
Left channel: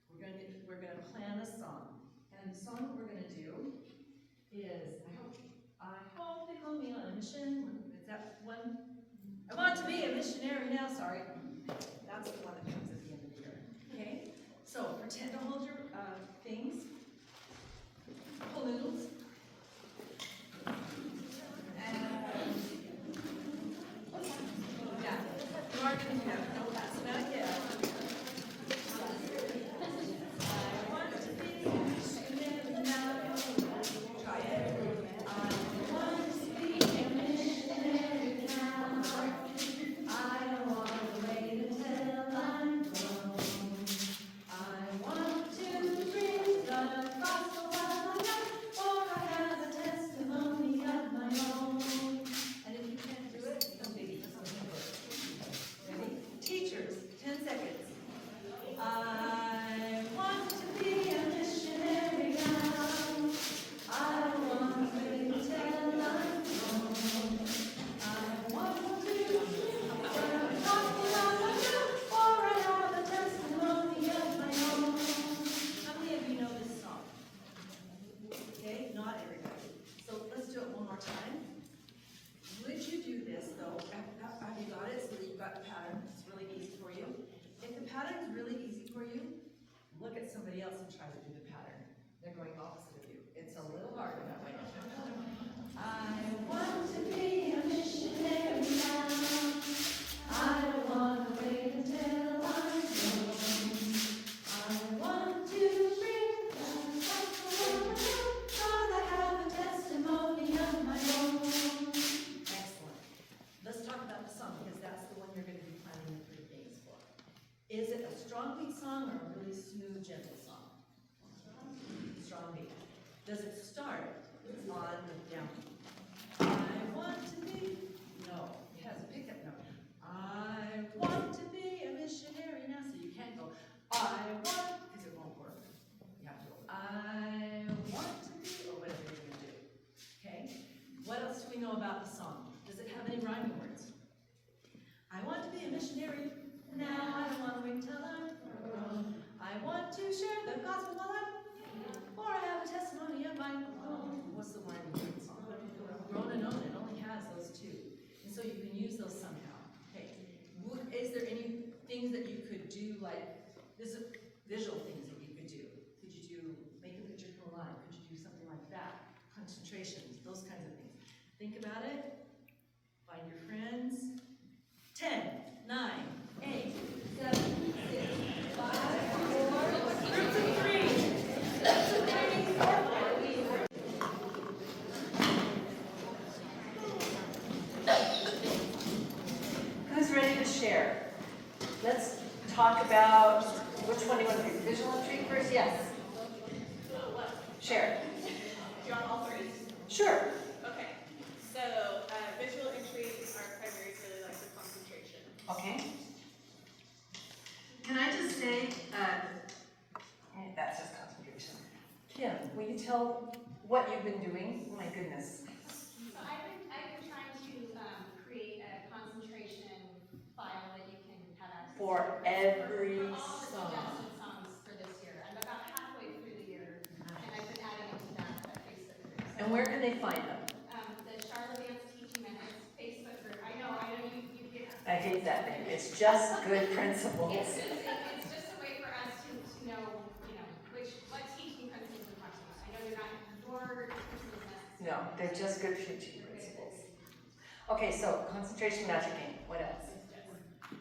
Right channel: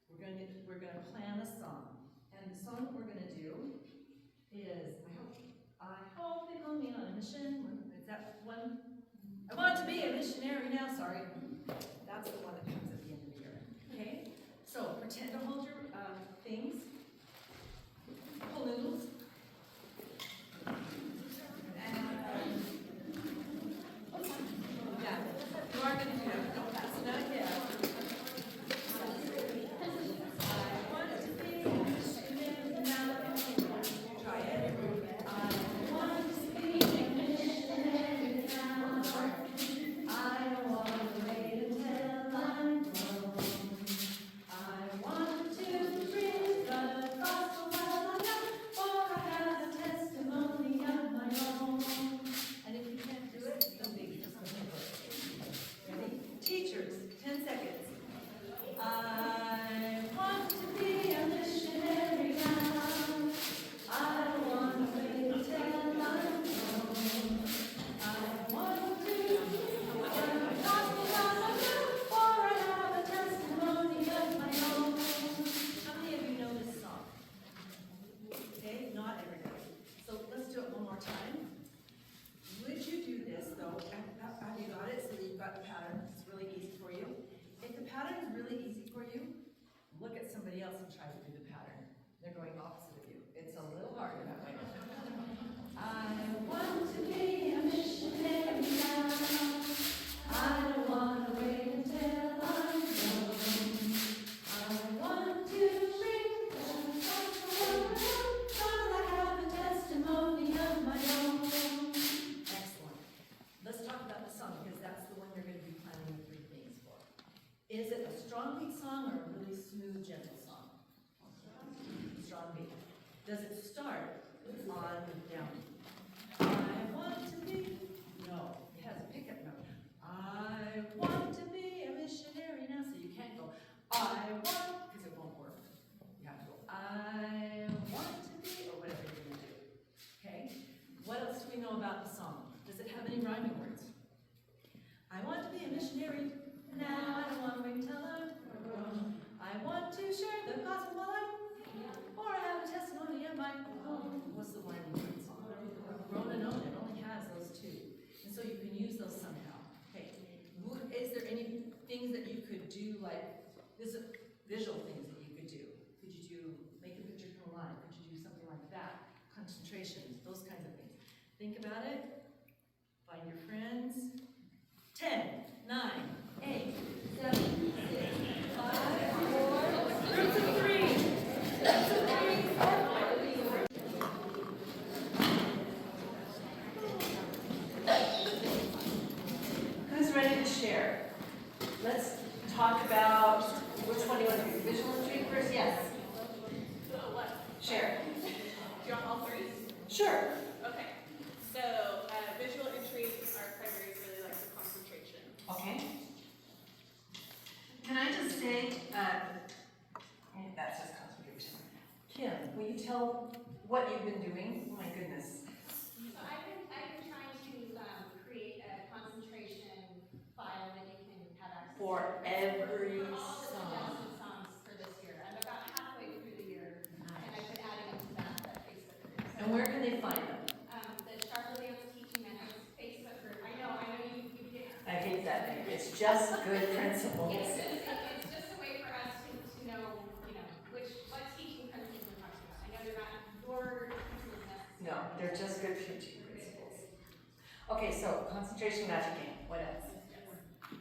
We're going to plan a song. And the song that we're going to do is, I hope they call me on a mission. Is that one? I want to be a missionary now, sorry. That's the one that comes at the end of the year. Okay? So pretend to hold your things. Pull noodles. Yeah, you are going to do that, but don't pass it out yet. I want to be a missionary now. Try it. I want to be a missionary now. I don't want to wait until I'm grown. I want to preach the gospel while I'm young, for really easy for you, look at somebody else and try to do the pattern. They're going opposite of you. It's a little harder that way. I want to be a missionary now. I don't want to wait until I'm grown. I want to bring the gospel because I have a testimony of my own. Excellent. Let's talk about the song because that's the one you're going to be planning the 3 things for. Is it a strong beat song or a really smooth, gentle song? Strong beat. Does it start on the downbeat? I want to be, no, it has a pickup note. I want to be a missionary now, so you can't go, I want, because it won't work. You have to go, I want to be, or whatever you're going to do. Okay? What else do we know about the song? Does it have any rhyming words? I want to be a missionary now, I don't want to wait until I'm grown. I want to share the gospel while I'm or I have a testimony of my own. What's the rhyming words? Grown and own, it only has those 2. And so you can use those somehow. Okay. Is there any things that you could do, like, this is visual things that you could do? Could you do, make a picture come alive? Could you do something like that? Concentrations, those kinds of things. Think about it. Find your friends. 10, 9, 8, 7, 6, 5, 4, groups of 3. Groups of 3, 4. Who's ready to share? Let's talk about which one do you want to do? Visual intrigue first? Yes. Share. Do you want all 3? Sure. Okay. So, visual intrigue, our primary really likes a concentration. Okay. Can I just say, that says concentration. Kim, will you tell what you've been doing? Oh my goodness. So I've been trying to create a concentration file that you can have access to. For every For all the song. suggested songs for this year. I'm about halfway through the year, and I've been adding them to that Facebook group. And where can they find them? The Sharla Dance Teaching Methods Facebook group. I know you get. I hate that name. It's just good principles. It's just a way for us to know, what teaching principles we're talking about. I know they're not your principles necessarily. No, they're just good teaching principles. Okay, so concentration magic game. What else? You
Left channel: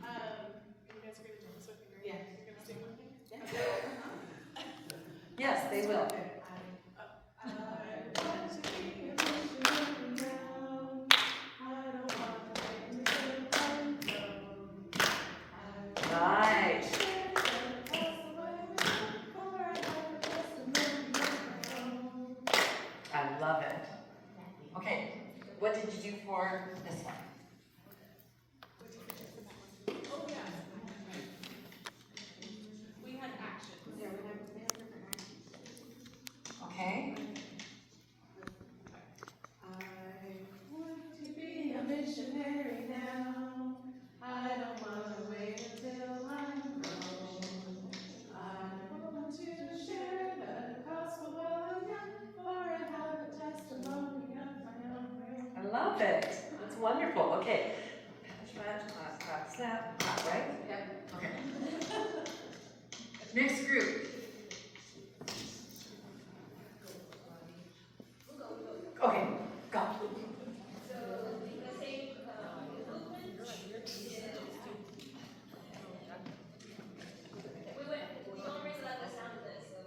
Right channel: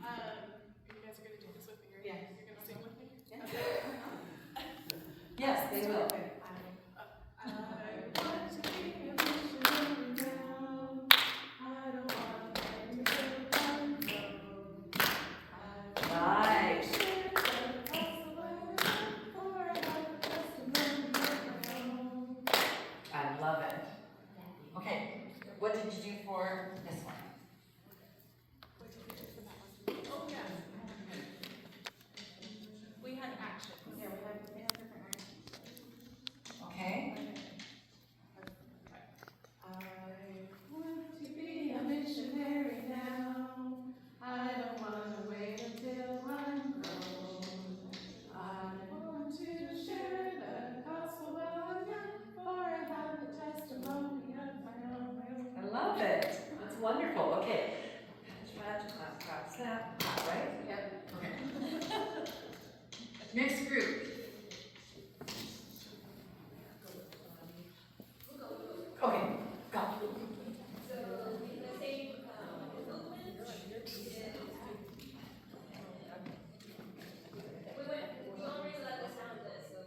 guys are going to dance with me, right? Yeah. You're going to sing with me? Yes, they will. I want to be a missionary now. I don't want to wait until I'm grown. Nice. I love it. Okay, what did you do for this one? Oh, yeah. We had actions. Yeah, we had different actions. Okay. I want to be a missionary now. I don't want to wait until I'm grown. I want to share the gospel while I'm young, for I have a testimony of my own. I love it. That's wonderful. Okay. Snap, right? Yep. Okay. Next group. Okay, go. So the same movement is. We already let the sound of this, so.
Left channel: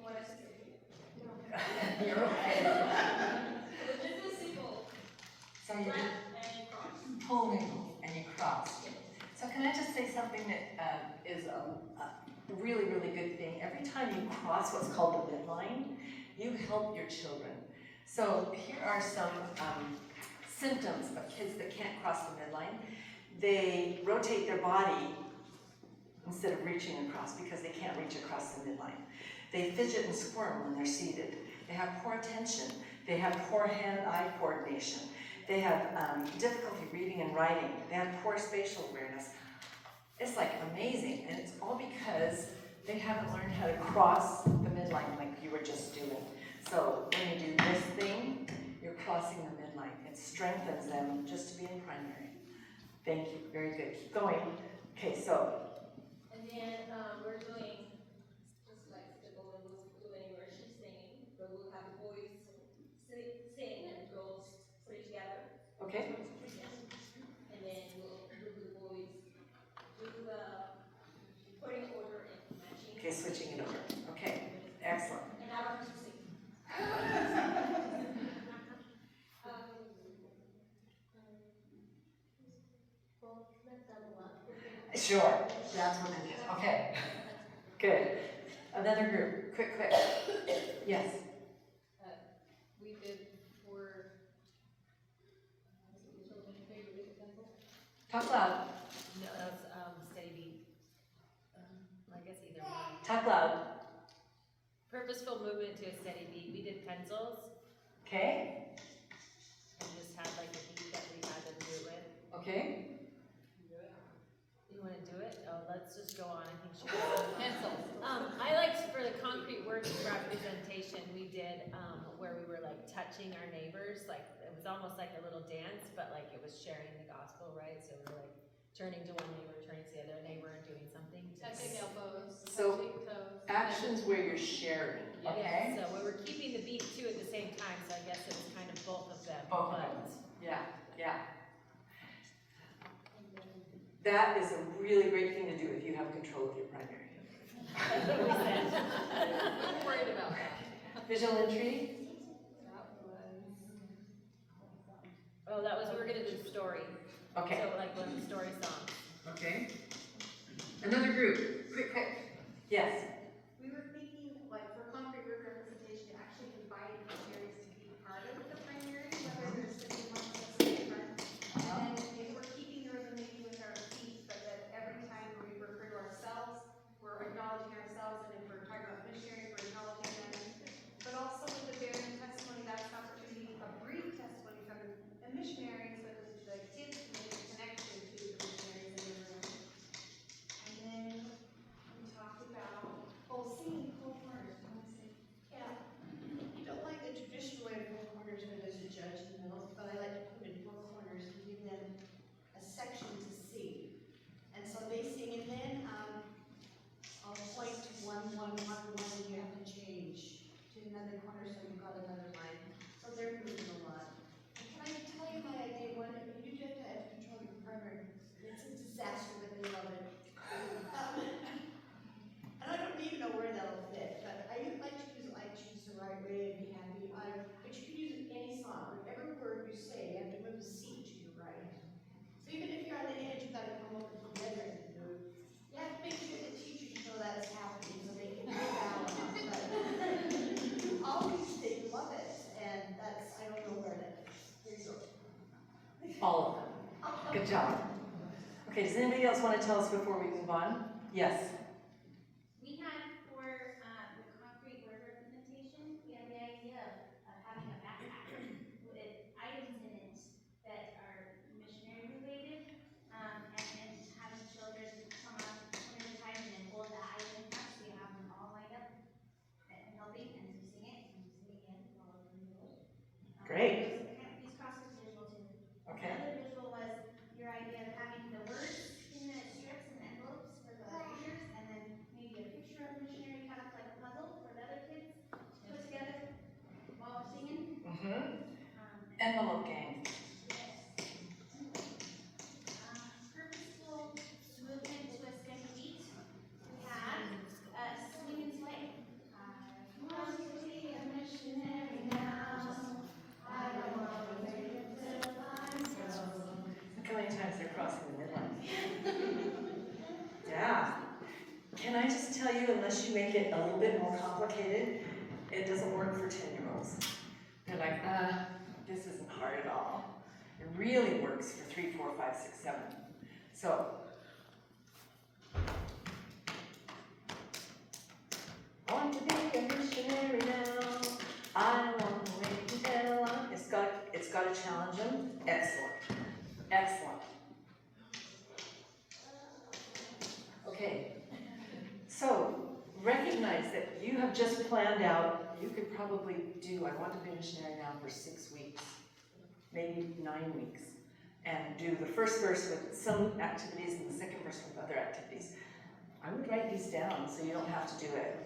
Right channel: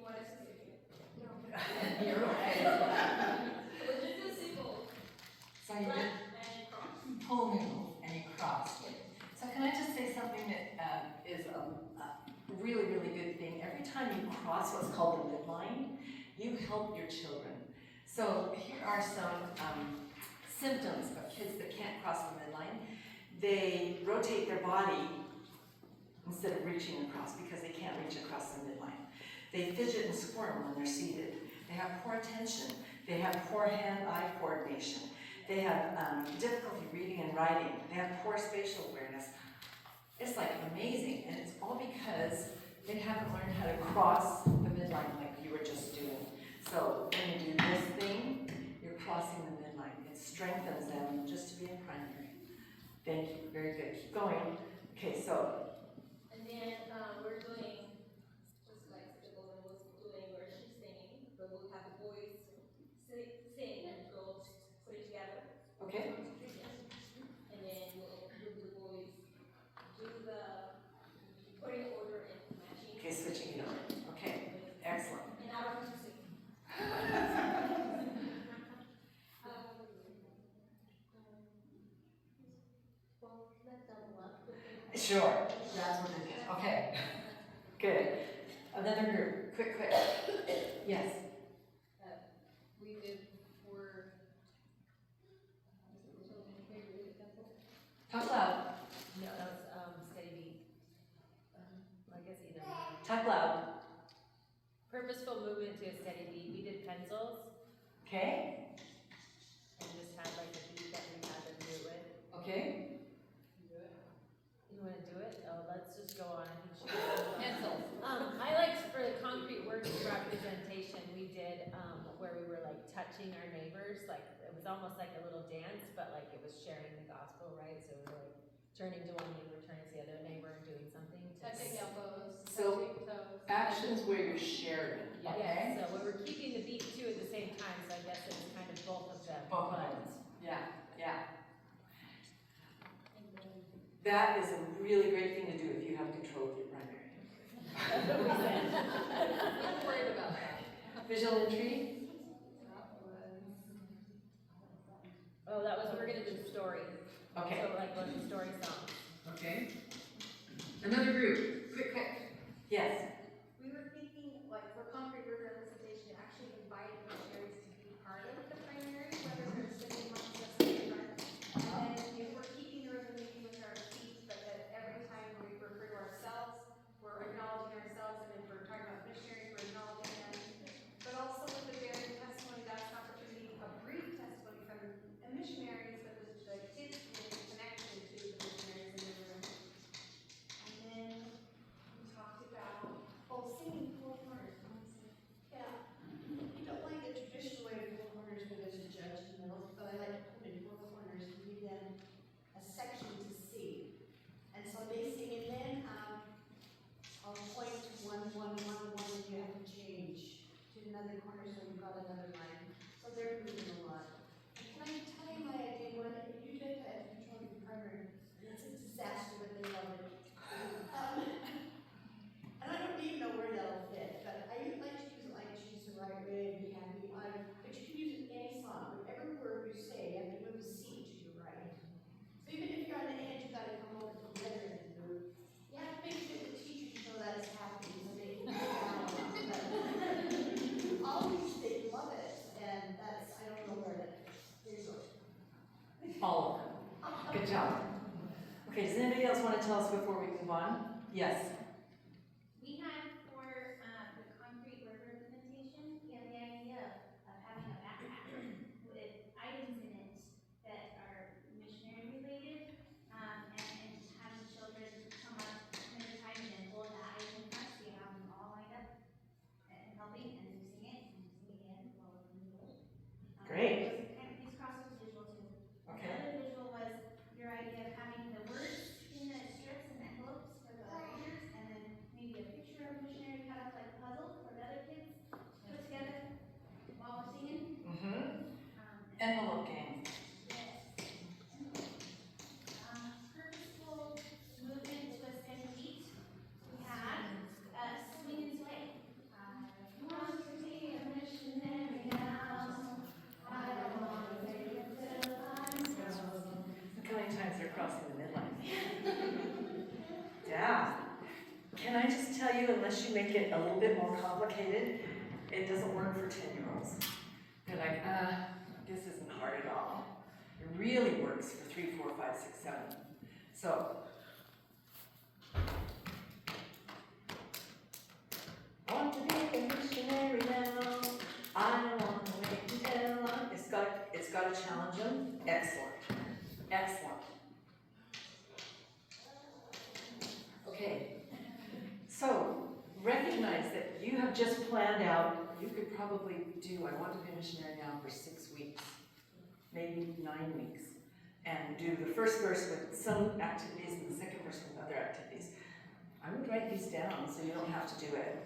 What I should say. You're okay. We'll just do simple. So you Left did and cross. pull move and you cross. So can I just say something that is a really, really good thing? Every time you cross what's called the midline, you help your children. So here are some symptoms of kids that can't cross the midline. They rotate their body instead of reaching across because they can't reach across the midline. They fidget and squirm when they're seated. They have poor attention. They have poor hand-eye coordination. They have difficulty reading and writing. They have poor spatial awareness. It's like amazing, and it's all because they haven't learned how to cross the midline like you were just doing. So when you do this thing, you're crossing the midline. It strengthens them just to be in primary. Thank you, very good, keep going. Okay, so, And then, we're doing, just like the woman was doing where she's singing, but we'll have the boys sing and girls put it together. okay, And then we'll the boys do the putting order and matching. okay, switching it over, okay, excellent. And I don't have to sing. Well, let's double up. Sure, that's what it is, okay, good. Another group, quick, yes, We did for, talk loud, no, that's, steady beat. I guess either one. talk loud, Purposeful movement to a steady beat. We did pencils okay, and just had like a beat that we had to do it with. okay, You wanna do it? Oh, let's just go on. I think she pencils. I liked for the concrete words representation, we did, where we were like touching our neighbors, like, it was almost like a little dance, but like it was sharing the gospel, right? So we were like turning to one neighbor, turning to the other neighbor and doing something. Touching elbows, So, touching toes. actions where you're sharing, Yeah, okay? so we were keeping the beat too at the same time, so I guess it was kind of both of them. Both of but- them. Yeah, yeah. That is a really great thing to do if you have control of your primary. That's what we said. I'm worried about that. Visual intrigue, Oh, that was, we were gonna do the story. okay, So like the story song. okay. Another group, quick, yes, We were thinking, like, for concrete word representation, actually inviting missionaries to be part of the primary, whether they're sitting amongst us in the front. And then if we're keeping the rhythm maybe with our feet, but that every time we refer to ourselves, we're acknowledging ourselves, and if we're talking about missionaries, we're acknowledging them. But also with the bearing testimony, that's an opportunity, a brief testimony from the missionaries, but the kids to make a connection to the missionaries in the room. And then we talked about, singing four corners. Yeah, you don't like the traditional way of four corners where there's a judge in the middle, but I like to put them in four corners and give them a section to sing. And so they sing, and then I'll point to one, and you have to change to another corner, so you've got another line. So they're moving a lot. And can I tell you my idea? What you do have to have control of your primary. It's a disaster, but they love it. And I don't even know where that'll fit, but I like to use I choose the right way and be happy. But you can use it in any song. Whatever word you say, you have to move the C to your right. So even if you're on the edge, you've got to come over together and move. You have to make sure the teachers know that's happening so they can move out. But always they love it, and that's, I don't know where that is. There you go. all of them, good job. Okay, does anybody else want to tell us before we move on? Yes, We had for the concrete word representation, we had the idea of having a backpack with items in it that are missionary related, and then having children come up one at a time and then hold that item in front, so you have them all lined up and helping, and you sing it, and you sing it again while we're doing it. Great. These crosses visual too. okay, Another visual was your idea of having the words in the strips and envelopes for the readers, and then maybe a picture of a missionary cut up like a puzzle for the other kids to put together while we're singing. envelope game, Yes. Purposeful movement to a steady beat. We had swing and sway. I want to be a missionary now. I don't want to wait until I'm grown. look how many times they're crossing the midline. Yeah, can I just tell you, unless you make it a little bit more complicated, it doesn't work for 10-year-olds. They're like, this isn't hard at all. It really works for 3, 4, 5, 6, 7. So, I want to be a missionary now. I don't want to wait until it's got to challenge them. Excellent, excellent. Okay, so recognize that you have just planned out, you could probably do, I want to be a missionary now for 6 weeks, maybe 9 weeks. and do the first verse with some activities and the second verse with other activities. I would write these down so you don't have to do it.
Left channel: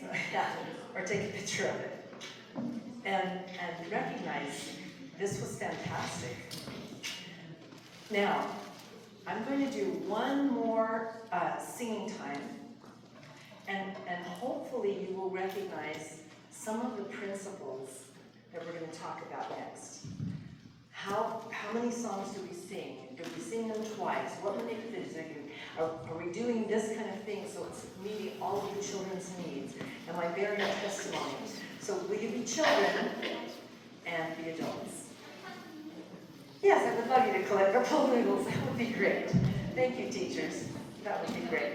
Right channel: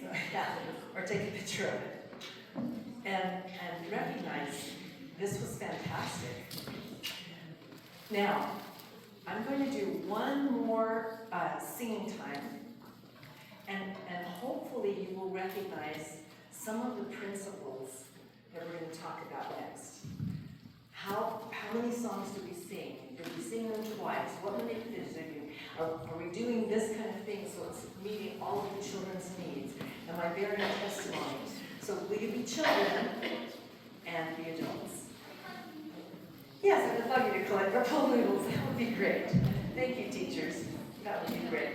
So, yeah, or take a picture of it. And recognize this was fantastic. Now, I'm going to do one more singing time, and hopefully you will recognize some of the principles that we're going to talk about next. How many songs do we sing? Do we sing them twice? What manipulation are we doing this kind of thing so it's meeting all of the children's needs? Am I bearing testimonies? So will you be children and be adults? Yes, I would love you to collect our pool noodles. That would be great. Thank you, teachers. That would be great.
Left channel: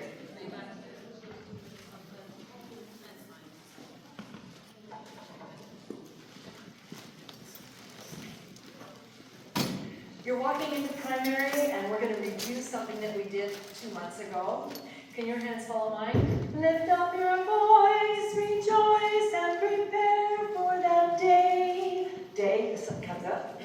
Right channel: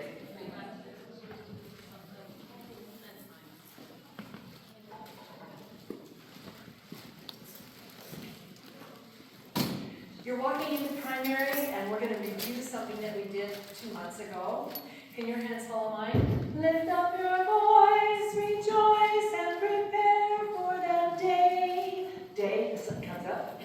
You're walking into primary, and we're going to review something that we did 2 months ago. Can your hands follow mine? Lift up your voice, rejoice, and prepare for that day. Day, the sun comes up.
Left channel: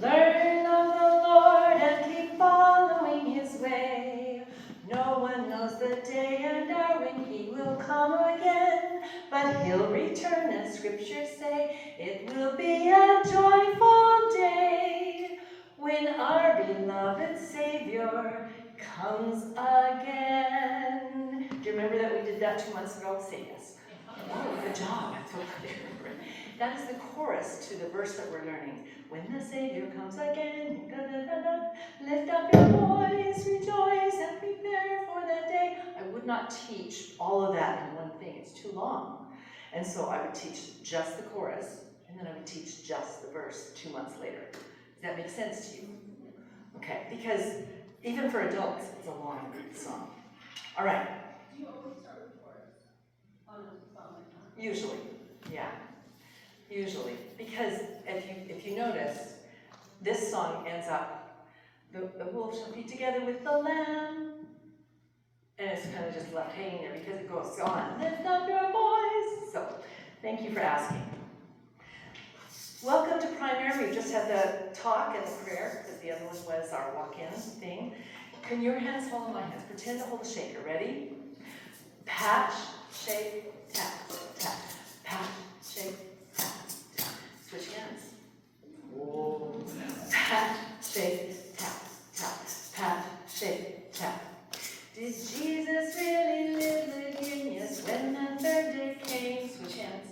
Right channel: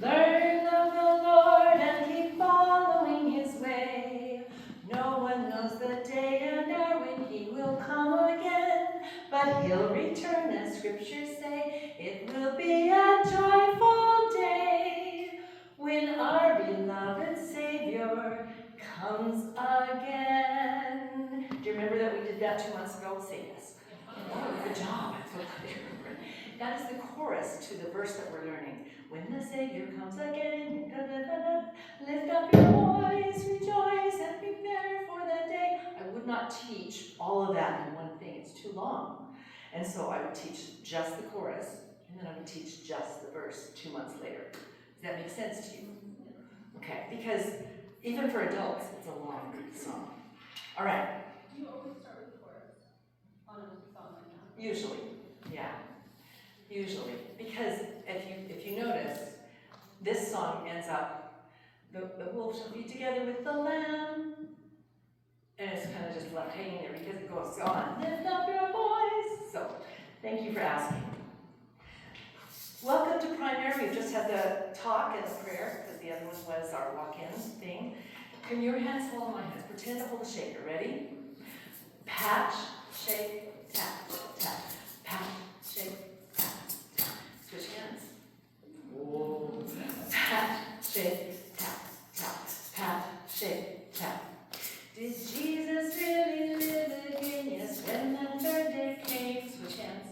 Learn of the Lord and keep following his way. No one knows the day and hour when he will come again, but he'll return, as scriptures say. It will be a joyful day when our beloved Savior comes again. Do you remember that we did that 2 months ago? Say yes. Oh, good job. I'm so glad you remember. That is the chorus to the verse that we're learning. When the Savior comes again, da, da, da, da, lift up your voice, rejoice, and prepare for that day. I would not teach all of that in one thing. It's too long. And so I would teach just the chorus, and then I would teach just the verse 2 months later. Does that make sense to you? Okay, because even for adults, it's a long song. All right. Do you always start with the chorus on a song like that? Usually, yeah. Usually, because if you notice, this song ends up, the wolf shall be together with the lamb, and it's kind of just left hanging there because it goes on. Lift up your voice. So, thank you for asking. Welcome to primary. We've just had the talk and the prayer because the other one was our walk-in thing. Can your hands follow my hands? Pretend to hold a shaker. Ready? Pat, shake, tap, tap. Pat, shake, tap, tap. Switch hands. Whoa. Pat, shake, tap, tap. Pat, shake, tap. Did Jesus really live again? Yes, when that third day came. Switch hands.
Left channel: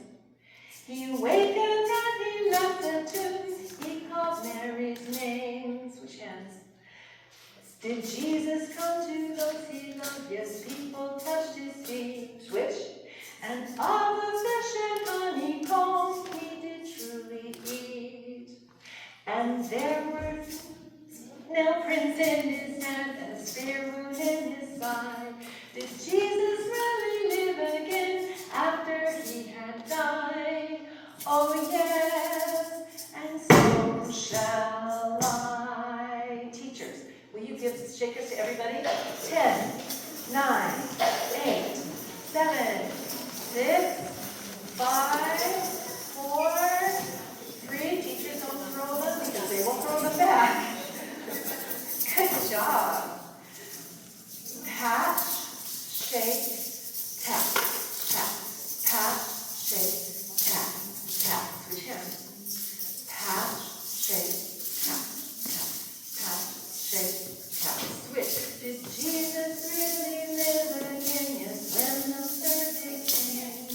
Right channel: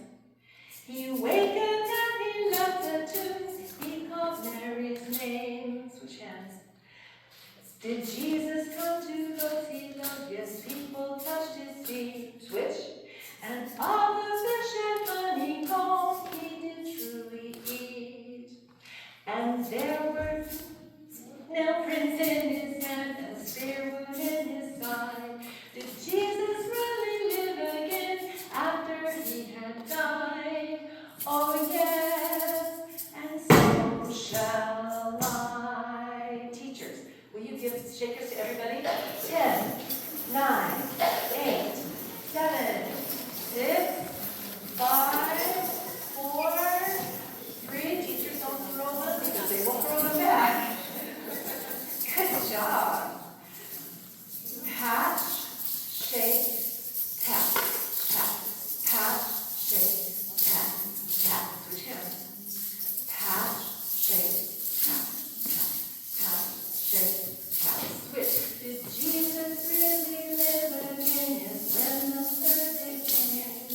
He awakened and he left the tomb. He called Mary's name. Switch hands. Did Jesus come to those he loved? Yes, people touched his feet. Switch. And all the fish and honeycomb he did truly eat. And there were nail prints in his hand and a spear wound in his side. Did Jesus really live again after he had died? Oh yes, and so shall I. Teachers, will you give shakers to everybody? 10, 9, 8, 7, 6, 5, 4, 3. Teachers don't throw them because they will throw them back. Good job. Pat, shake, tap, tap. Pat, shake, tap, tap. Switch hands. Pat, shake, tap, tap. Pat, shake, tap. Switch. Did Jesus really live again? Yes, when the third day came.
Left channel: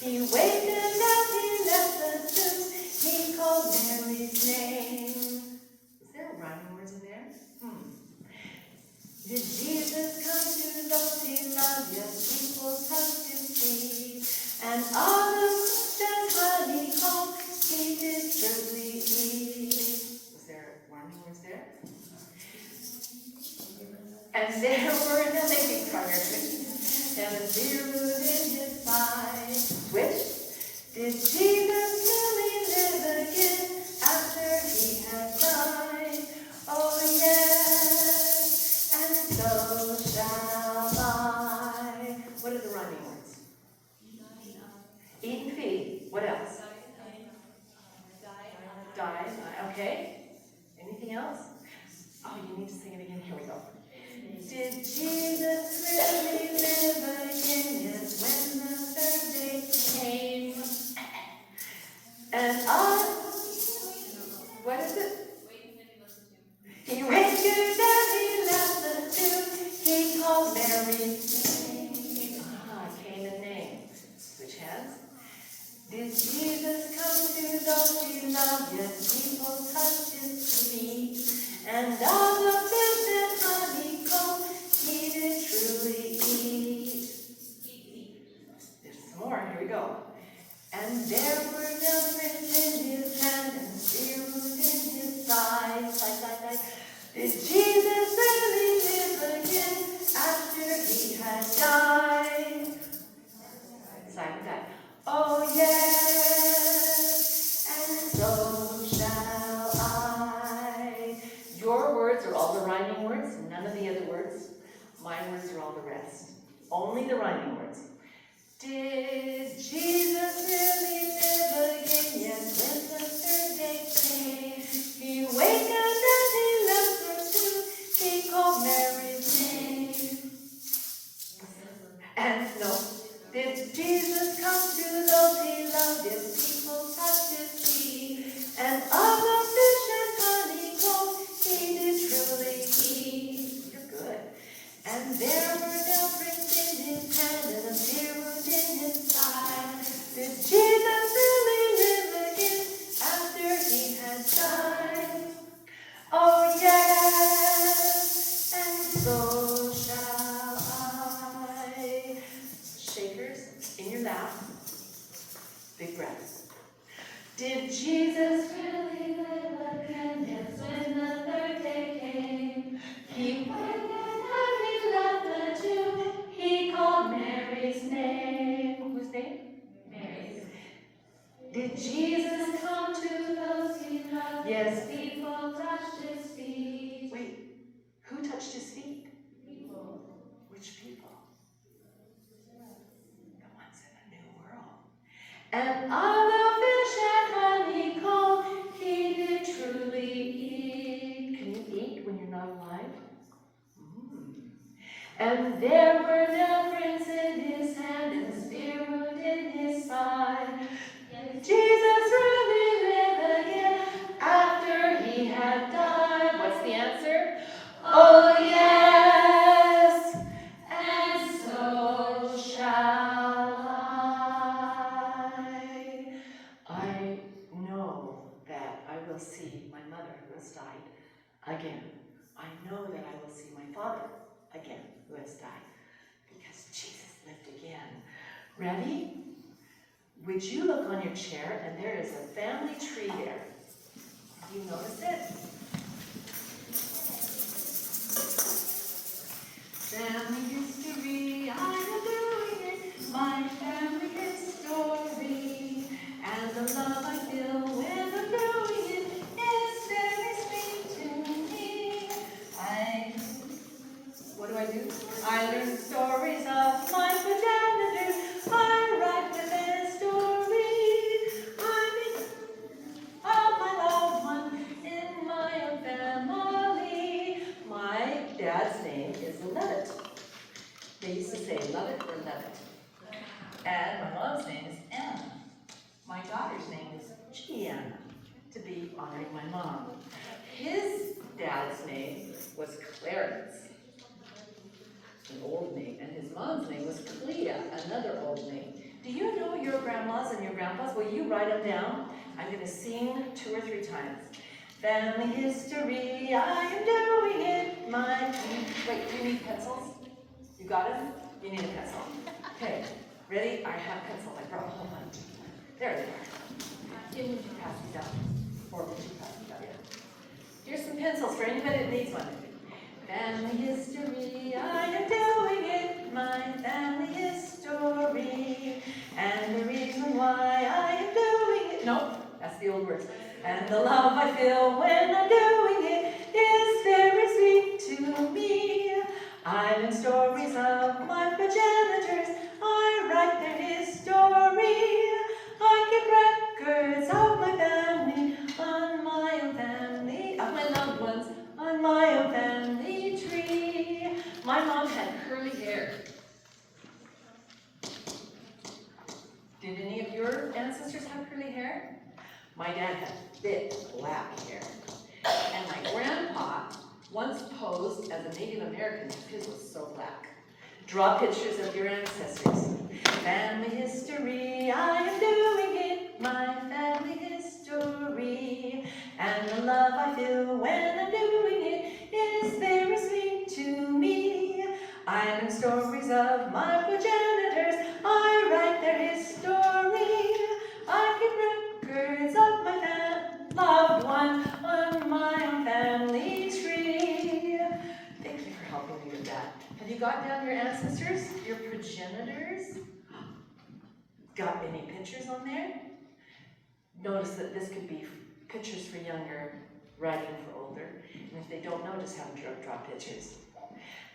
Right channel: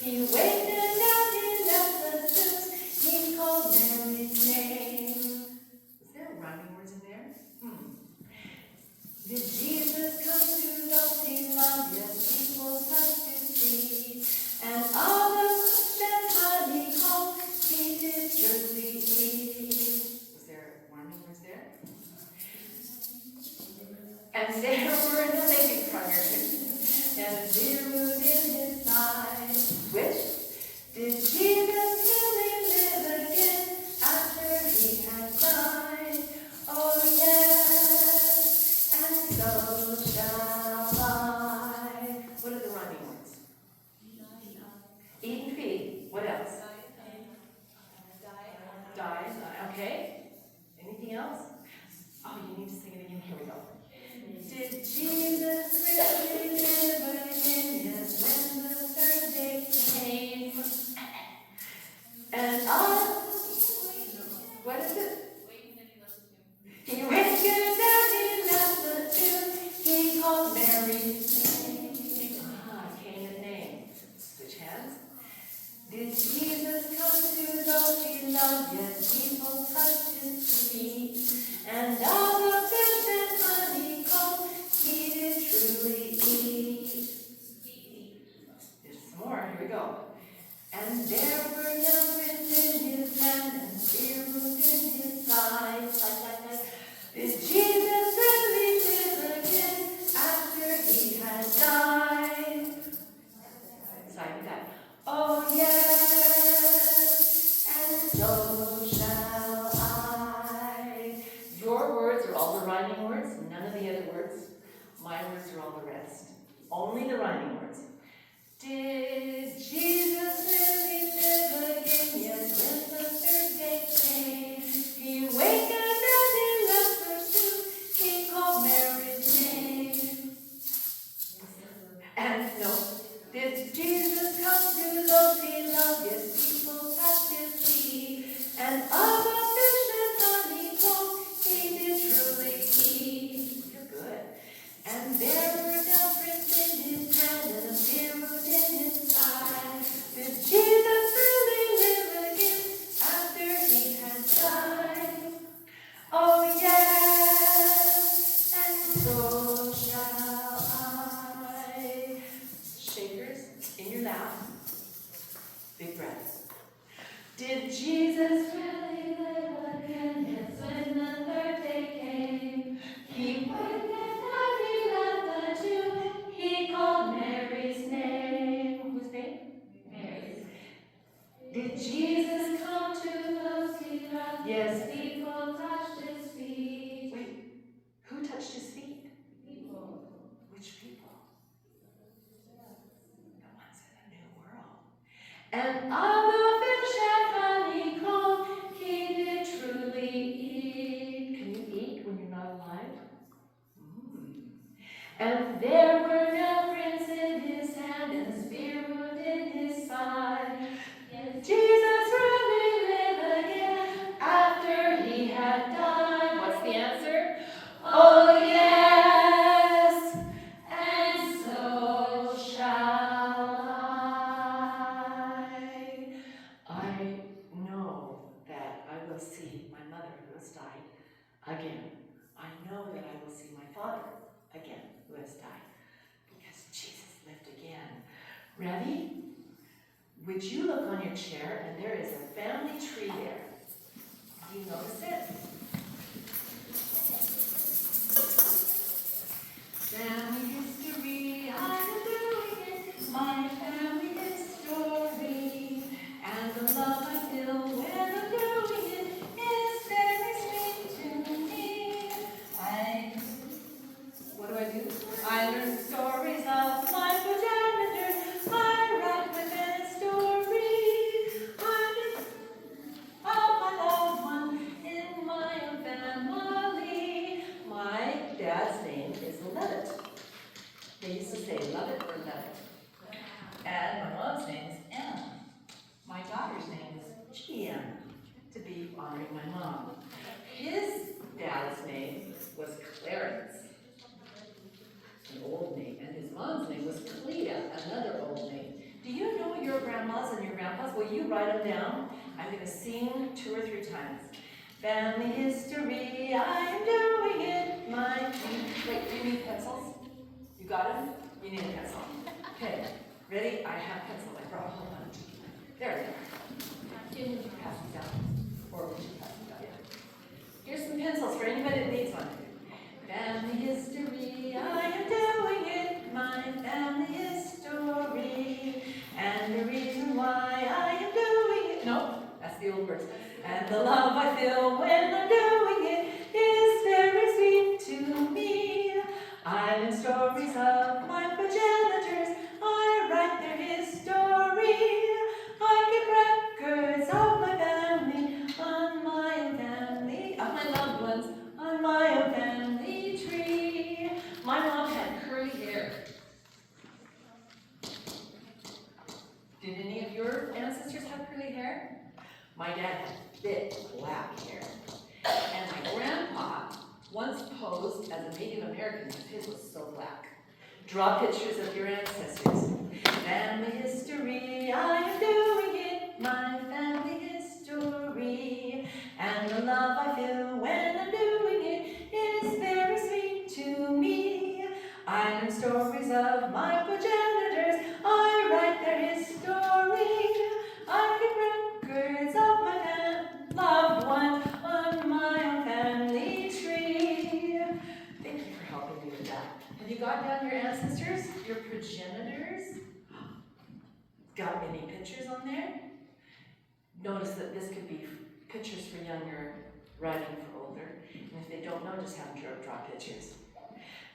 He wakened and he left the tomb. He called Mary's name. Is there rhyming words in there? Did Jesus come to those he loved? Yes, people touched his feet. And all the fish and honeycomb he did surely eat. Was there rhyming words there? And there were no thinking progress. And a deer wound in his side. Switch. Did Jesus really live again after he had died? Oh yes, and so shall I. What are the rhyming words? Eat and feed. What else? Die. Okay. Anything else? And what is it? He wakened and he left the tomb. He called Mary. Came in name. Switch hands. Did Jesus come to those he loved? Yet people touched his feet. And all the fish and honeycomb he did truly eat. There's some more. Here we go. And there were nail prints in his hand and spear wounds in his side. Did Jesus really live again after he had died? Side with that. Oh yes, and so shall I. Your words are all the rhyming words, none of the other words. My words are all the rest. Only the rhyming words. Did Jesus really live again? Yes, when the third day came, he wakened and he left the tomb. He called Mary's name. And no, did Jesus come to those he loved? Yes, people touched his feet. And of the fish and honeycomb he did truly eat. You're good. And there were nail prints in his hand and a spear wound in his side. Did Jesus really live again after he had died? Oh yes, and so shall I. Shakers in your lap. Big breaths. Did Jesus really live again? Yes, when the third day came, he wakened and he left the tomb. He called Mary's name. Whose name? Mary's. Did Jesus come to those he loved? Yes, people touched his feet. Wait, who touched his feet? People. Which people? The ones in the new world. And of the fish and honeycomb he did truly eat. Can you eat when you're not alive? And there were nail prints in his hand and a spear wound in his side. Did Jesus really live again after he had died? What's the answer? Oh yes, and so shall I. I know that I will see my mother who has died again. I know that I will see my father again who has died because Jesus lived again. Ready? Would you look on your chair and there is a family tree there? Do you notice it? Family history, I'm doing it, my family history. And the love I feel when I'm doing it is very sweet to me. What do? I learn stories of my progenitors. I write the best story. I make of my loved one in my own family. My dad's name is Levitt. They used to say Levitt or Levitt. And my mom's name is Anna. My daughter's name is Gianna, to be honoring my mom. His dad's name was Clarence, an old name, and his mom's name was Clea, another old name. Do you know your grandmas and your grandpas? Will you write them down? I'm going to sing 2 or 3 times. Family history, I am doing it. Wait, do you need pencils? You got them? You need a pencil. Okay, ready? I have pencils. I brought a whole bunch. There they are. Didn't you pass them down? Or would you pass them down? Yeah. Here's some pencils for anybody that needs one. Family history, I am doing it, my family history. And the reason why I am doing it, no, that's the old words. And the love I feel when I'm doing it is very sweet to me. I learn stories of my progenitors, I write their history. I keep records of my family, on my own family, of my loved ones, on my own family tree. My mom had curly hair. Did any of your ancestors have curly hair? hair. My dad had thick black hair. And my grandpa once posed as a Native American because his was so black. Draw pictures of your ancestors. Family history, I am doing it, my family history. And the love I feel when I'm doing it is very sweet to me. I learn stories of my progenitors, I write their history. I keep records of my loved ones on my own family tree. Thank you for helping me with that. Have you got down your ancestors, your progenitors? Got any pictures on there? Notice that this could be pictures for younger, writing for older. And if they don't know, just have them draw pictures.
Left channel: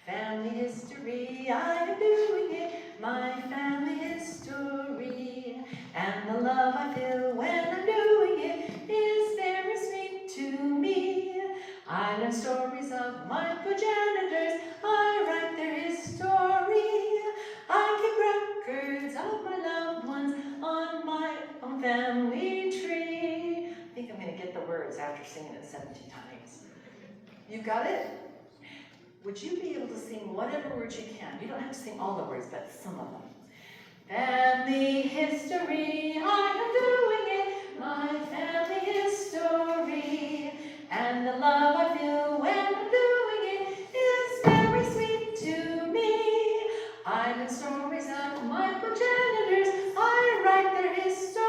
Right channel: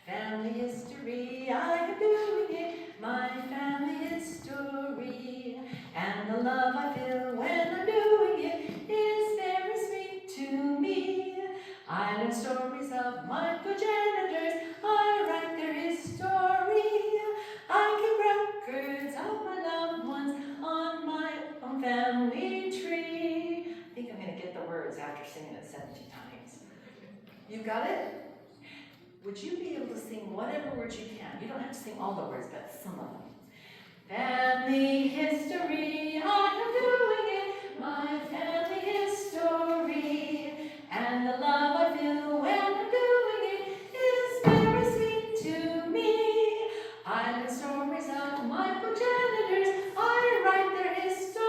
Family history, I am doing it, my family history. And the love I feel when I'm doing it is very sweet to me. I learn stories of my progenitors, I write their history. I keep records of my loved ones on my own family tree. I think I'm going to get the words after singing it 70 times. You got it? Would you be able to sing whatever words you can? You don't have to sing all the words, but some of them. Family history, I am doing it, my family history. And the love I feel when I'm doing it is very sweet to me. I learn stories of my progenitors, I write their history.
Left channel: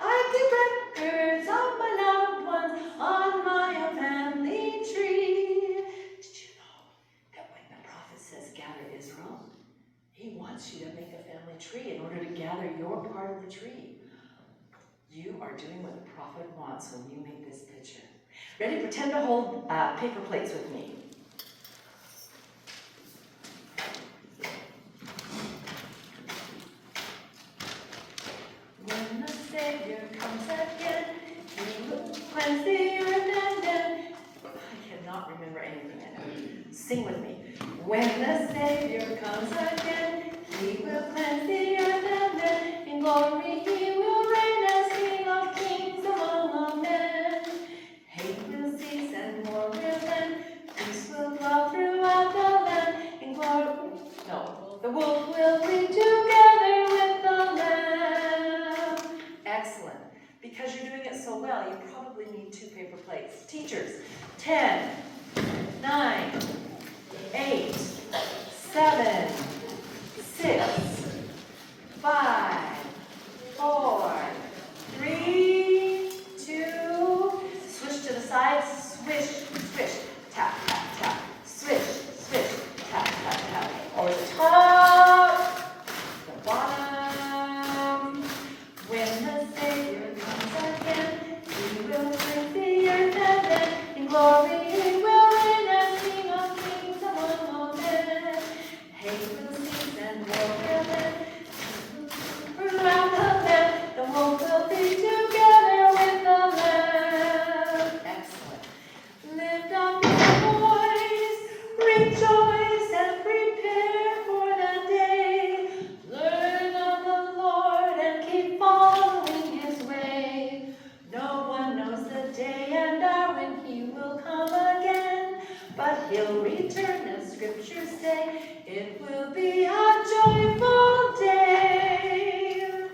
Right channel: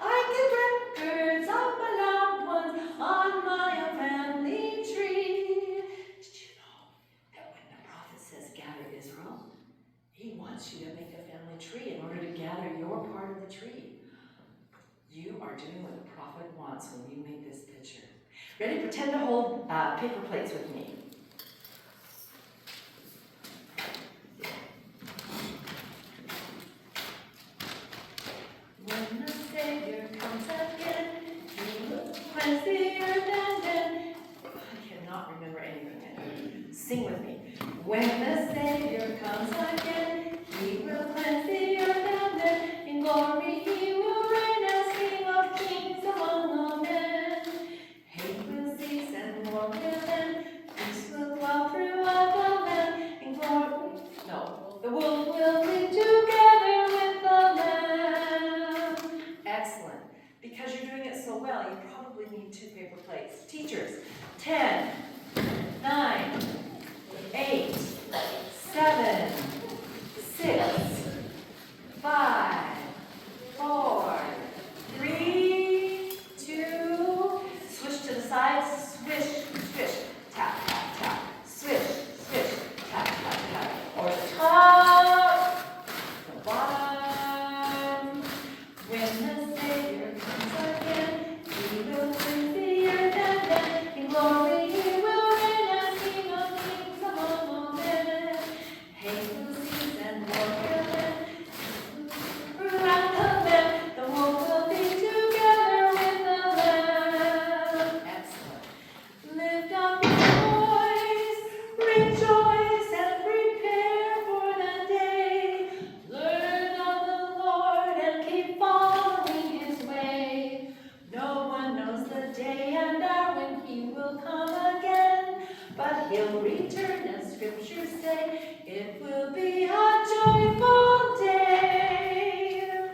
I keep records of my loved ones on my own family tree. Did you know that when the prophet says gather Israel, he wants you to make a family tree in order to gather your part of the tree. You are doing what the prophet wants when you make this picture. Ready? Pretend to hold paper plates with me. When the Savior comes again, he will cleanse the earth and then. I cannot remember anything I know. Sing with me. When the Savior comes again, he will cleanse the earth and then in glory he will reign as King of kings among all men. Hate will cease and war will end, peace will dwell throughout the land. In glory, no, the wolf will be together with the lamb. Excellent. Because you're doing it so well, you probably need 2 paper plates. Teachers, 10, 9, 8, 7, 6, 5, 4, 3, 2, switch to the side, swish, swish, tap, tap, tap, swish, swish, tap, tap, tap, over the top, the bottom. When the Savior comes again, he will cleanse the earth and then in glory he will reign as King of kings among all men. Hate will cease and war will end. Throughout the land, the wolf will be together with the lamb. Excellent. Lift up your voice, rejoice and prepare for the day. Learn of the Lord and keep following his way. No one knows the day and hour when he will come again, but he'll return as scriptures say. It will be a joyful day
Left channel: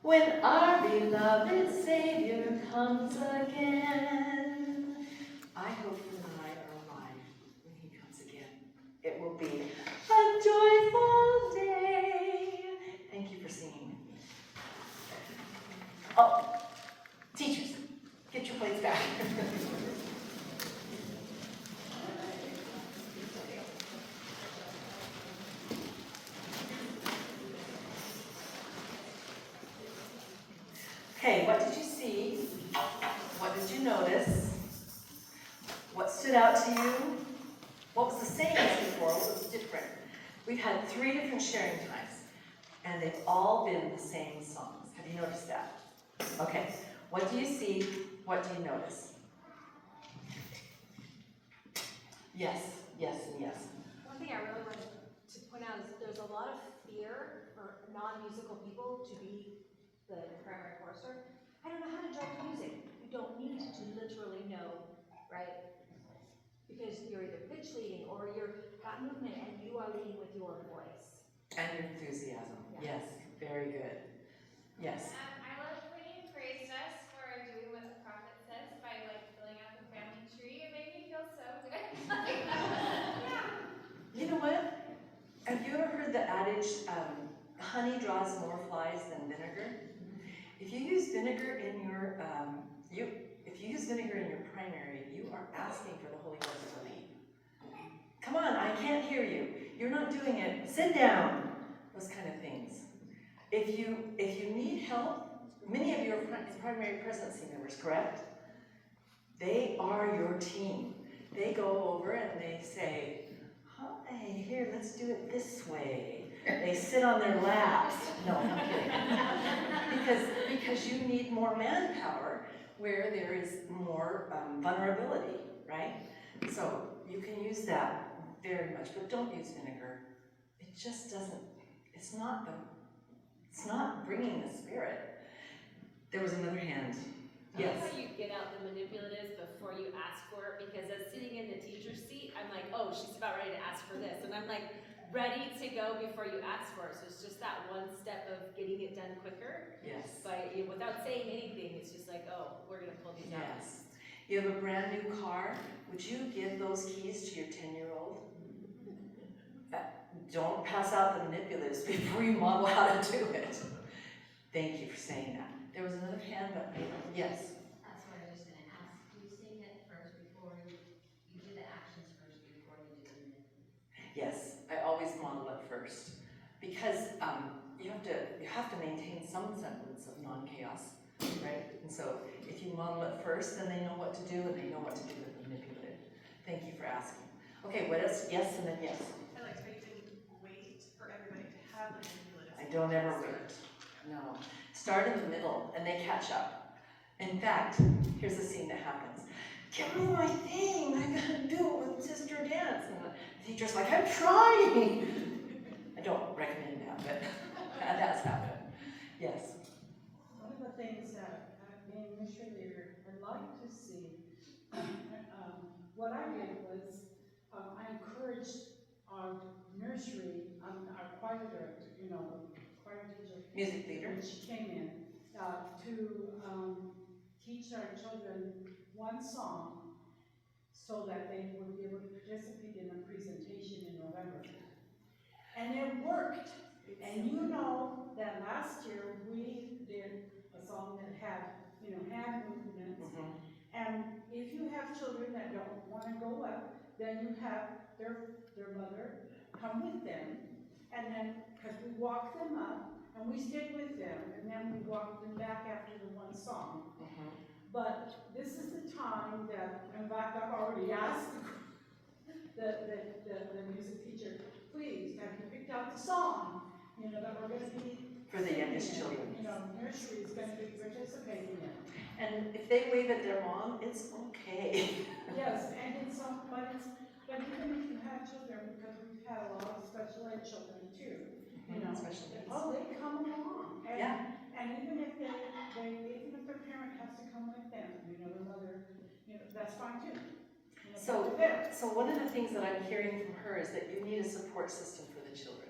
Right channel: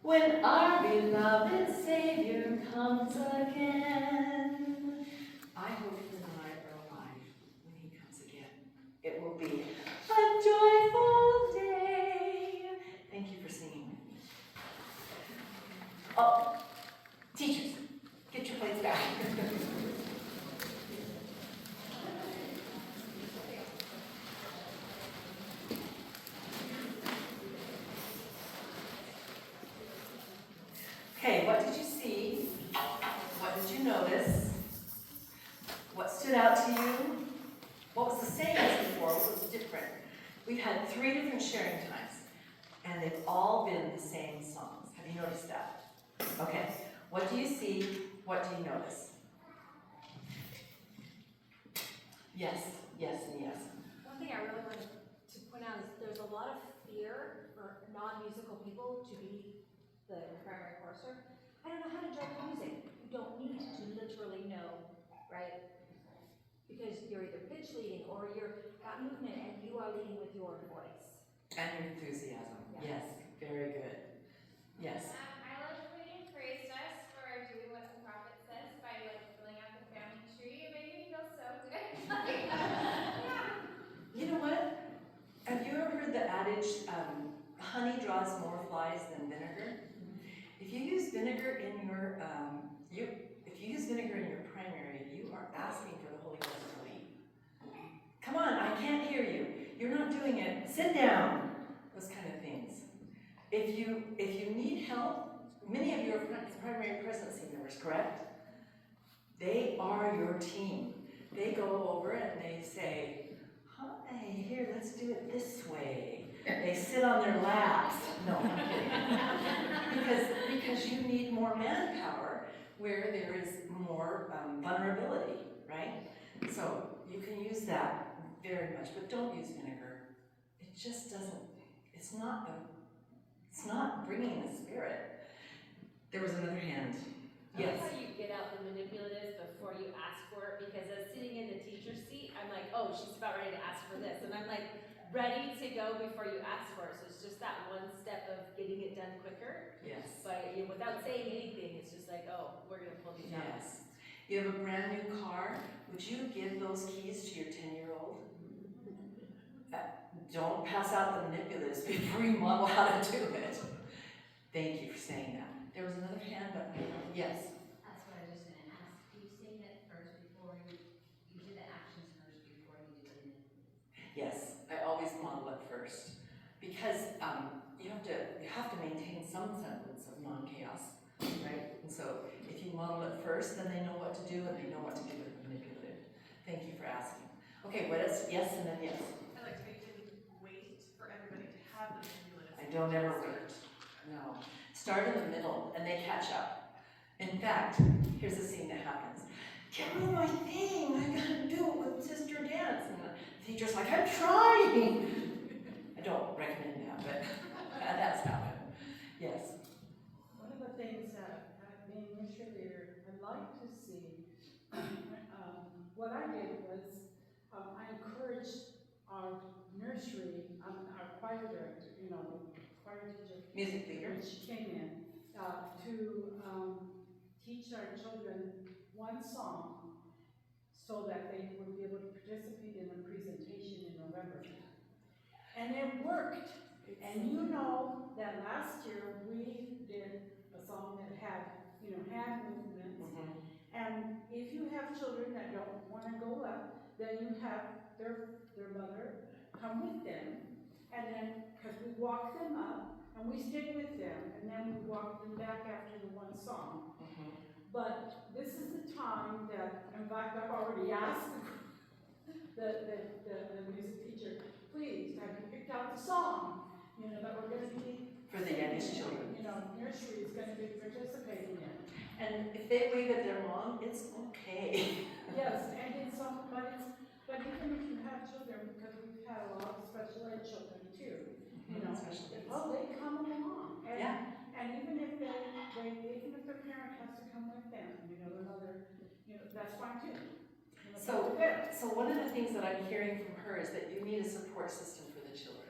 when our beloved Savior comes again. I hope you and I are alive when he comes again. It will be a joyful day. Thank you for singing with me. Oh, teachers, get your plates back. Okay, what did you see? What did you notice? What stood out to you? What was the same as before? What was different? We've had 3 different sharing times, and they've all been the same songs. Have you noticed that? Okay, what do you see? What do you notice? Yes, yes, and yes. One thing I really wanted to point out is there's a lot of fear for non-musical people to be the primary chorus or I don't know how to direct music. You don't need to literally know, right? Because you're either pitch leading or you're got movement and you are leading with your voice. And your enthusiasm. Yes, very good. Yes. I like when you praised us for doing what the prophet says by like filling out the family tree. It made me feel so good. You know what? Have you ever heard the adage, honey draws more flies than vinegar? If you use vinegar in your, if you use vinegar in your primary, you are asking for the Holy Ghost to lead. Come on, I can't hear you. You're not doing it. Sit down. Those kind of things. If you need help, many of you are primary presidency members, correct? They are your team. They go over and they say, hi, here, let's do it this way. They sit on their laps. No, I'm kidding. because you need more manpower where there is more vulnerability, right? So you can use that very much, but don't use vinegar. It just doesn't, it's not bringing the Spirit. There was another hand. Yes. That's how you get out the manipulatives before you ask for it, because as sitting in the teacher's seat, I'm like, oh, she's about ready to ask for this. And I'm like, ready to go before you ask for it. So it's just that one step of getting it done quicker. Yes. But without saying anything, it's just like, oh, we're going to pull these out. Yes. You have a brand new car. Would you give those keys to your 10-year-old? Don't pass out the manipulatives before you model how to do it. Thank you for saying that. There was another hand, but yes. That's what I was just gonna ask. Do you sing it first before you do the actions first before you do the manipulatives? Yes, I always model it first because you have to maintain some semblance of non-chaos, right? And so if you model it first, then they know what to do and they know what to do with the manipulative. Thank you for asking. Okay, what else? Yes, and then yes. I liked how you didn't wait for everybody to have the manipulative. I don't ever wait. No. Start in the middle and they catch up. In fact, here's the scene that happens. Give me my thing. I gotta do it with Sister Dance. And the teacher's like, I'm trying. I don't recommend that, but that's happened. Yes. One of the things that, being nursery leader, I'd like to see, what I did was, I encouraged our nursery, our choir director, choir teacher. Music leader. When she came in, to teach our children one song so that they would be able to participate in a presentation in November. And it worked. And you know that last year we did a song that had, hand movements. Mm-hmm. And if you have children that don't want to go up, then you have their mother come with them. And then, because we walk them up and we stay with them, and then we walk them back after the one song. Mm-hmm. But this is the time that, in fact, I've already asked the music teacher, please, have you picked out the song, that we're going to be for the youngest children. Nursery is going to be participating in. And if they wave at their mom, it's okay. Yes, and but even if you have children, because we've had a lot of special ed children too, Special needs. oh, they come along. And, yeah. And even if even if their parent has to come with them, their mother, that's fine too. So one of the things that I'm hearing from her is that you need a support system for the children.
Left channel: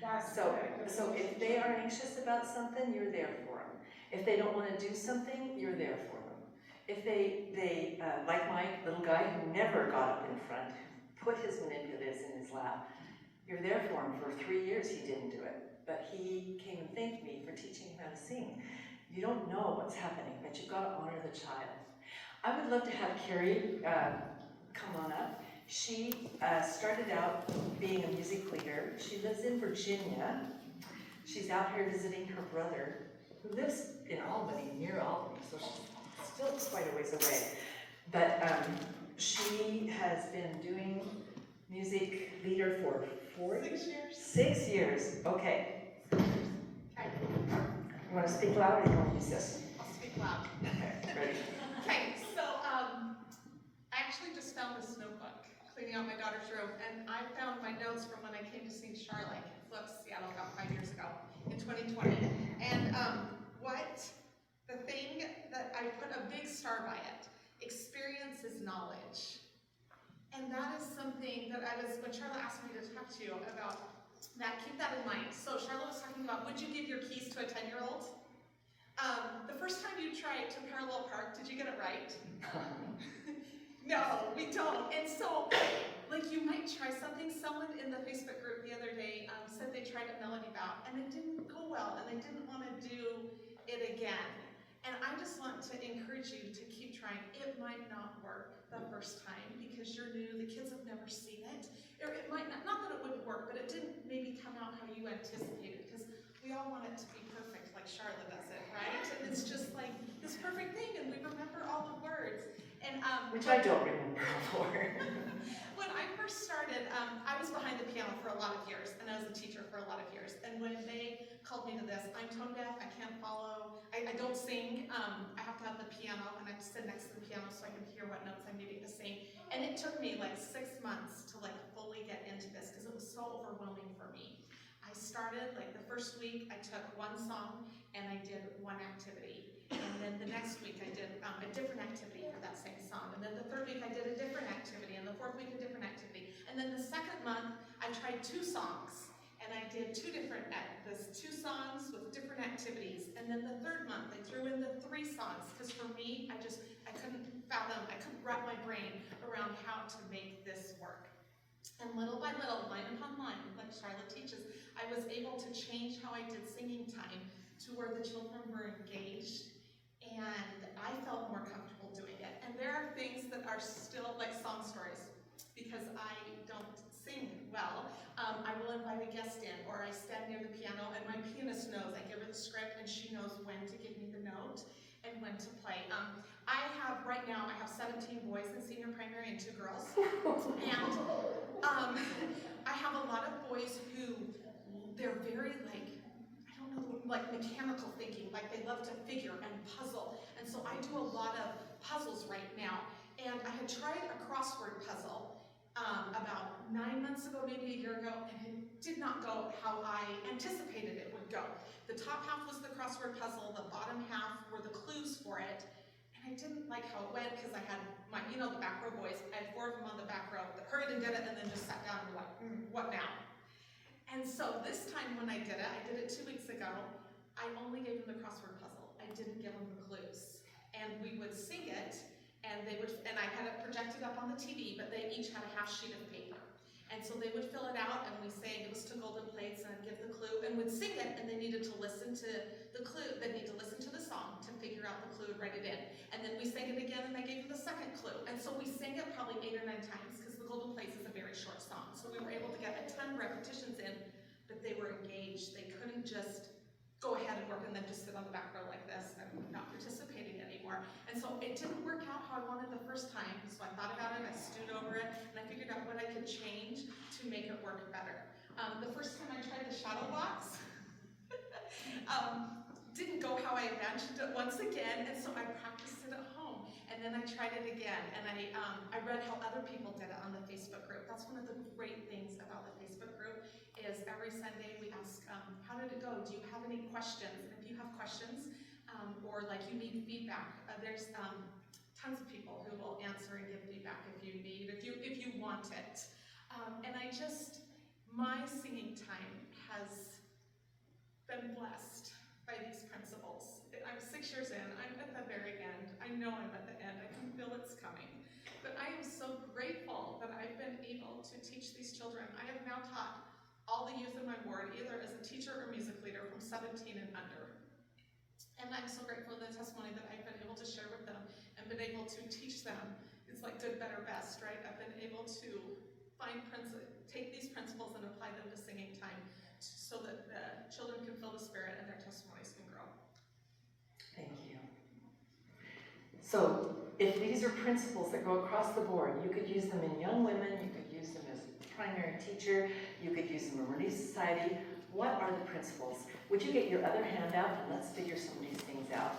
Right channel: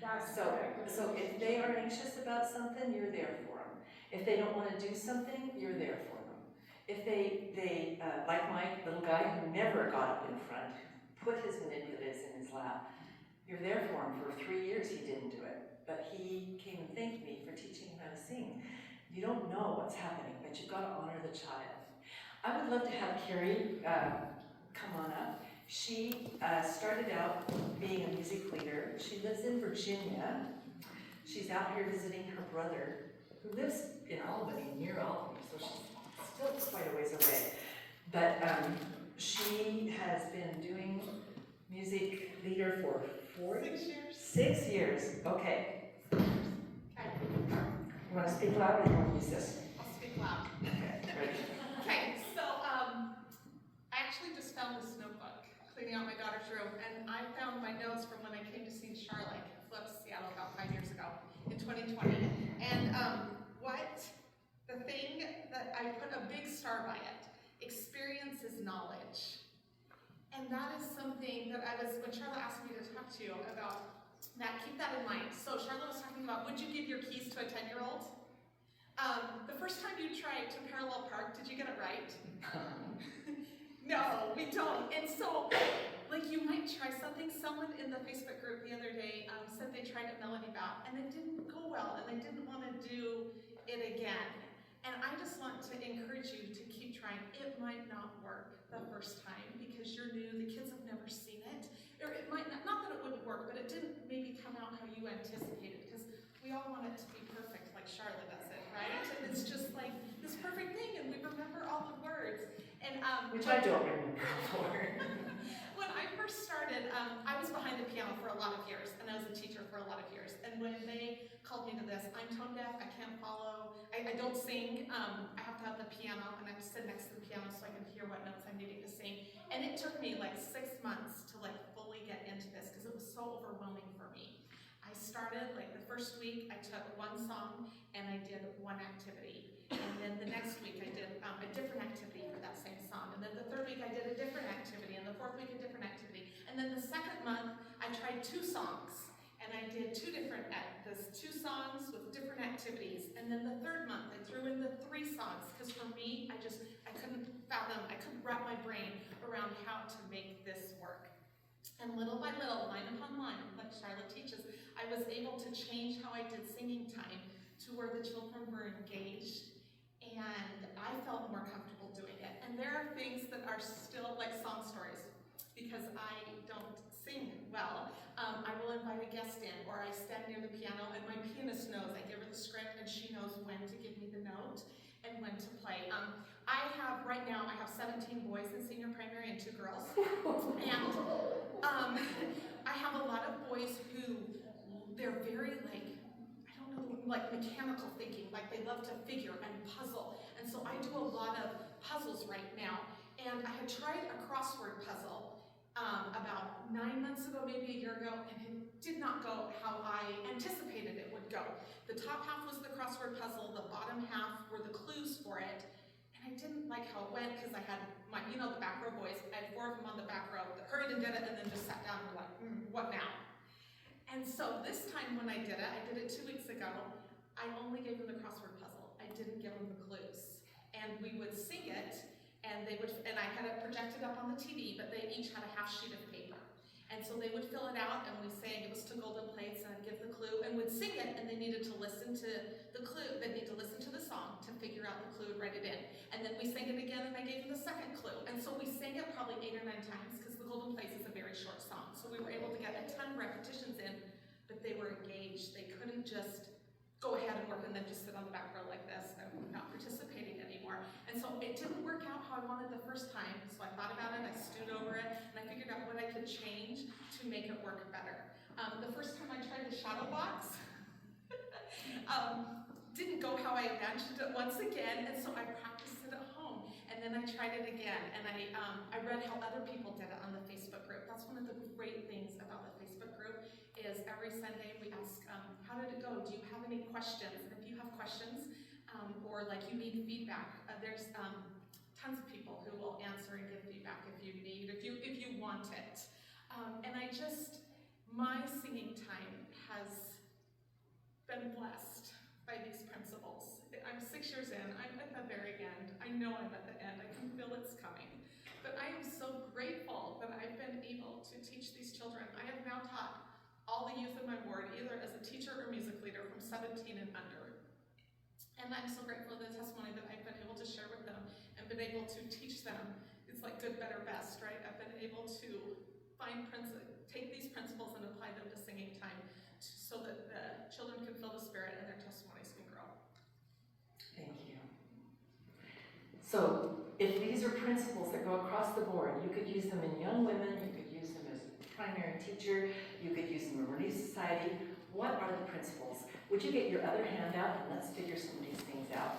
That's so correct. So if they are anxious about something, you're there for them. If they don't want to do something, you're there for them. If they like my little guy who never got up in front, put his manipulatives in his lap, you're there for him. For 3 years he didn't do it, but he came and thanked me for teaching him how to sing. You don't know what's happening, but you've got to honor the child. I would love to have Carrie come on up. She started out being a music leader. She lives in Virginia. She's out here visiting her brother, who lives in Albany, near Albany, so she's still quite a ways away. But she has been doing music leader for 6 years. 6 years, okay. Okay. You want to speak loud or you want to use this? I'll speak loud. Okay, ready? Okay, so I actually just found this notebook, cleaning out my daughter's room, and I found my notes from when I came to see Sharla at Flip, Seattle, about 5 years ago, in 2020. And what the I put a big star by it. Experience is knowledge. And that is something that when Sharla asked me to talk to you about that, keep that in mind. So Sharla was talking about, would you give your keys to a 10-year-old? The first time you tried to parallel park, did you get it right? No, we don't. And so, like, you might try something. Someone in the Facebook group the other day said they tried a melody bout and it didn't go well and they didn't want to do it again. And I just want to encourage you to keep trying. It might not work the first time because you're new, the kids have never seen it. Or it might not that it wouldn't work, but it didn't maybe come out how you anticipated, because we all want it to be perfect like Sharla does it, right? And it's just like this perfect thing and we remember all the words. And which I don't remember before. When I first started, I was behind the piano for a lot of years, and I was a teacher for a lot of years. And when they called me to this, I'm tone deaf, I can't follow, I don't sing. I have to have the piano, and I have to sit next to the piano so I can hear what notes I'm needing to sing. And it took me like 6 months to like fully get into this because it was so overwhelming for me. I started, like the first week, I took one song and I did one activity. And then the next week I did a different activity for that same song. And then the third week I did a different activity. And the fourth week a different activity. And then the second month I tried 2 songs. And I did 2 songs with different activities. And then the third month I threw in the 3 songs. Because for me, I couldn't fathom, I couldn't wrap my brain around how to make this work. And little by little, line upon line, like Sharla teaches, I was able to change how I did singing time to where the children were engaged, and I felt more comfortable doing it. And there are things that are still like song stories, because I don't sing well. I will invite a guest in, or I stand near the piano, and my pianist knows. I give her the script, and she knows when to give me the note and when to play. Right now, I have 17 boys in senior primary and 2 girls. And I have a lot of boys who, they're very like mechanical thinking, like they love to figure and puzzle. And so I do a lot of puzzles right now. And I had tried a crossword puzzle about 9 months ago, maybe a year ago, and it did not go how I anticipated it would go. The top half was the crossword puzzle, the bottom half were the clues for it. I didn't like how it went because I had my, the back row boys. I had 4 of them on the back row that hurried and did it and then just sat down and were like, what now? And so this time when I did it 2 weeks ago, I only gave them the crossword puzzle. I didn't give them the clues. And we would sing it, and I had it projected up on the TV, but they each had a half sheet of paper. And so they would fill it out, and we sang, it was to golden plates, and I'd give the clue, and would sing it, and they needed to listen to the clue, they'd need to listen to the song to figure out the clue and write it in. And then we sang it again, and I gave them the second clue. And so we sang it probably 8 or 9 times, because the golden plates is a very short song. So we were able to get a ton of repetitions in, but they were engaged. They couldn't just go ahead and work and then just sit on the back row like this. I'm not participating anymore. And so it didn't work out how I wanted the first time. So I thought about it, I stewed over it, and I figured out what I could change to make it work better. The first time I tried the shadow box, didn't go how I imagined it once again, and so I practiced it at home. And then I tried it again, and I read how other people did it on the Facebook group. That's one of the great things about the Facebook group, is every Sunday we ask, how did it go? Do you have any questions? And if you have questions, or like you need feedback, there's tons of people who will answer and give feedback if you want it. And my singing time has been blessed by these principles. I'm 6 years in, I'm at the very end. I know I'm at the end, I can feel it's coming. But I am so grateful that I've been able to teach these children. I have now taught all the youth in my ward, either as a teacher or music leader, from 17 and under. And I'm so grateful for the testimony that I've been able to share with them and been able to teach them. It's like good, better, best, right? I've been able to take these principles and apply them to singing time so that the children can feel the Spirit and their testimonies can grow. Thank you. So if these are principles that go across the board, you could use them in young women, you could use them as a primary teacher, you could use them in Relief Society. What are the principles? Would you get your other hand out and let's figure some of these things out.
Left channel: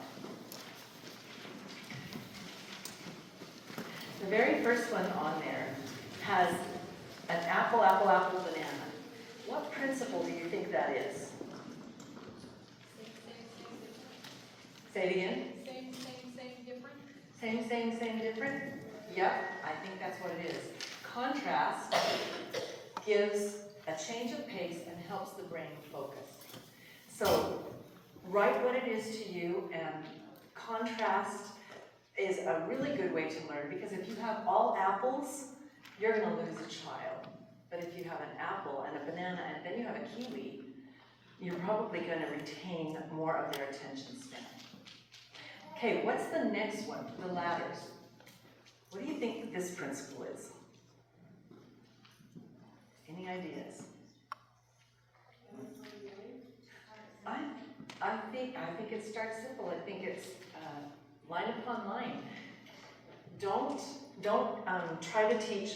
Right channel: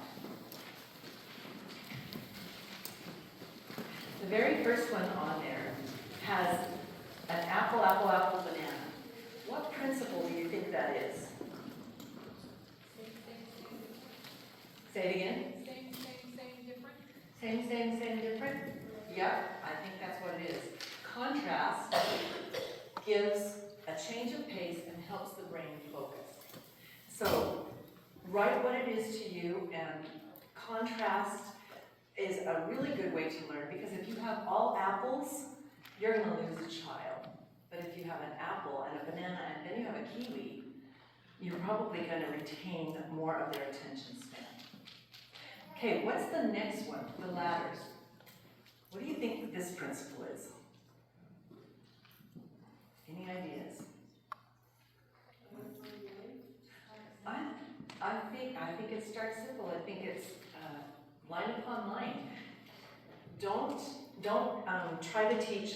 The very first one on there has an apple, apple, apple, banana. What principle do you think that is? Say it again. Same, same, same. Same, different? Yep, I think that's what it is. Contrast gives a change of pace and helps the brain focus. So write what it is to you, and contrast is a really good way to learn, because if you have all apples, you're going to lose a child. But if you have an apple and a banana and then you have a kiwi, you're probably going to retain more of their attention span. Okay, what's the next one? The ladders. What do you think this principle is? Any ideas? I think it starts simple. I think it's line upon line. Don't try to teach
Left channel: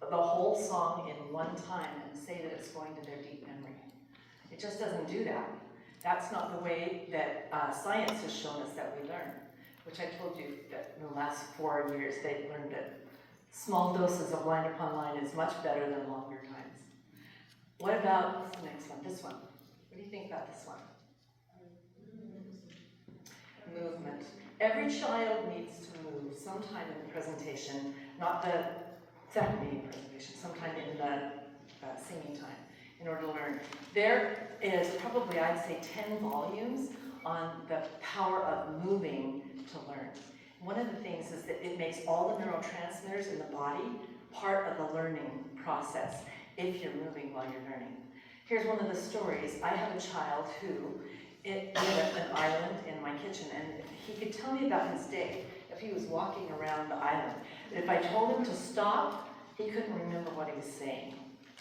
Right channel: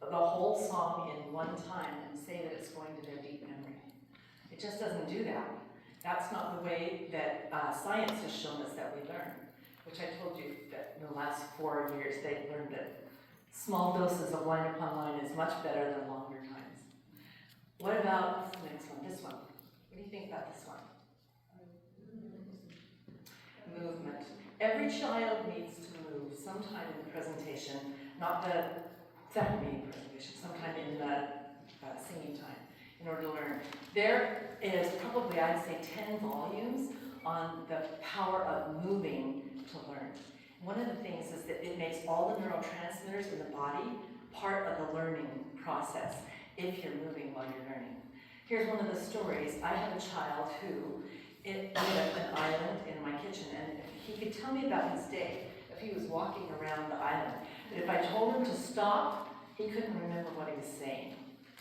the whole song in one time and say that it's going to their deep memory. It just doesn't do that. That's not the way that science has shown us that we learn, which I told you that in the last 4 years they've learned that small doses of line upon line is much better than longer times. What about, what's the next one? This one. What do you think about this one? Movement. Every child needs to move sometime in the presentation, not the second meeting presentation, sometime in the singing time in order to learn. There is probably, I'd say, 10 volumes on the power of moving to learn. One of the things is that it makes all the neurotransmitters in the body part of the learning process if you're moving while you're learning. Here's one of the stories. I had a child who lived at an island in my kitchen, and he could tell me about his day if he was walking around the island. But if I told him to stop, he couldn't remember what he was saying.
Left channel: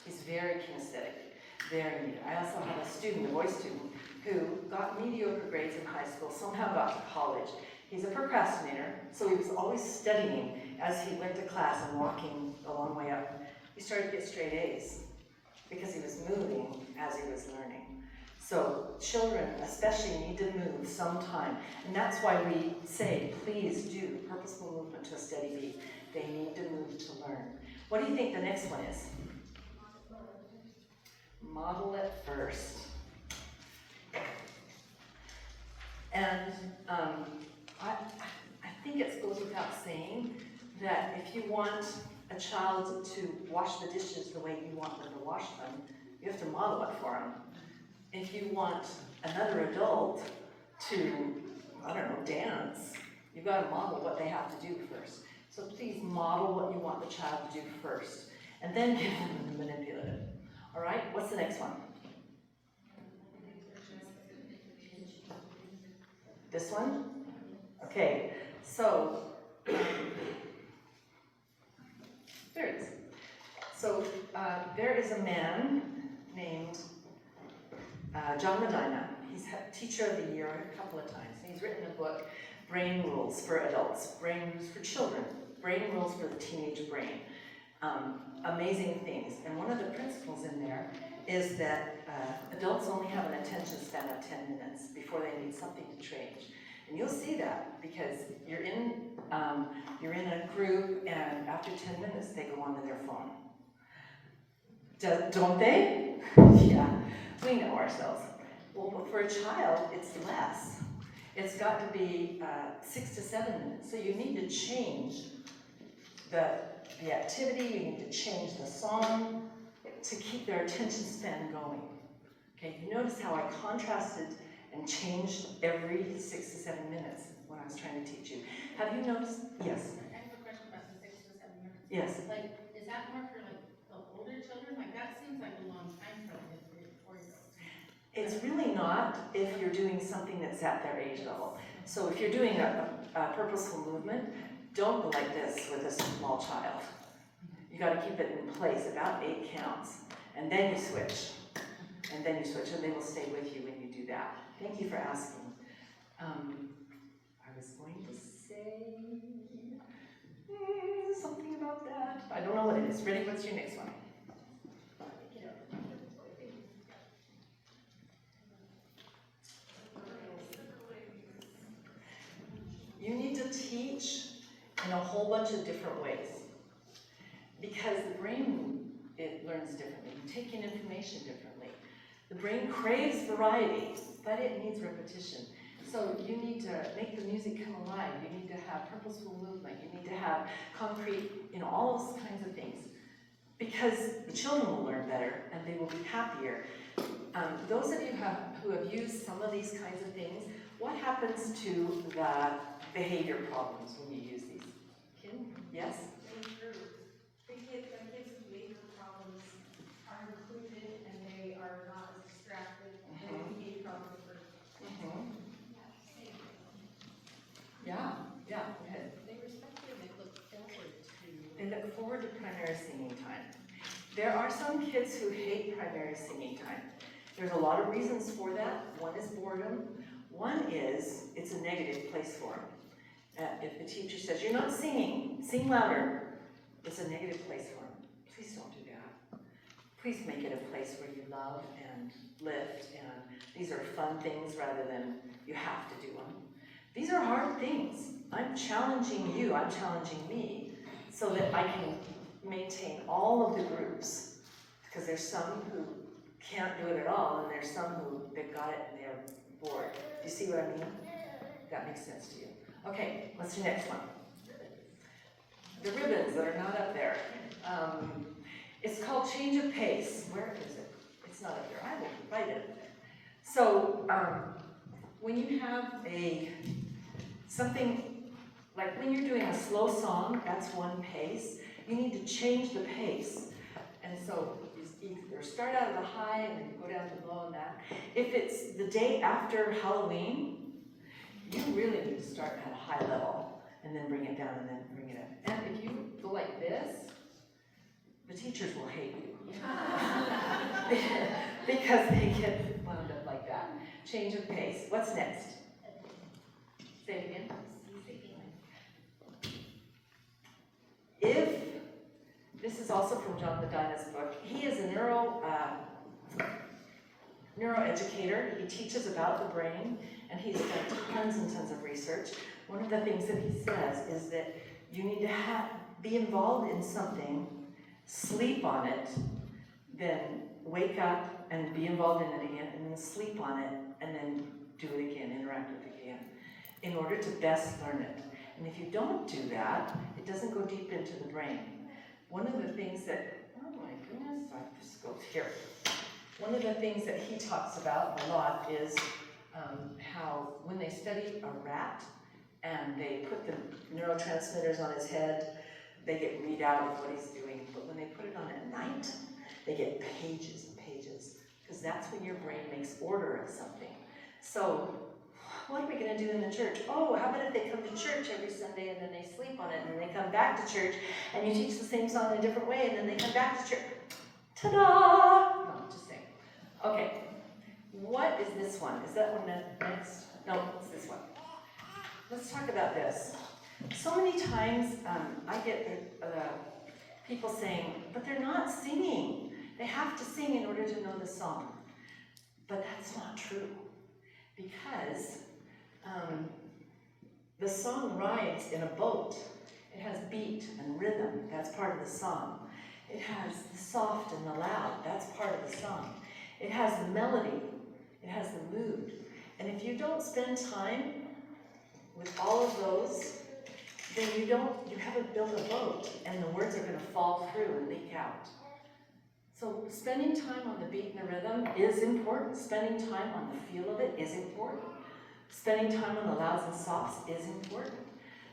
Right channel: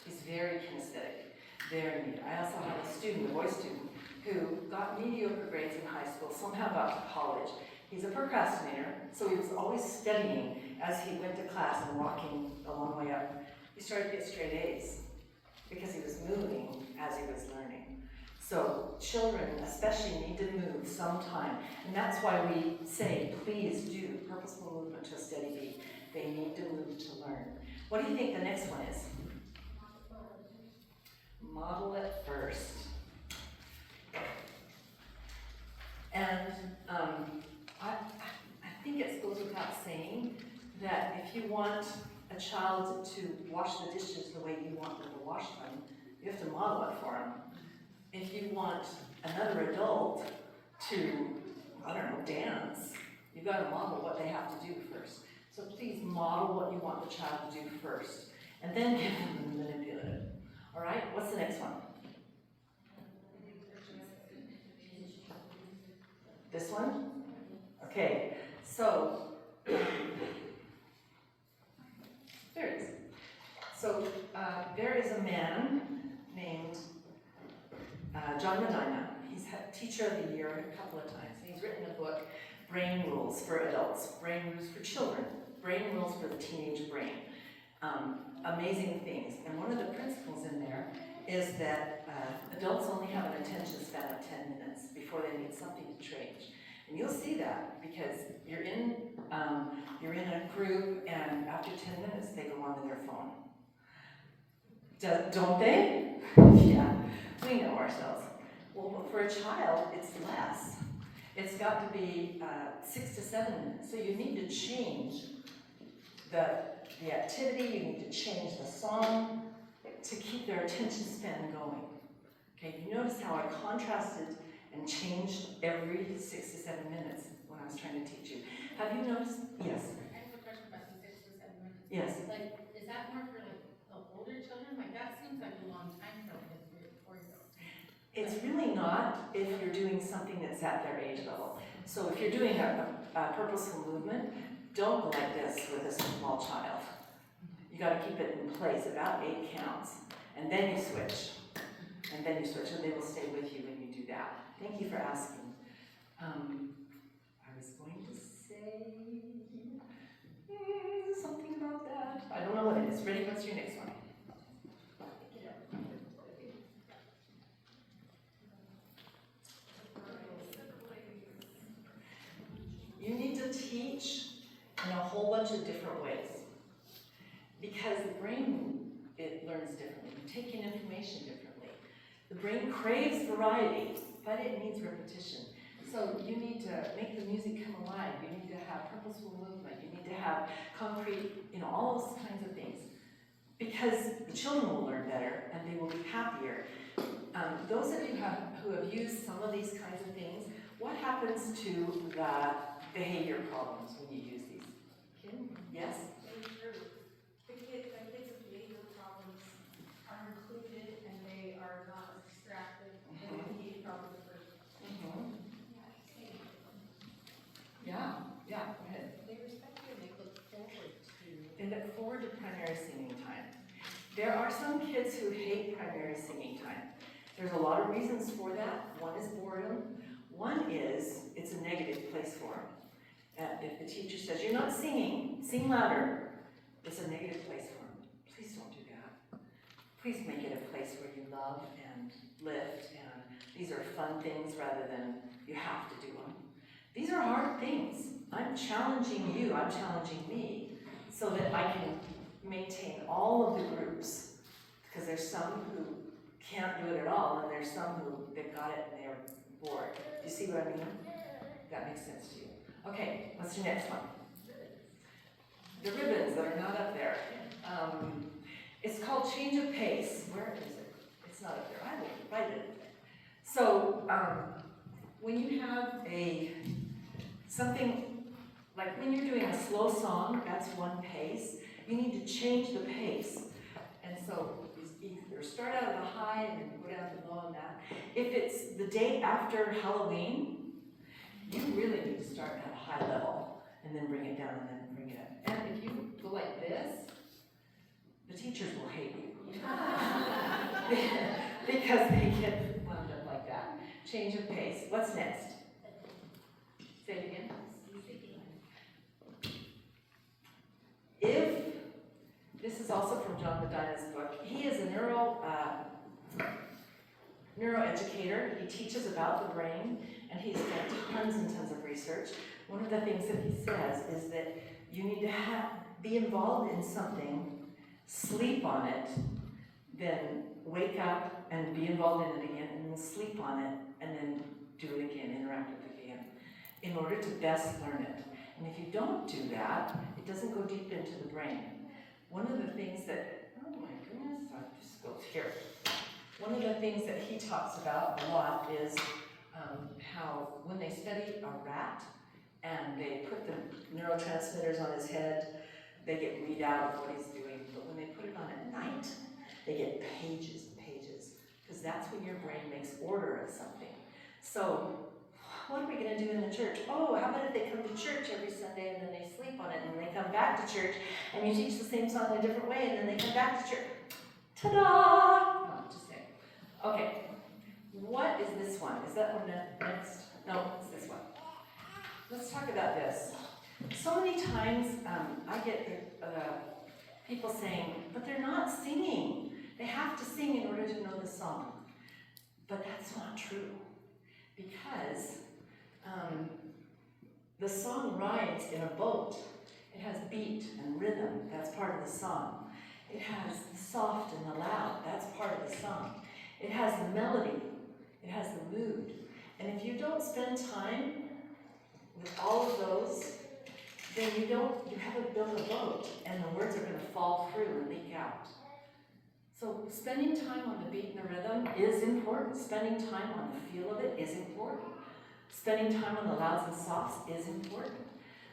He's very kinesthetic, very neat. I also had a student, a boy student, who got mediocre grades in high school, somehow got to college. He's a procrastinator, so he was always studying as he went to class and walking a long way up. He started to get straight A's because he was moving as he was learning. So children especially need to move sometime, and that's why we say, please do purposeful movement to a steady beat. They need to move to learn. What do you think the next one is? Model it first. And I think it goes without saying that if you want a child to wash the dishes the way you want them to wash them, you have to model it for them. If you want another adult to, I don't know, dance, you've got to model what they have to do first. So please model what you want the child to do first, and then give them the manipulative. All right, what's the next one? This one? Okay, so, there it is. So there is a man named John Medina. He's had Teacher of the Year a couple of times. He's written a book, Brain Rules for Adults, Brain Rules for Children, Brain Rules for the Teenage Brain. Amazing things. And one of the principles in there is that adults only have an attention span of 10 minutes before they need something to change. And you'll see that because you're in a group, and after 10 minutes they go onto their phone. Don't they? Yeah, we know ourselves. Well, for a child, it's less. It's got to be 6 to 7 minutes. So you need to change the activity, you need to change the song to keep their attention span going. Okay, you notice how I contrasted and changed every 6 to 7 minutes when I was trying to teach you. Have you noticed? Yes. I have a question about the 6 to 7 minutes. Yes. Like, is that more for like the older children? Like that seems like a long time for like a 3 or 4-year-old. It's really not if you're doing something that's at their age level. So if you're doing a purposeful movement, don't go like this with a small child. You got to keep it in place, about 8 counts, and then you switch. And then you switch, and they will stay with you when you do that. Thank you for asking. I was going to say something about that. I don't know what it is. Ready? What's your next one? You need to teach in a whole bunch of different ways because the brain, it learns differently. You take in information differently. The brain craves variety, but it needs repetition. So you need to make the music come alive. You need to have purposeful movement. You need to have concrete, all those kinds of things. Because the children will learn better and they will be happier. Those of you who have used some of these kinds of things, what happens to the behavior problems when you use these? Kim? Yes? They improve. The kids with behavior problems are included and they are not as distracted. And the behavior problems are. Yeah, go ahead. They respect you and they look forward to. They look forward to primary singing time. There are some kids who hate primary singing time. There's a lot of reasons for that. One is boredom. One is it's a negative place for them. If the teacher says, you're not singing, sing louder, it's a negative place for them. Please don't do that. Please make it a place where you love and lift, and these are fun things rather than you have to do them. These are hard things. I'm challenging you, I'm challenging me, so that I can maintain all of the groups. Because there's some who can't do it at all, and there's some who, they've got it and they're bored. Do you see what I mean? That makes sense to you. Okay, what's the next one? The ribbons that are not up there. It's called change of pace. Where is it? It's not up there. I will write it up there. So, when you have something, like when you're doing a slow song, that's one pace. You need to change the pace. And so, you either start out at the high and then go down to low on that. If it's the day after Halloween, you really need to start at a high level and then bring it down and then bring it up. And if you go like this, the teachers will hate you. Because they get wound up like that. Change of pace. What's next? Say it again. If, this is also from John Medina's book, he is a neuroeducator. He teaches about the brain, and he's done tons and tons of research. One of the things that he says is that you need to be involved in something, sleep on it, then wake up and be involved in it again, and then sleep on it, and then do it again, interact with it again, in order to best learn it. And if you don't do that, it doesn't go deep into the brain. One of the things that, oh my goodness, this goes here. One of the things that he talks about a lot is how when they study a rat and they put the neurotransmitters on his head, they get readout of what he's doing. But when they put it on at night, they get pages and pages, because that's when your brain makes order of something. So what are we going to do in the church? Oh, how about if they come to church every Sunday and then they sleep on it, and then they come back to church and you teach the same song in a different way, and then they come back to church. Ta-da! No, just saying. Okay, what is this one? Is that one next? No, it's this one. Let's talk about this. So many times I get people saying, but they're not singing. They have to sing in order to know the song. But that's not true. Because the song rides in a boat. It has beat and rhythm. That's part of the song. It has the soft and the loud. That's part of the song. It has the melody. It has the mood. And if you don't spend time with all of those, then you haven't built a boat, and the words are going to fall through and leak out. So spending time on the beat and the rhythm is important. Spending time on the feel of it is important. Spending time on the louds and softs is important.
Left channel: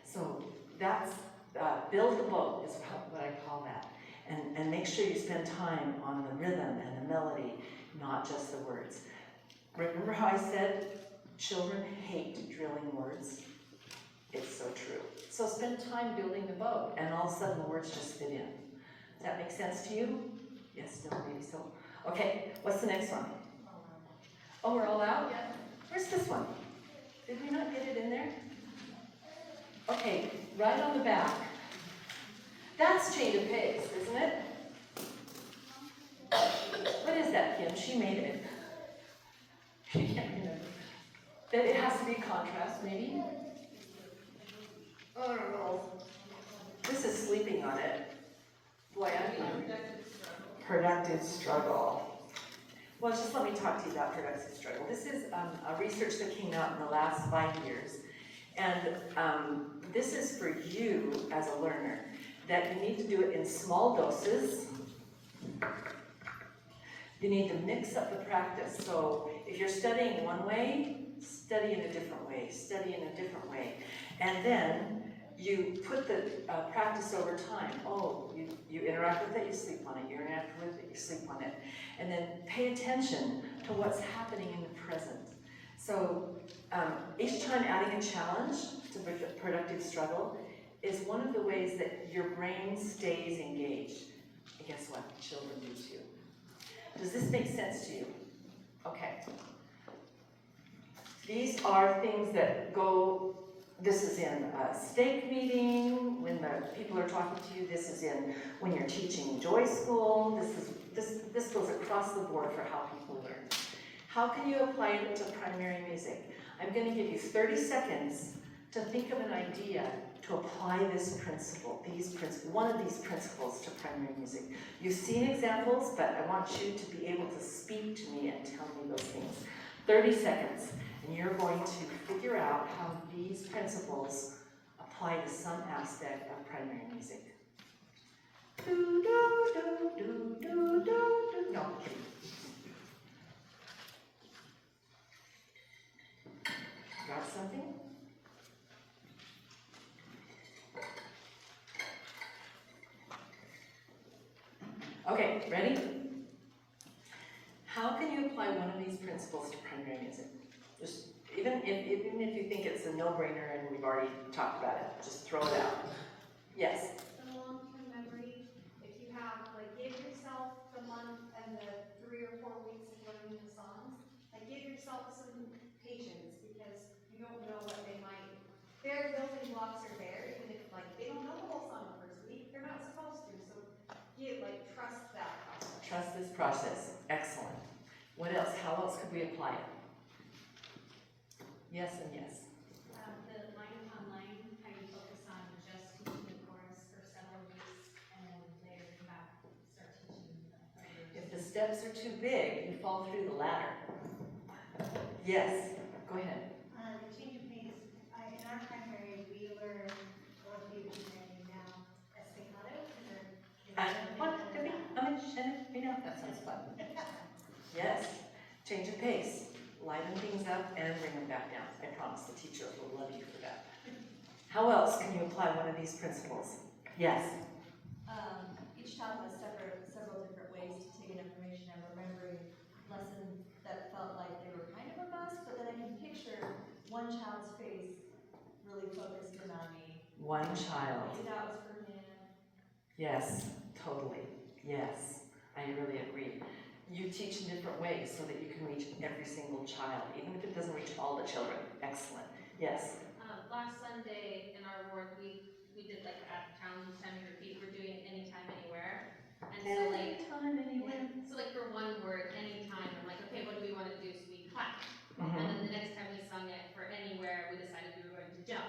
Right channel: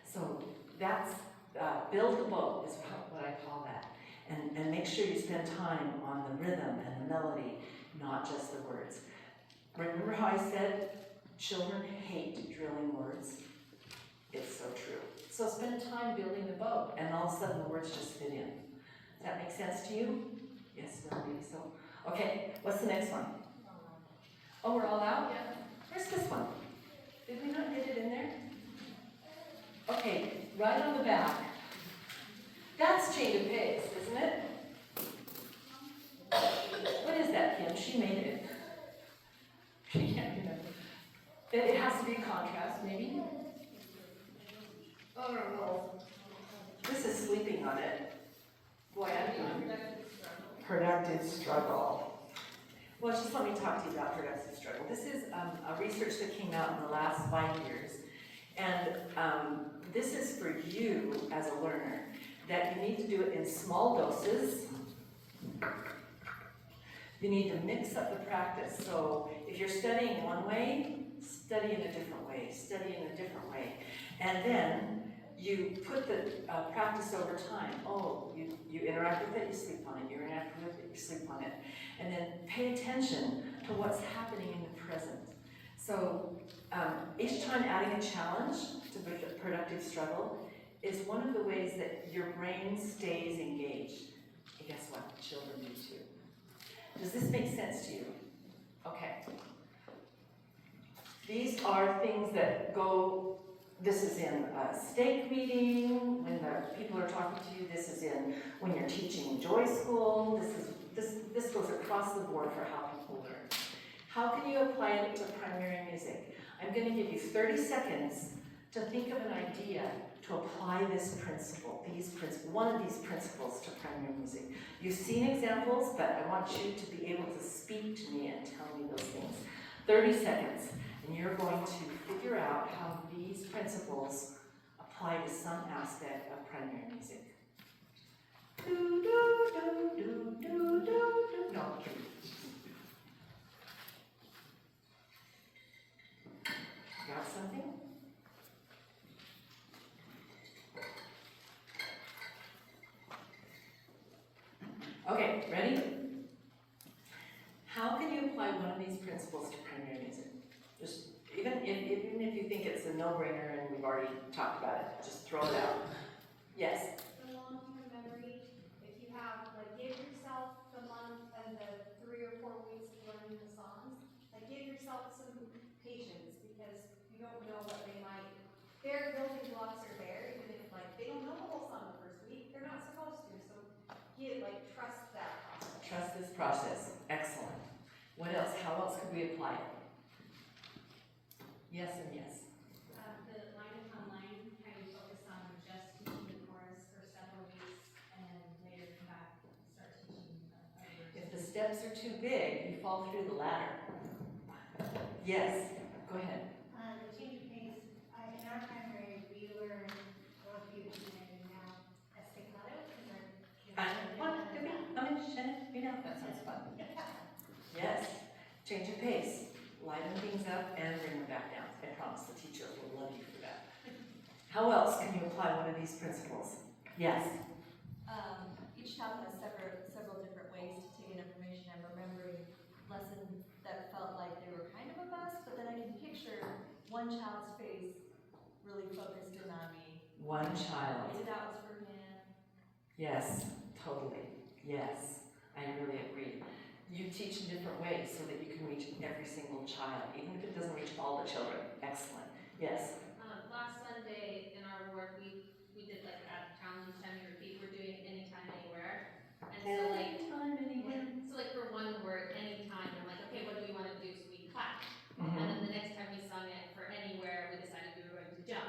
So that's, build the boat is what I call that. And make sure you spend time on the rhythm and the melody, not just the words. Remember how I said children hate drilling words? It's so true. So spend time building the boat, and all of a sudden the words just fit in. Does that make sense to you? Yes, no, maybe so. Okay, what's the next one? Oh, we're all out? Yeah. Where's this one? Did we not get it in there? Okay, right on the back. That's change of pace, isn't it? What is that, Kim? She made it. She can't remember. That it has to be contrast, maybe? I don't know. This is sleeping on it. Boy, I'm done. Productive struggle. Well, just let me talk to you about productive struggle. This is a research that came out in the last 5 years. And this is for you as a learner, that you need to do it in small doses. You need to mix up the practice. So if you're studying one way, study in a different way, study in a different way. And then you put the practice over time. Oh, you interact with it, you sleep on it. You interact with it, you sleep on it. And then pay attention to what's happening in the present. So each time adding a challenge to productive struggle is one of the ways that your brain stays engaged. And guess what? Children do too. Does this make sense to you? Okay. These are things that go, this is in a stake meeting, when the people are talking to you. This is in when you're teaching Joy School. This goes across the board for how people learn. How can you apply it to primary music? I'm going to give you 30 seconds to think of an idea to apply this principle, one of these principles to primary music. You've seen examples, but I want you to be able to speak to me and tell me those things. 30 seconds, and you're going to figure out how these principles apply to some aspect of primary music. Do, do, do, do, do, do, do. No, kidding. Got something? Okay, ready? How can you apply one of these principles to primary music? Just even if you think it's a no-brainer and we've already talked about it, just throw it out. Yes? The long-term memory, if you have, like, give yourself the month and the 3 or 4 weeks of learning the songs, like, give yourself some patience, because you don't know what they might, their building blocks are there, even if, like, they don't know the whole song the first week, they're not supposed to, so trust that process. Trust this process. Excellent. What else? How else could we apply it? Yes and yes. The line upon line, kind of focus on just teaching the chorus for several weeks, and then later come back and start teaching the others. If the steps are too big, you fall through the ladder. Yes, go ahead. The change of pace. In our primary, we learn Longview and now estacado. That sounds fun. Yes, change of pace. Liven things up and bring them back down. I promise the teacher will love you for that. How else can you apply one of these principles? Yes? Each child has several different ways to take in information. I'm remembering lessons that felt like they were kind of a bust, but then I can picture one child's face really focused in on me. One child. Maybe that was for him. Yes, totally. Yes, I really agree. You teach in different ways so that you can reach every single child, even if it doesn't reach all the children. Excellent. Yes? Last Sunday in our ward, we did like a challenge each time we repeat. We're doing anytime, anywhere. And so like, anytime, anywhere. Yeah, so like for one word, anytime, I'm like, okay, what do we want to do? So we clap. Mm-hmm. And then the next time we sung it for anywhere, we decided we were going to jump.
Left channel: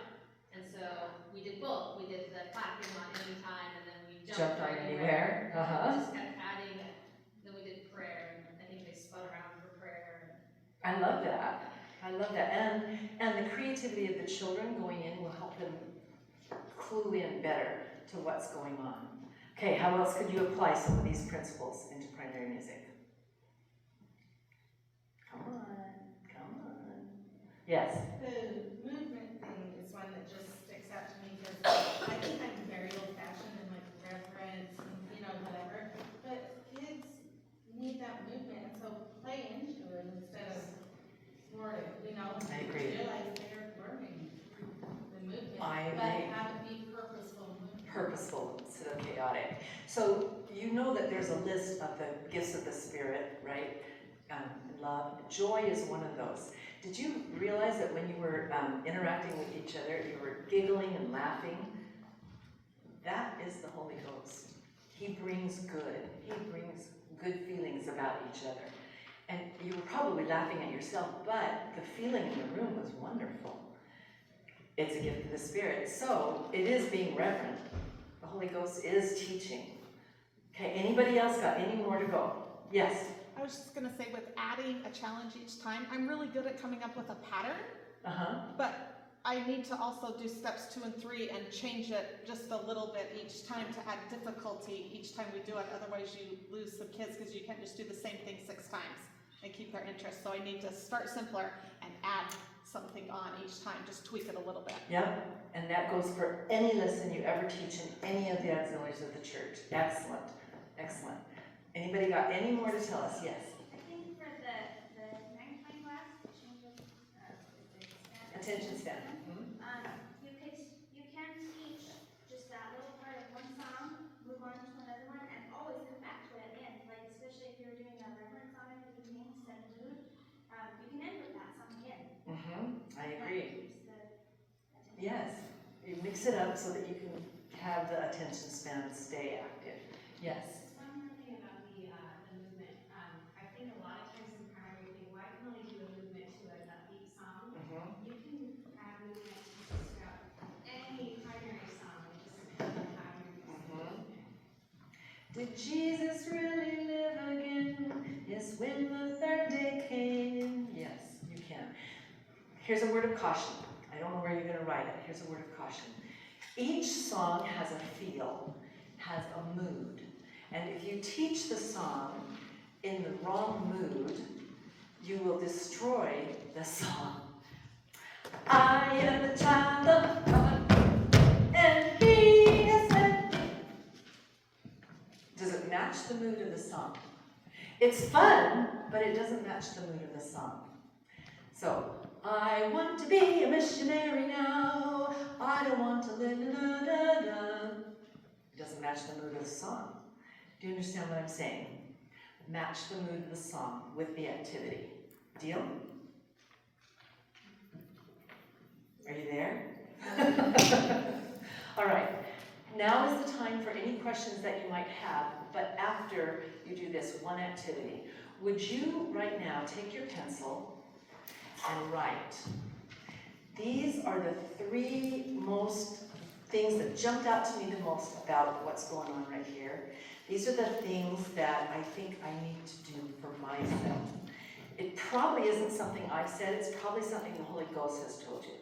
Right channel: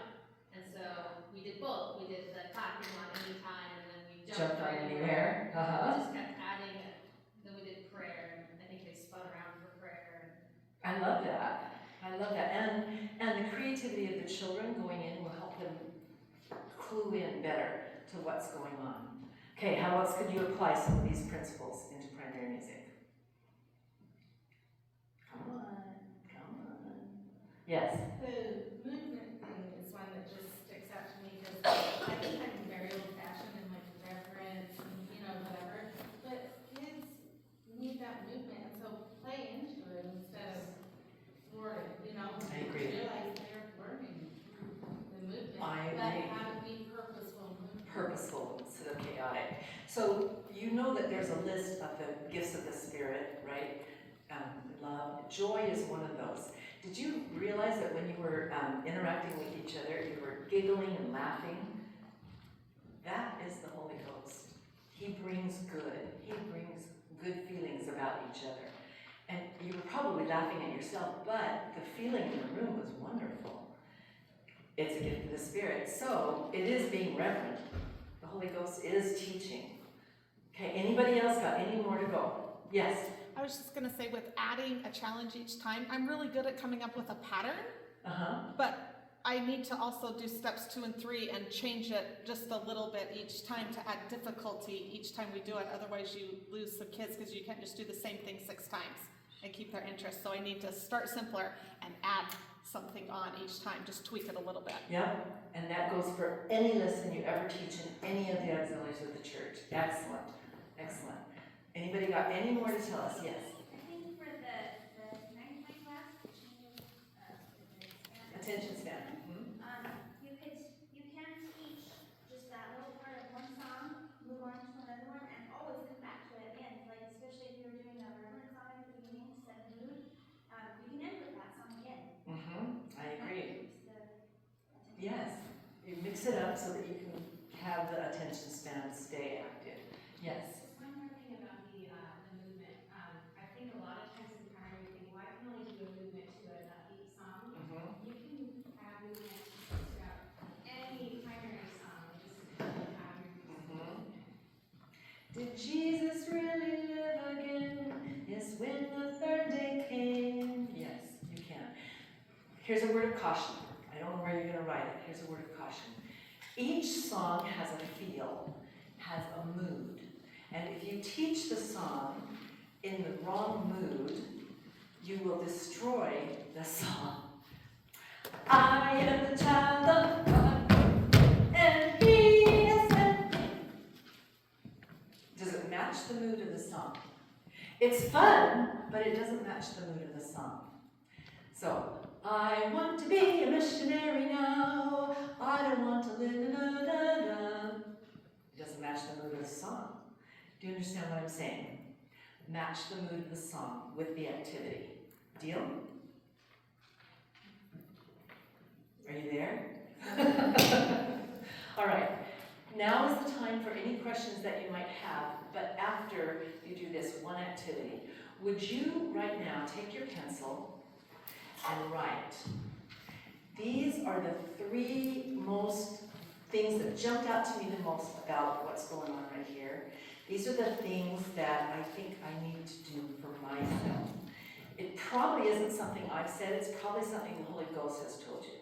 And so we did both. We did the clapping on anytime, and then we jumped on anywhere. Uh-huh. We just kept adding it. Then we did prayer, and I think they spun around for prayer. I love that. I love that. And the creativity of the children going in will help them clue in better to what's going on. Okay, how else could you apply some of these principles into primary music? Come on. Yes? The movement thing is one that just sticks out to me because I think I'm very old-fashioned and like reverence and whatever. But kids need that movement, and so play into it instead of thwart it. I agree. Realize they're learning the movement, I but agree. how to be purposeful movement. Purposeful instead of chaotic. So you know that there's a list of the gifts of the Spirit, right? Love. Joy is one of those. Did you realize that when you were interacting with each other, you were giggling and laughing? That is the Holy Ghost. He brings good. He brings good feelings about each other. And you were probably laughing at yourself, but the feeling in the room was wonderful. It's a gift of the Spirit. So it is being reverent. The Holy Ghost is teaching. Okay, anybody else got any more to go? Yes? I was just gonna say with adding a challenge each time, I'm really good at coming up with a pattern, but I need to also do steps 2 and 3 and change it just a little bit each time to add difficulty each time we do it. Otherwise you lose the kids because you can't just do the same thing 6 times and keep their interest. So I need to start simpler and add something on each time, just tweak it a little bit. Yep, and that goes for any lesson you ever teach in any of the auxiliaries of the church. Excellent, excellent. Anybody got any more to tell us? Yes. I think for the 9-point class, change of Attention span. You can teach just that little part of one song, move on to another one, and always come back to it at the end. Like especially if you're doing a reverent song at the beginning, set the mood. You can end with that song again. I agree. Yes. You mix it up so that you can have the attention span stay active. Yes. Just one more thing about the movement. I think a lot of times in primary we think, well, I can only do a movement to an upbeat song. You can add movement to just about any primary song and just have your movement. Did Jesus really live again? Yes, when the third day came. Yes, you can. Here's a word of caution. I don't know where you're going to write it. Here's a word of caution. Each song has a feel, has a mood. And if you teach the song in the wrong mood, you will destroy the song. I am the child of God, and He has sent me. Does it match the mood of the song? It's fun, but it doesn't match the mood of the song. So, I want to be a missionary now. I don't want to live in a It doesn't match the mood of the song. Do you understand what I'm saying? Match the mood of the song with the activity. Deal? Are you there? All right. Now is the time for any questions that you might have, but after you do this one activity. Would you, right now, take your pencil and write. These are the 3 most things that jumped out to me the most about what's going on right here. These are the things that I think I need to do for myself. It probably isn't something I've said, it's probably something the Holy Ghost has told you.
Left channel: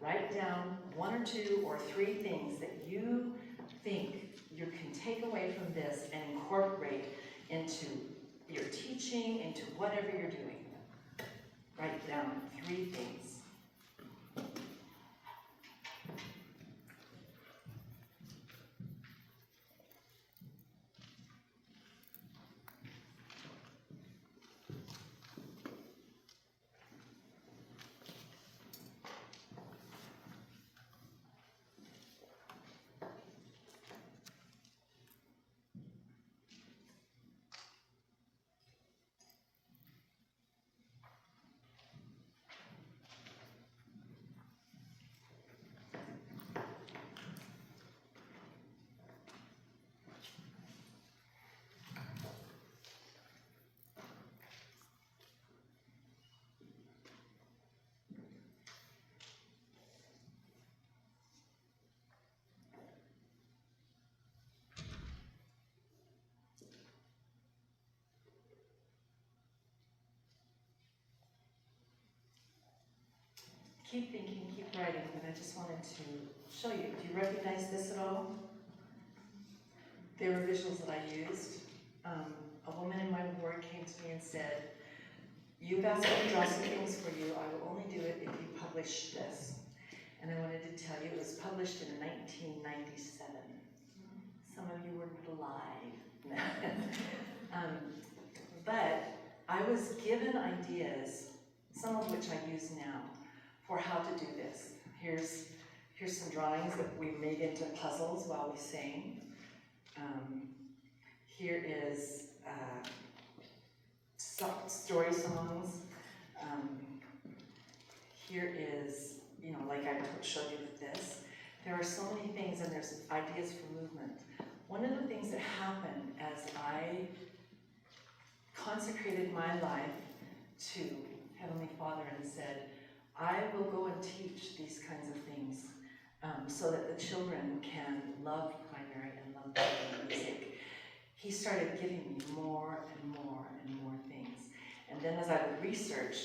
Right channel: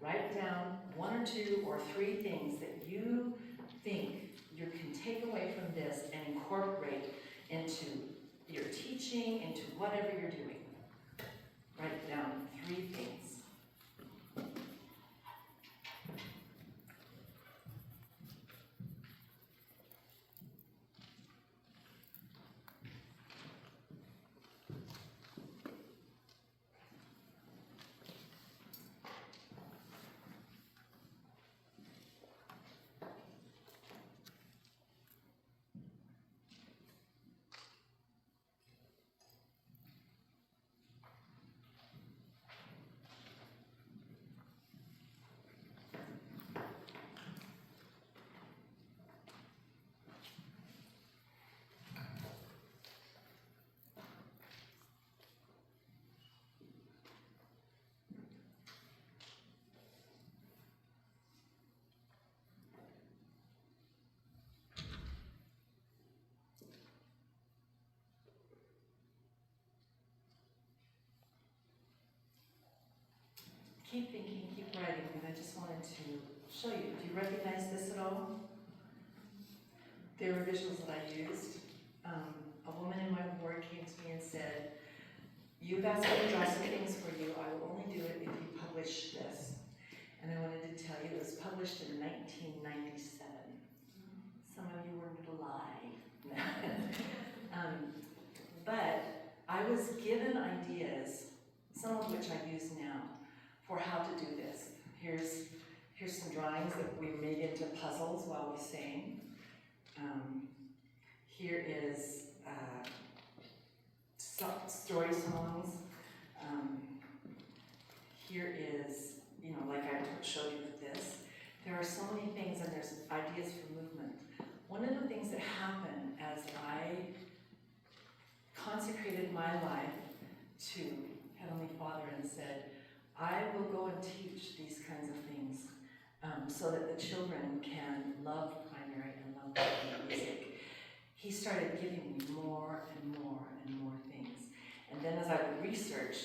Write down 1 or 2 or 3 things that you think you can take away from this and incorporate into your teaching, into whatever you're doing. Write down 3 things. Keep thinking, keep writing, but I just wanted to show you. Do you recognize this at all? They were visuals that I used. A woman in my ward came to me and said, "You've asked me to draw some things for you. I will only do it if you publish this." And I wanted to tell you it was published in 1997. Some of you weren't alive. But I was given ideas, some of which I use now, for how to do this. Here's some drawings that we made into puzzles while we sang. Here is story songs. Here is, like I showed you with this. There are so many things, and there's ideas for movement. One of the things that happened as I consecrated my life to Heavenly Father and said, I will go and teach these kinds of things so that the children can love primary and love primary music. He started giving me more and more and more things. And then as I would research,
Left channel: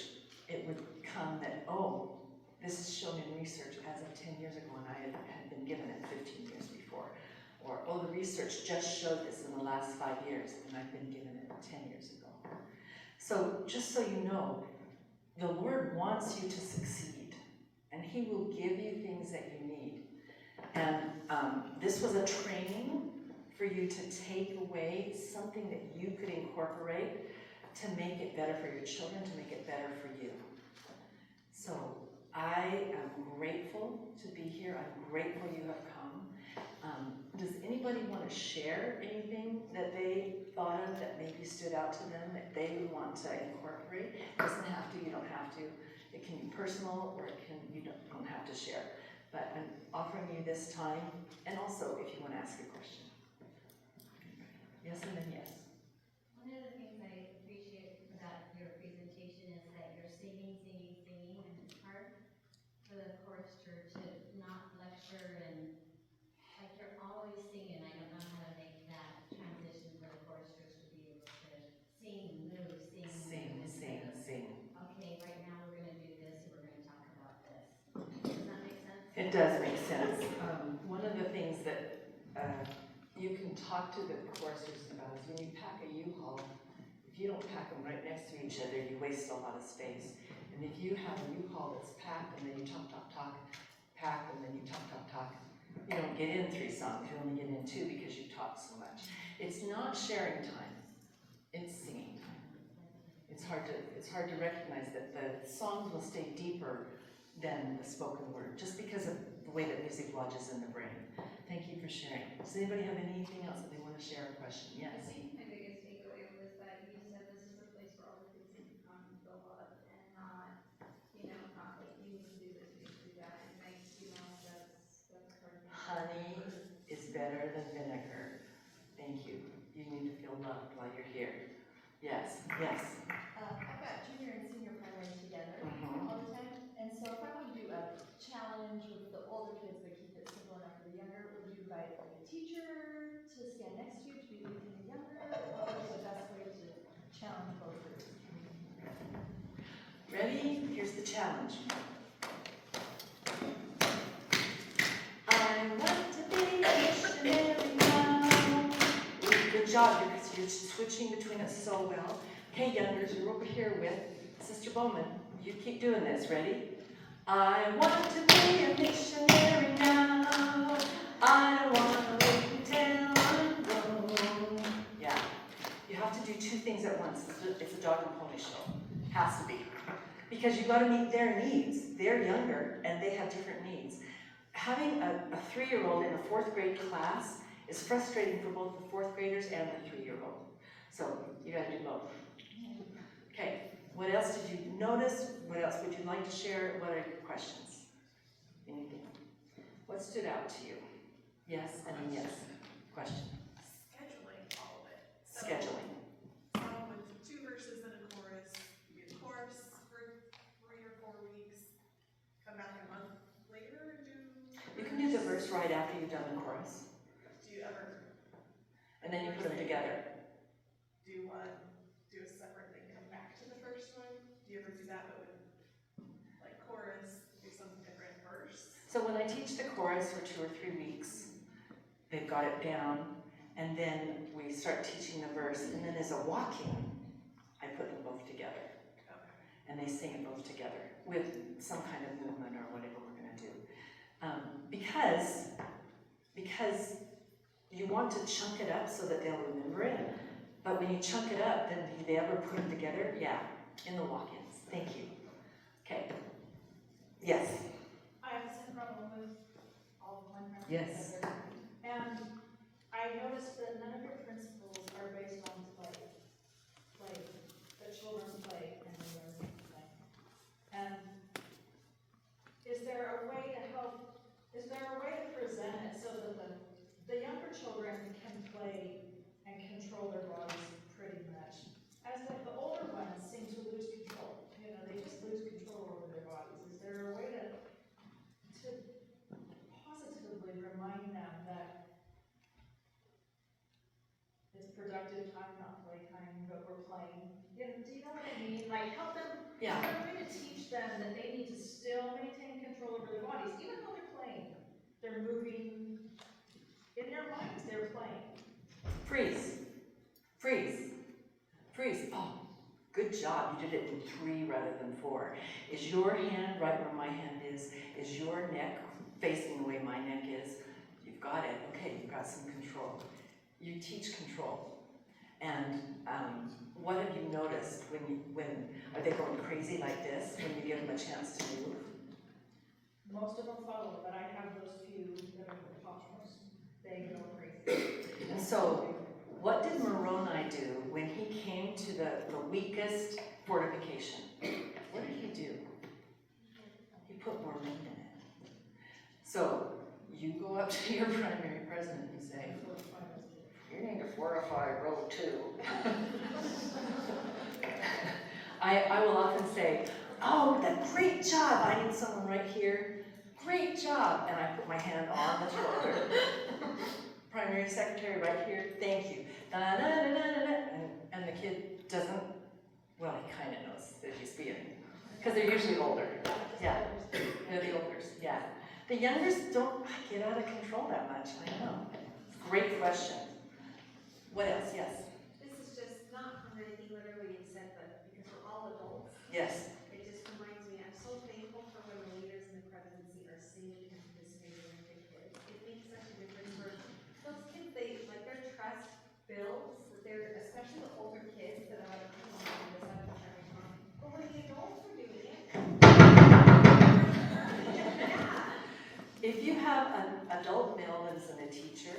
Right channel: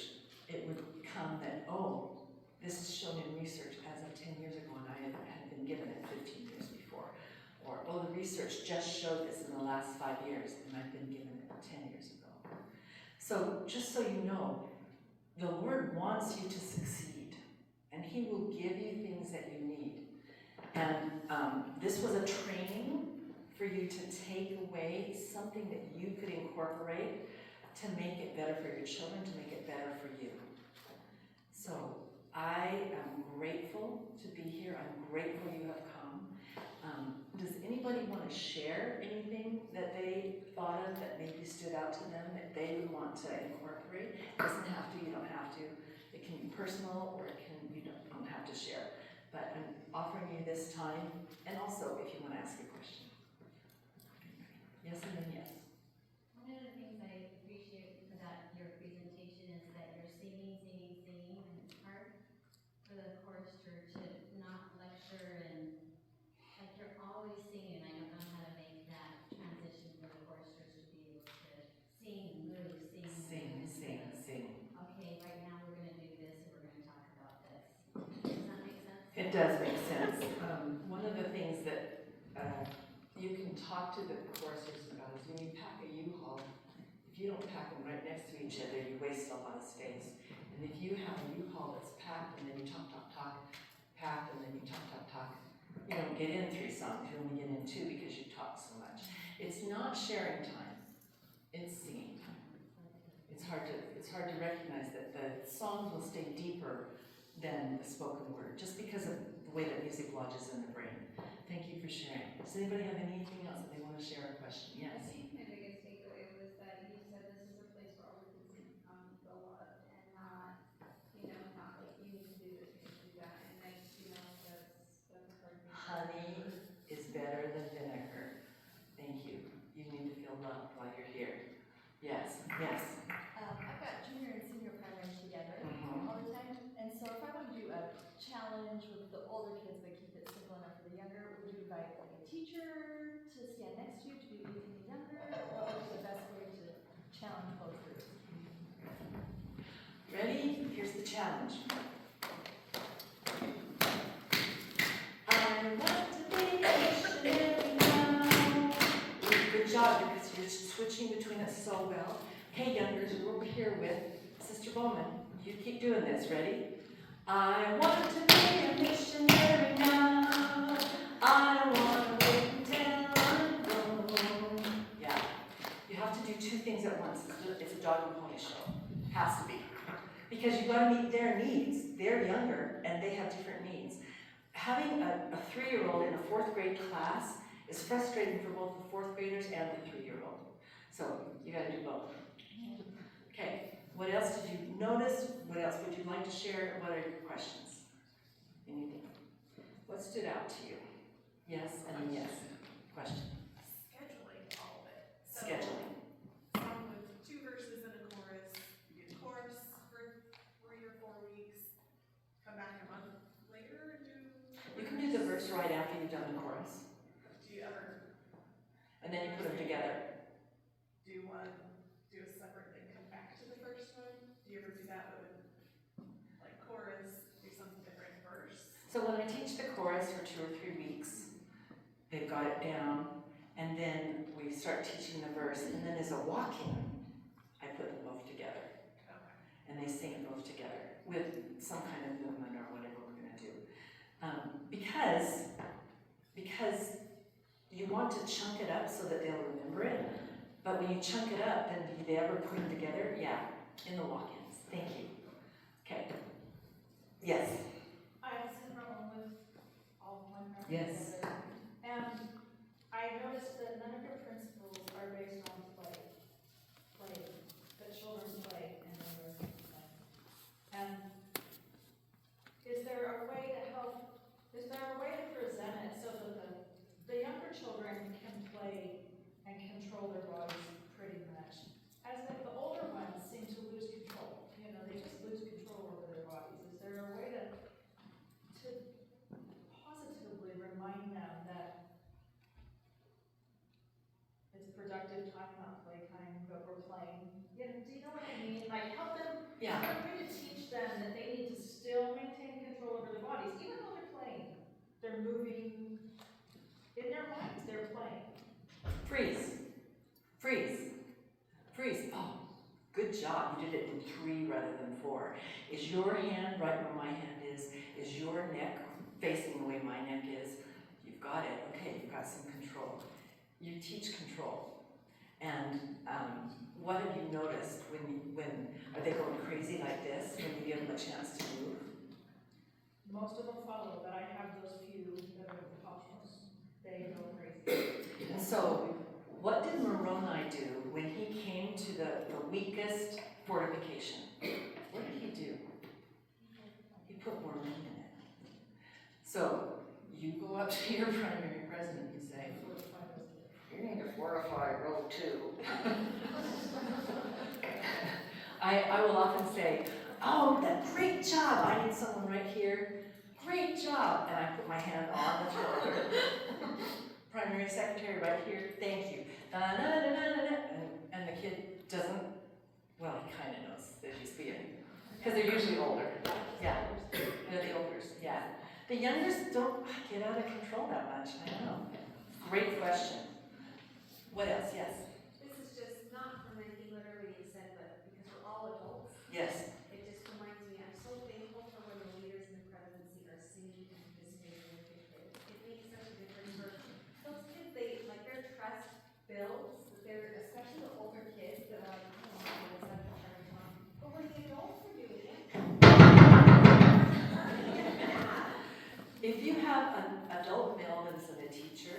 it would come that, oh, this is shown in research as of 10 years ago, and I had been given it 15 years before. Or, oh, the research just showed this in the last 5 years, and I've been given it 10 years ago. So just so you know, the Lord wants you to succeed, and He will give you things that you need. And this was a training for you to take away something that you could incorporate to make it better for your children, to make it better for you. So I am grateful to be here. I'm grateful you have come. Does anybody want to share anything that they thought of that maybe stood out to them that they would want to incorporate? It doesn't have to, you don't have to. It can be personal, or you don't have to share. But I'm offering you this time, and also if you want to ask a question. Yes, and then yes. One of the things I appreciate about your presentation is that you're singing, and it's hard for the chorister to not lecture, and like you're always singing. I don't know how to make that transition for the choristers to be able to sing, move, sing. Okay, right now we're going to do this, and we're going to talk about this. Does that make sense? It does make sense. One of the things that you can talk to the choristers about is when you pack a U-Haul, if you don't pack them right next to each other, you waste a lot of space. And if you have a U-Haul that's packed, and then you talk, packed, and then you talk, you don't get in 3 songs, you only get in 2 because you talk so much. It's not sharing time, it's singing time. It's hard to recognize that the songs will stay deeper than the spoken word, just because of the way that music lodges in the brain. Thank you for sharing. Does anybody have anything else that they want to share or question? Yes? I think my biggest takeaway was that you said this is a place where all the kids can come and feel loved, and not like you need to do this, you need to do that, and that's a hard thing. Honey is better than vinegar. Thank you. You need to feel loved while you're here. Yes, yes. I've got junior and senior primary together all the time, and so if I want to do a challenge with the older kids but keep it simple enough for the younger, would you invite like a teacher to stand next to you to be with the younger? What would be the best way to challenge both groups? Ready? Here's the challenge. I want to be a missionary now. Good job, you're switching between it so well. Okay, youngers, you're over here with Sister Bowman. You keep doing this. Ready? I want to be a missionary now. I don't want to wait until I'm grown. Yeah. You have to do 2 things at once. It's a dog and pony show. Has to be. Because you've got to meet their needs. They're younger and they have different needs. Having a 3-year-old in a 4th grade class is frustrating for both the 4th graders and the 3-year-old. So you got to do both. Okay. What else did you notice? What else would you like to share? What are your questions? Anything? What stood out to you? Yes, and then yes. Question. Scheduling all of it. So, Scheduling. Song with 2 verses and a chorus. You do the chorus for 3 or 4 weeks. Come back a month later and do. You can do the verse right after you've done the chorus. Do you ever? And then you put them together. Do a separate thing, come back to the first one? Do you ever do that, but with like chorus, do something different verse? So when I teach the chorus for 2 or 3 weeks, they've got it down, and then we start teaching the verse, and then as a walk-in, I put them both together. Okay. And they sing it both together with some kind of movement or whatever we're going to do. Because you want to chunk it up so that they'll remember it, but when you chunk it up, then do they ever put them together? Yeah, in the walk-ins. Thank you. Okay. Yes? I have the same problem with all of my parents Yes. together. And I noticed that none of your principles are based on play. The children play and then learn to play. And is there a way to present it so that the younger children can play and control their bodies pretty much? As like the older ones seem to lose control. They just lose control over their bodies. Is there a way to positively remind them that it's productive time, not playtime, but we're playing? Do you know what I mean? like help them, Yeah. find a way to teach them that they need to still maintain control over their bodies, even though they're playing. They're moving, in their minds, they're playing. Freeze. Freeze. Freeze. Oh, good job. You did it in 3 rather than 4. Is your hand right where my hand is? Is your neck facing the way my neck is? You've got it. Okay, you've got some control. You teach control. And what have you noticed when are they going crazy like this when you give them a chance to move? Most of them follow, but I have those few that are the topmost. They go crazy. And so, what did Moroni do when he came to the weakest fortification? What did he do? He put more meat in it. So, you go up to your primary president and you say, you need to fortify row 2. I will often say, oh, great job. I need someone right here. Great job. And I put my hand on the shoulder. Primary secretary right here. Thank you. Da, da, da, da, da, da. And the kid doesn't, well, he kind of knows that he's being, because they're usually older. Yeah, they're the olders, yeah. The youngers don't get out of control that much, I know. Great question. What else? Yes? This is just not from anything literally you said, but because we're all adults. Yes. It just reminds me, I'm so thankful for when the leaders in the presidency are singing and participating with the kids. It makes such a difference for those kids, their trust builds, especially the older kids that are like, I don't want to do this, I'm not sure what's wrong. But when the adults are doing it, If you have an adult male that's a teacher,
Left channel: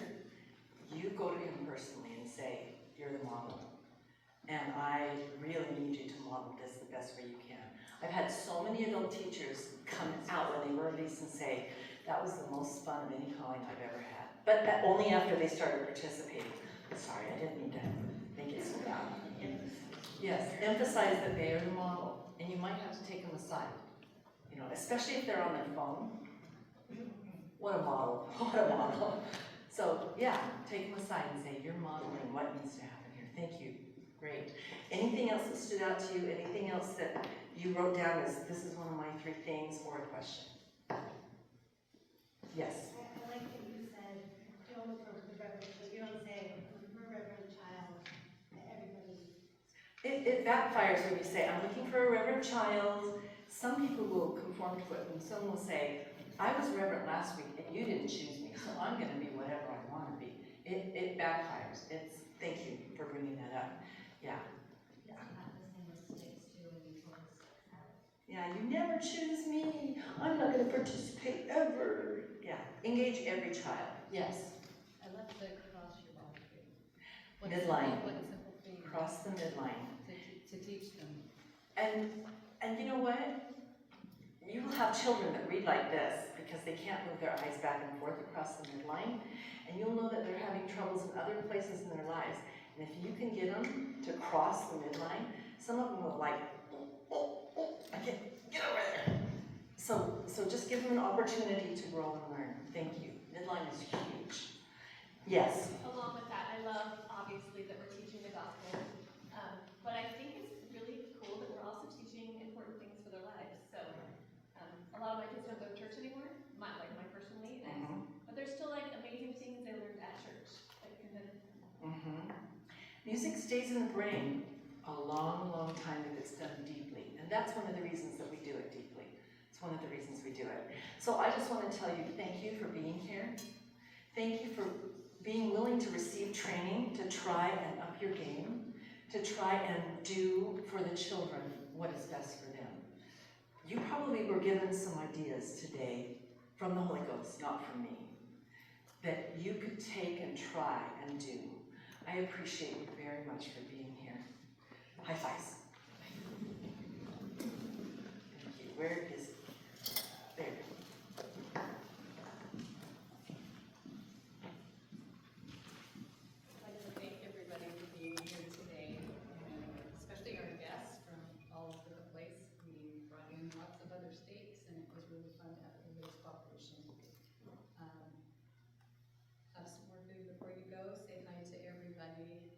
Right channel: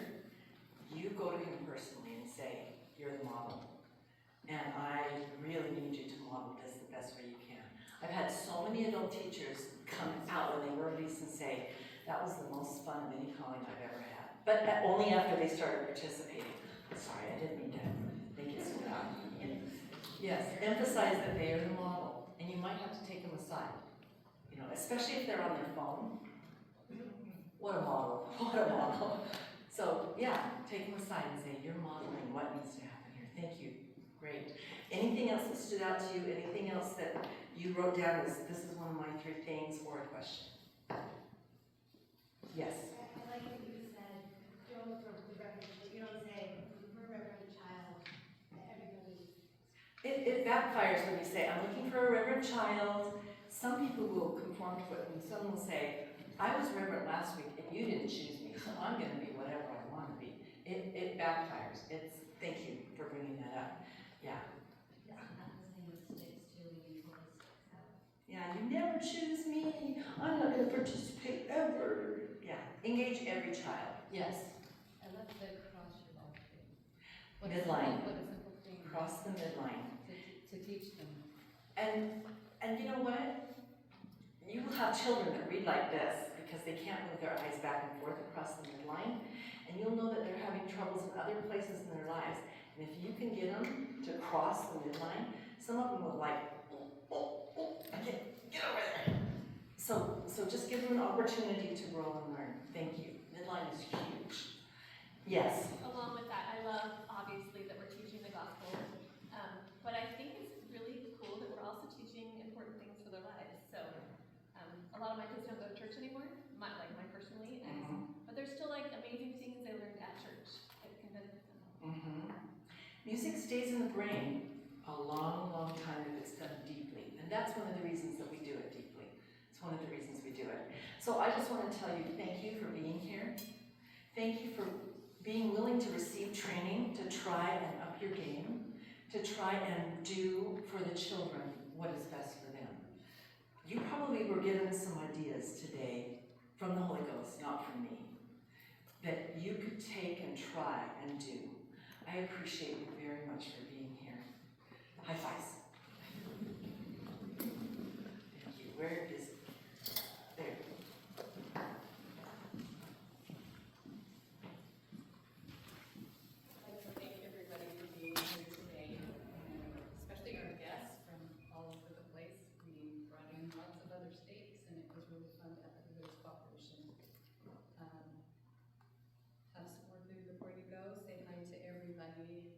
you go to him personally and say, you're the model. And I really need you to model this the best way you can. I've had so many adult teachers come out when they were released and say, that was the most fun of any calling I've ever had. But only after they started participating. Sorry, I didn't mean to make it so loud. Yes, emphasize that they are the model. And you might have to take them aside. You know, especially if they're on their phone. What a model, what a model. So yeah, take them aside and say, you're modeling what needs to happen here. Thank you, great. Anything else that stood out to you? Anything else that you wrote down as, this is one of my 3 things, or a question? Yes? I like that you said, don't you don't say, we're a reverend child, everybody. It backfires when you say, I'm looking for a reverend child. Some people will conform to it, and some will say, I was reverend last week and you didn't choose me, so I'm going to be whatever I want to be. It backfires. Thank you for bringing that up. Yeah. Yeah. Not the same with sticks too, when you pull the sticks out. Yeah, you never choose me. I'm not going to participate ever. Yeah, engage every child. Yes. I love the cross your boundary. Midline. What a simple thing. Cross the midline. To teach them. And you know what? You will have children that read like this because they can't move their eyes back and forth across the midline, and you'll know that they're having troubles in other places in their lives. And if you can get them to cross the midline, some of them will like, I can't get over there. So just give them an opportunity to grow and learn. Thank you. Midline is huge. Yes. Along with that, I love obviously that we're teaching the gospel, but I think it's really cool that we're also teaching important things for their lives. So a lot of my kids don't go to church anymore, mine personally, but there's still like amazing things they learned at church that can benefit them. Music stays in the brain a long, long time if it's done deeply, and that's one of the reasons that we do it deeply. It's one of the reasons we do it. So I just want to tell you thank you for being here. Thank you for being willing to receive training, to try and up your game, to try and do for the children what is best for them. You probably were given some ideas today from the Holy Ghost, not from me, that you could take and try and do. I appreciate you very much for being here. High fives. Thank you. Where is it? There. I'd like to thank everybody for being here today, and especially our guests from all over the place. We brought in lots of other states, and it was really fun to have everybody's cooperation. Have some more food before you go. Say hi to everybody.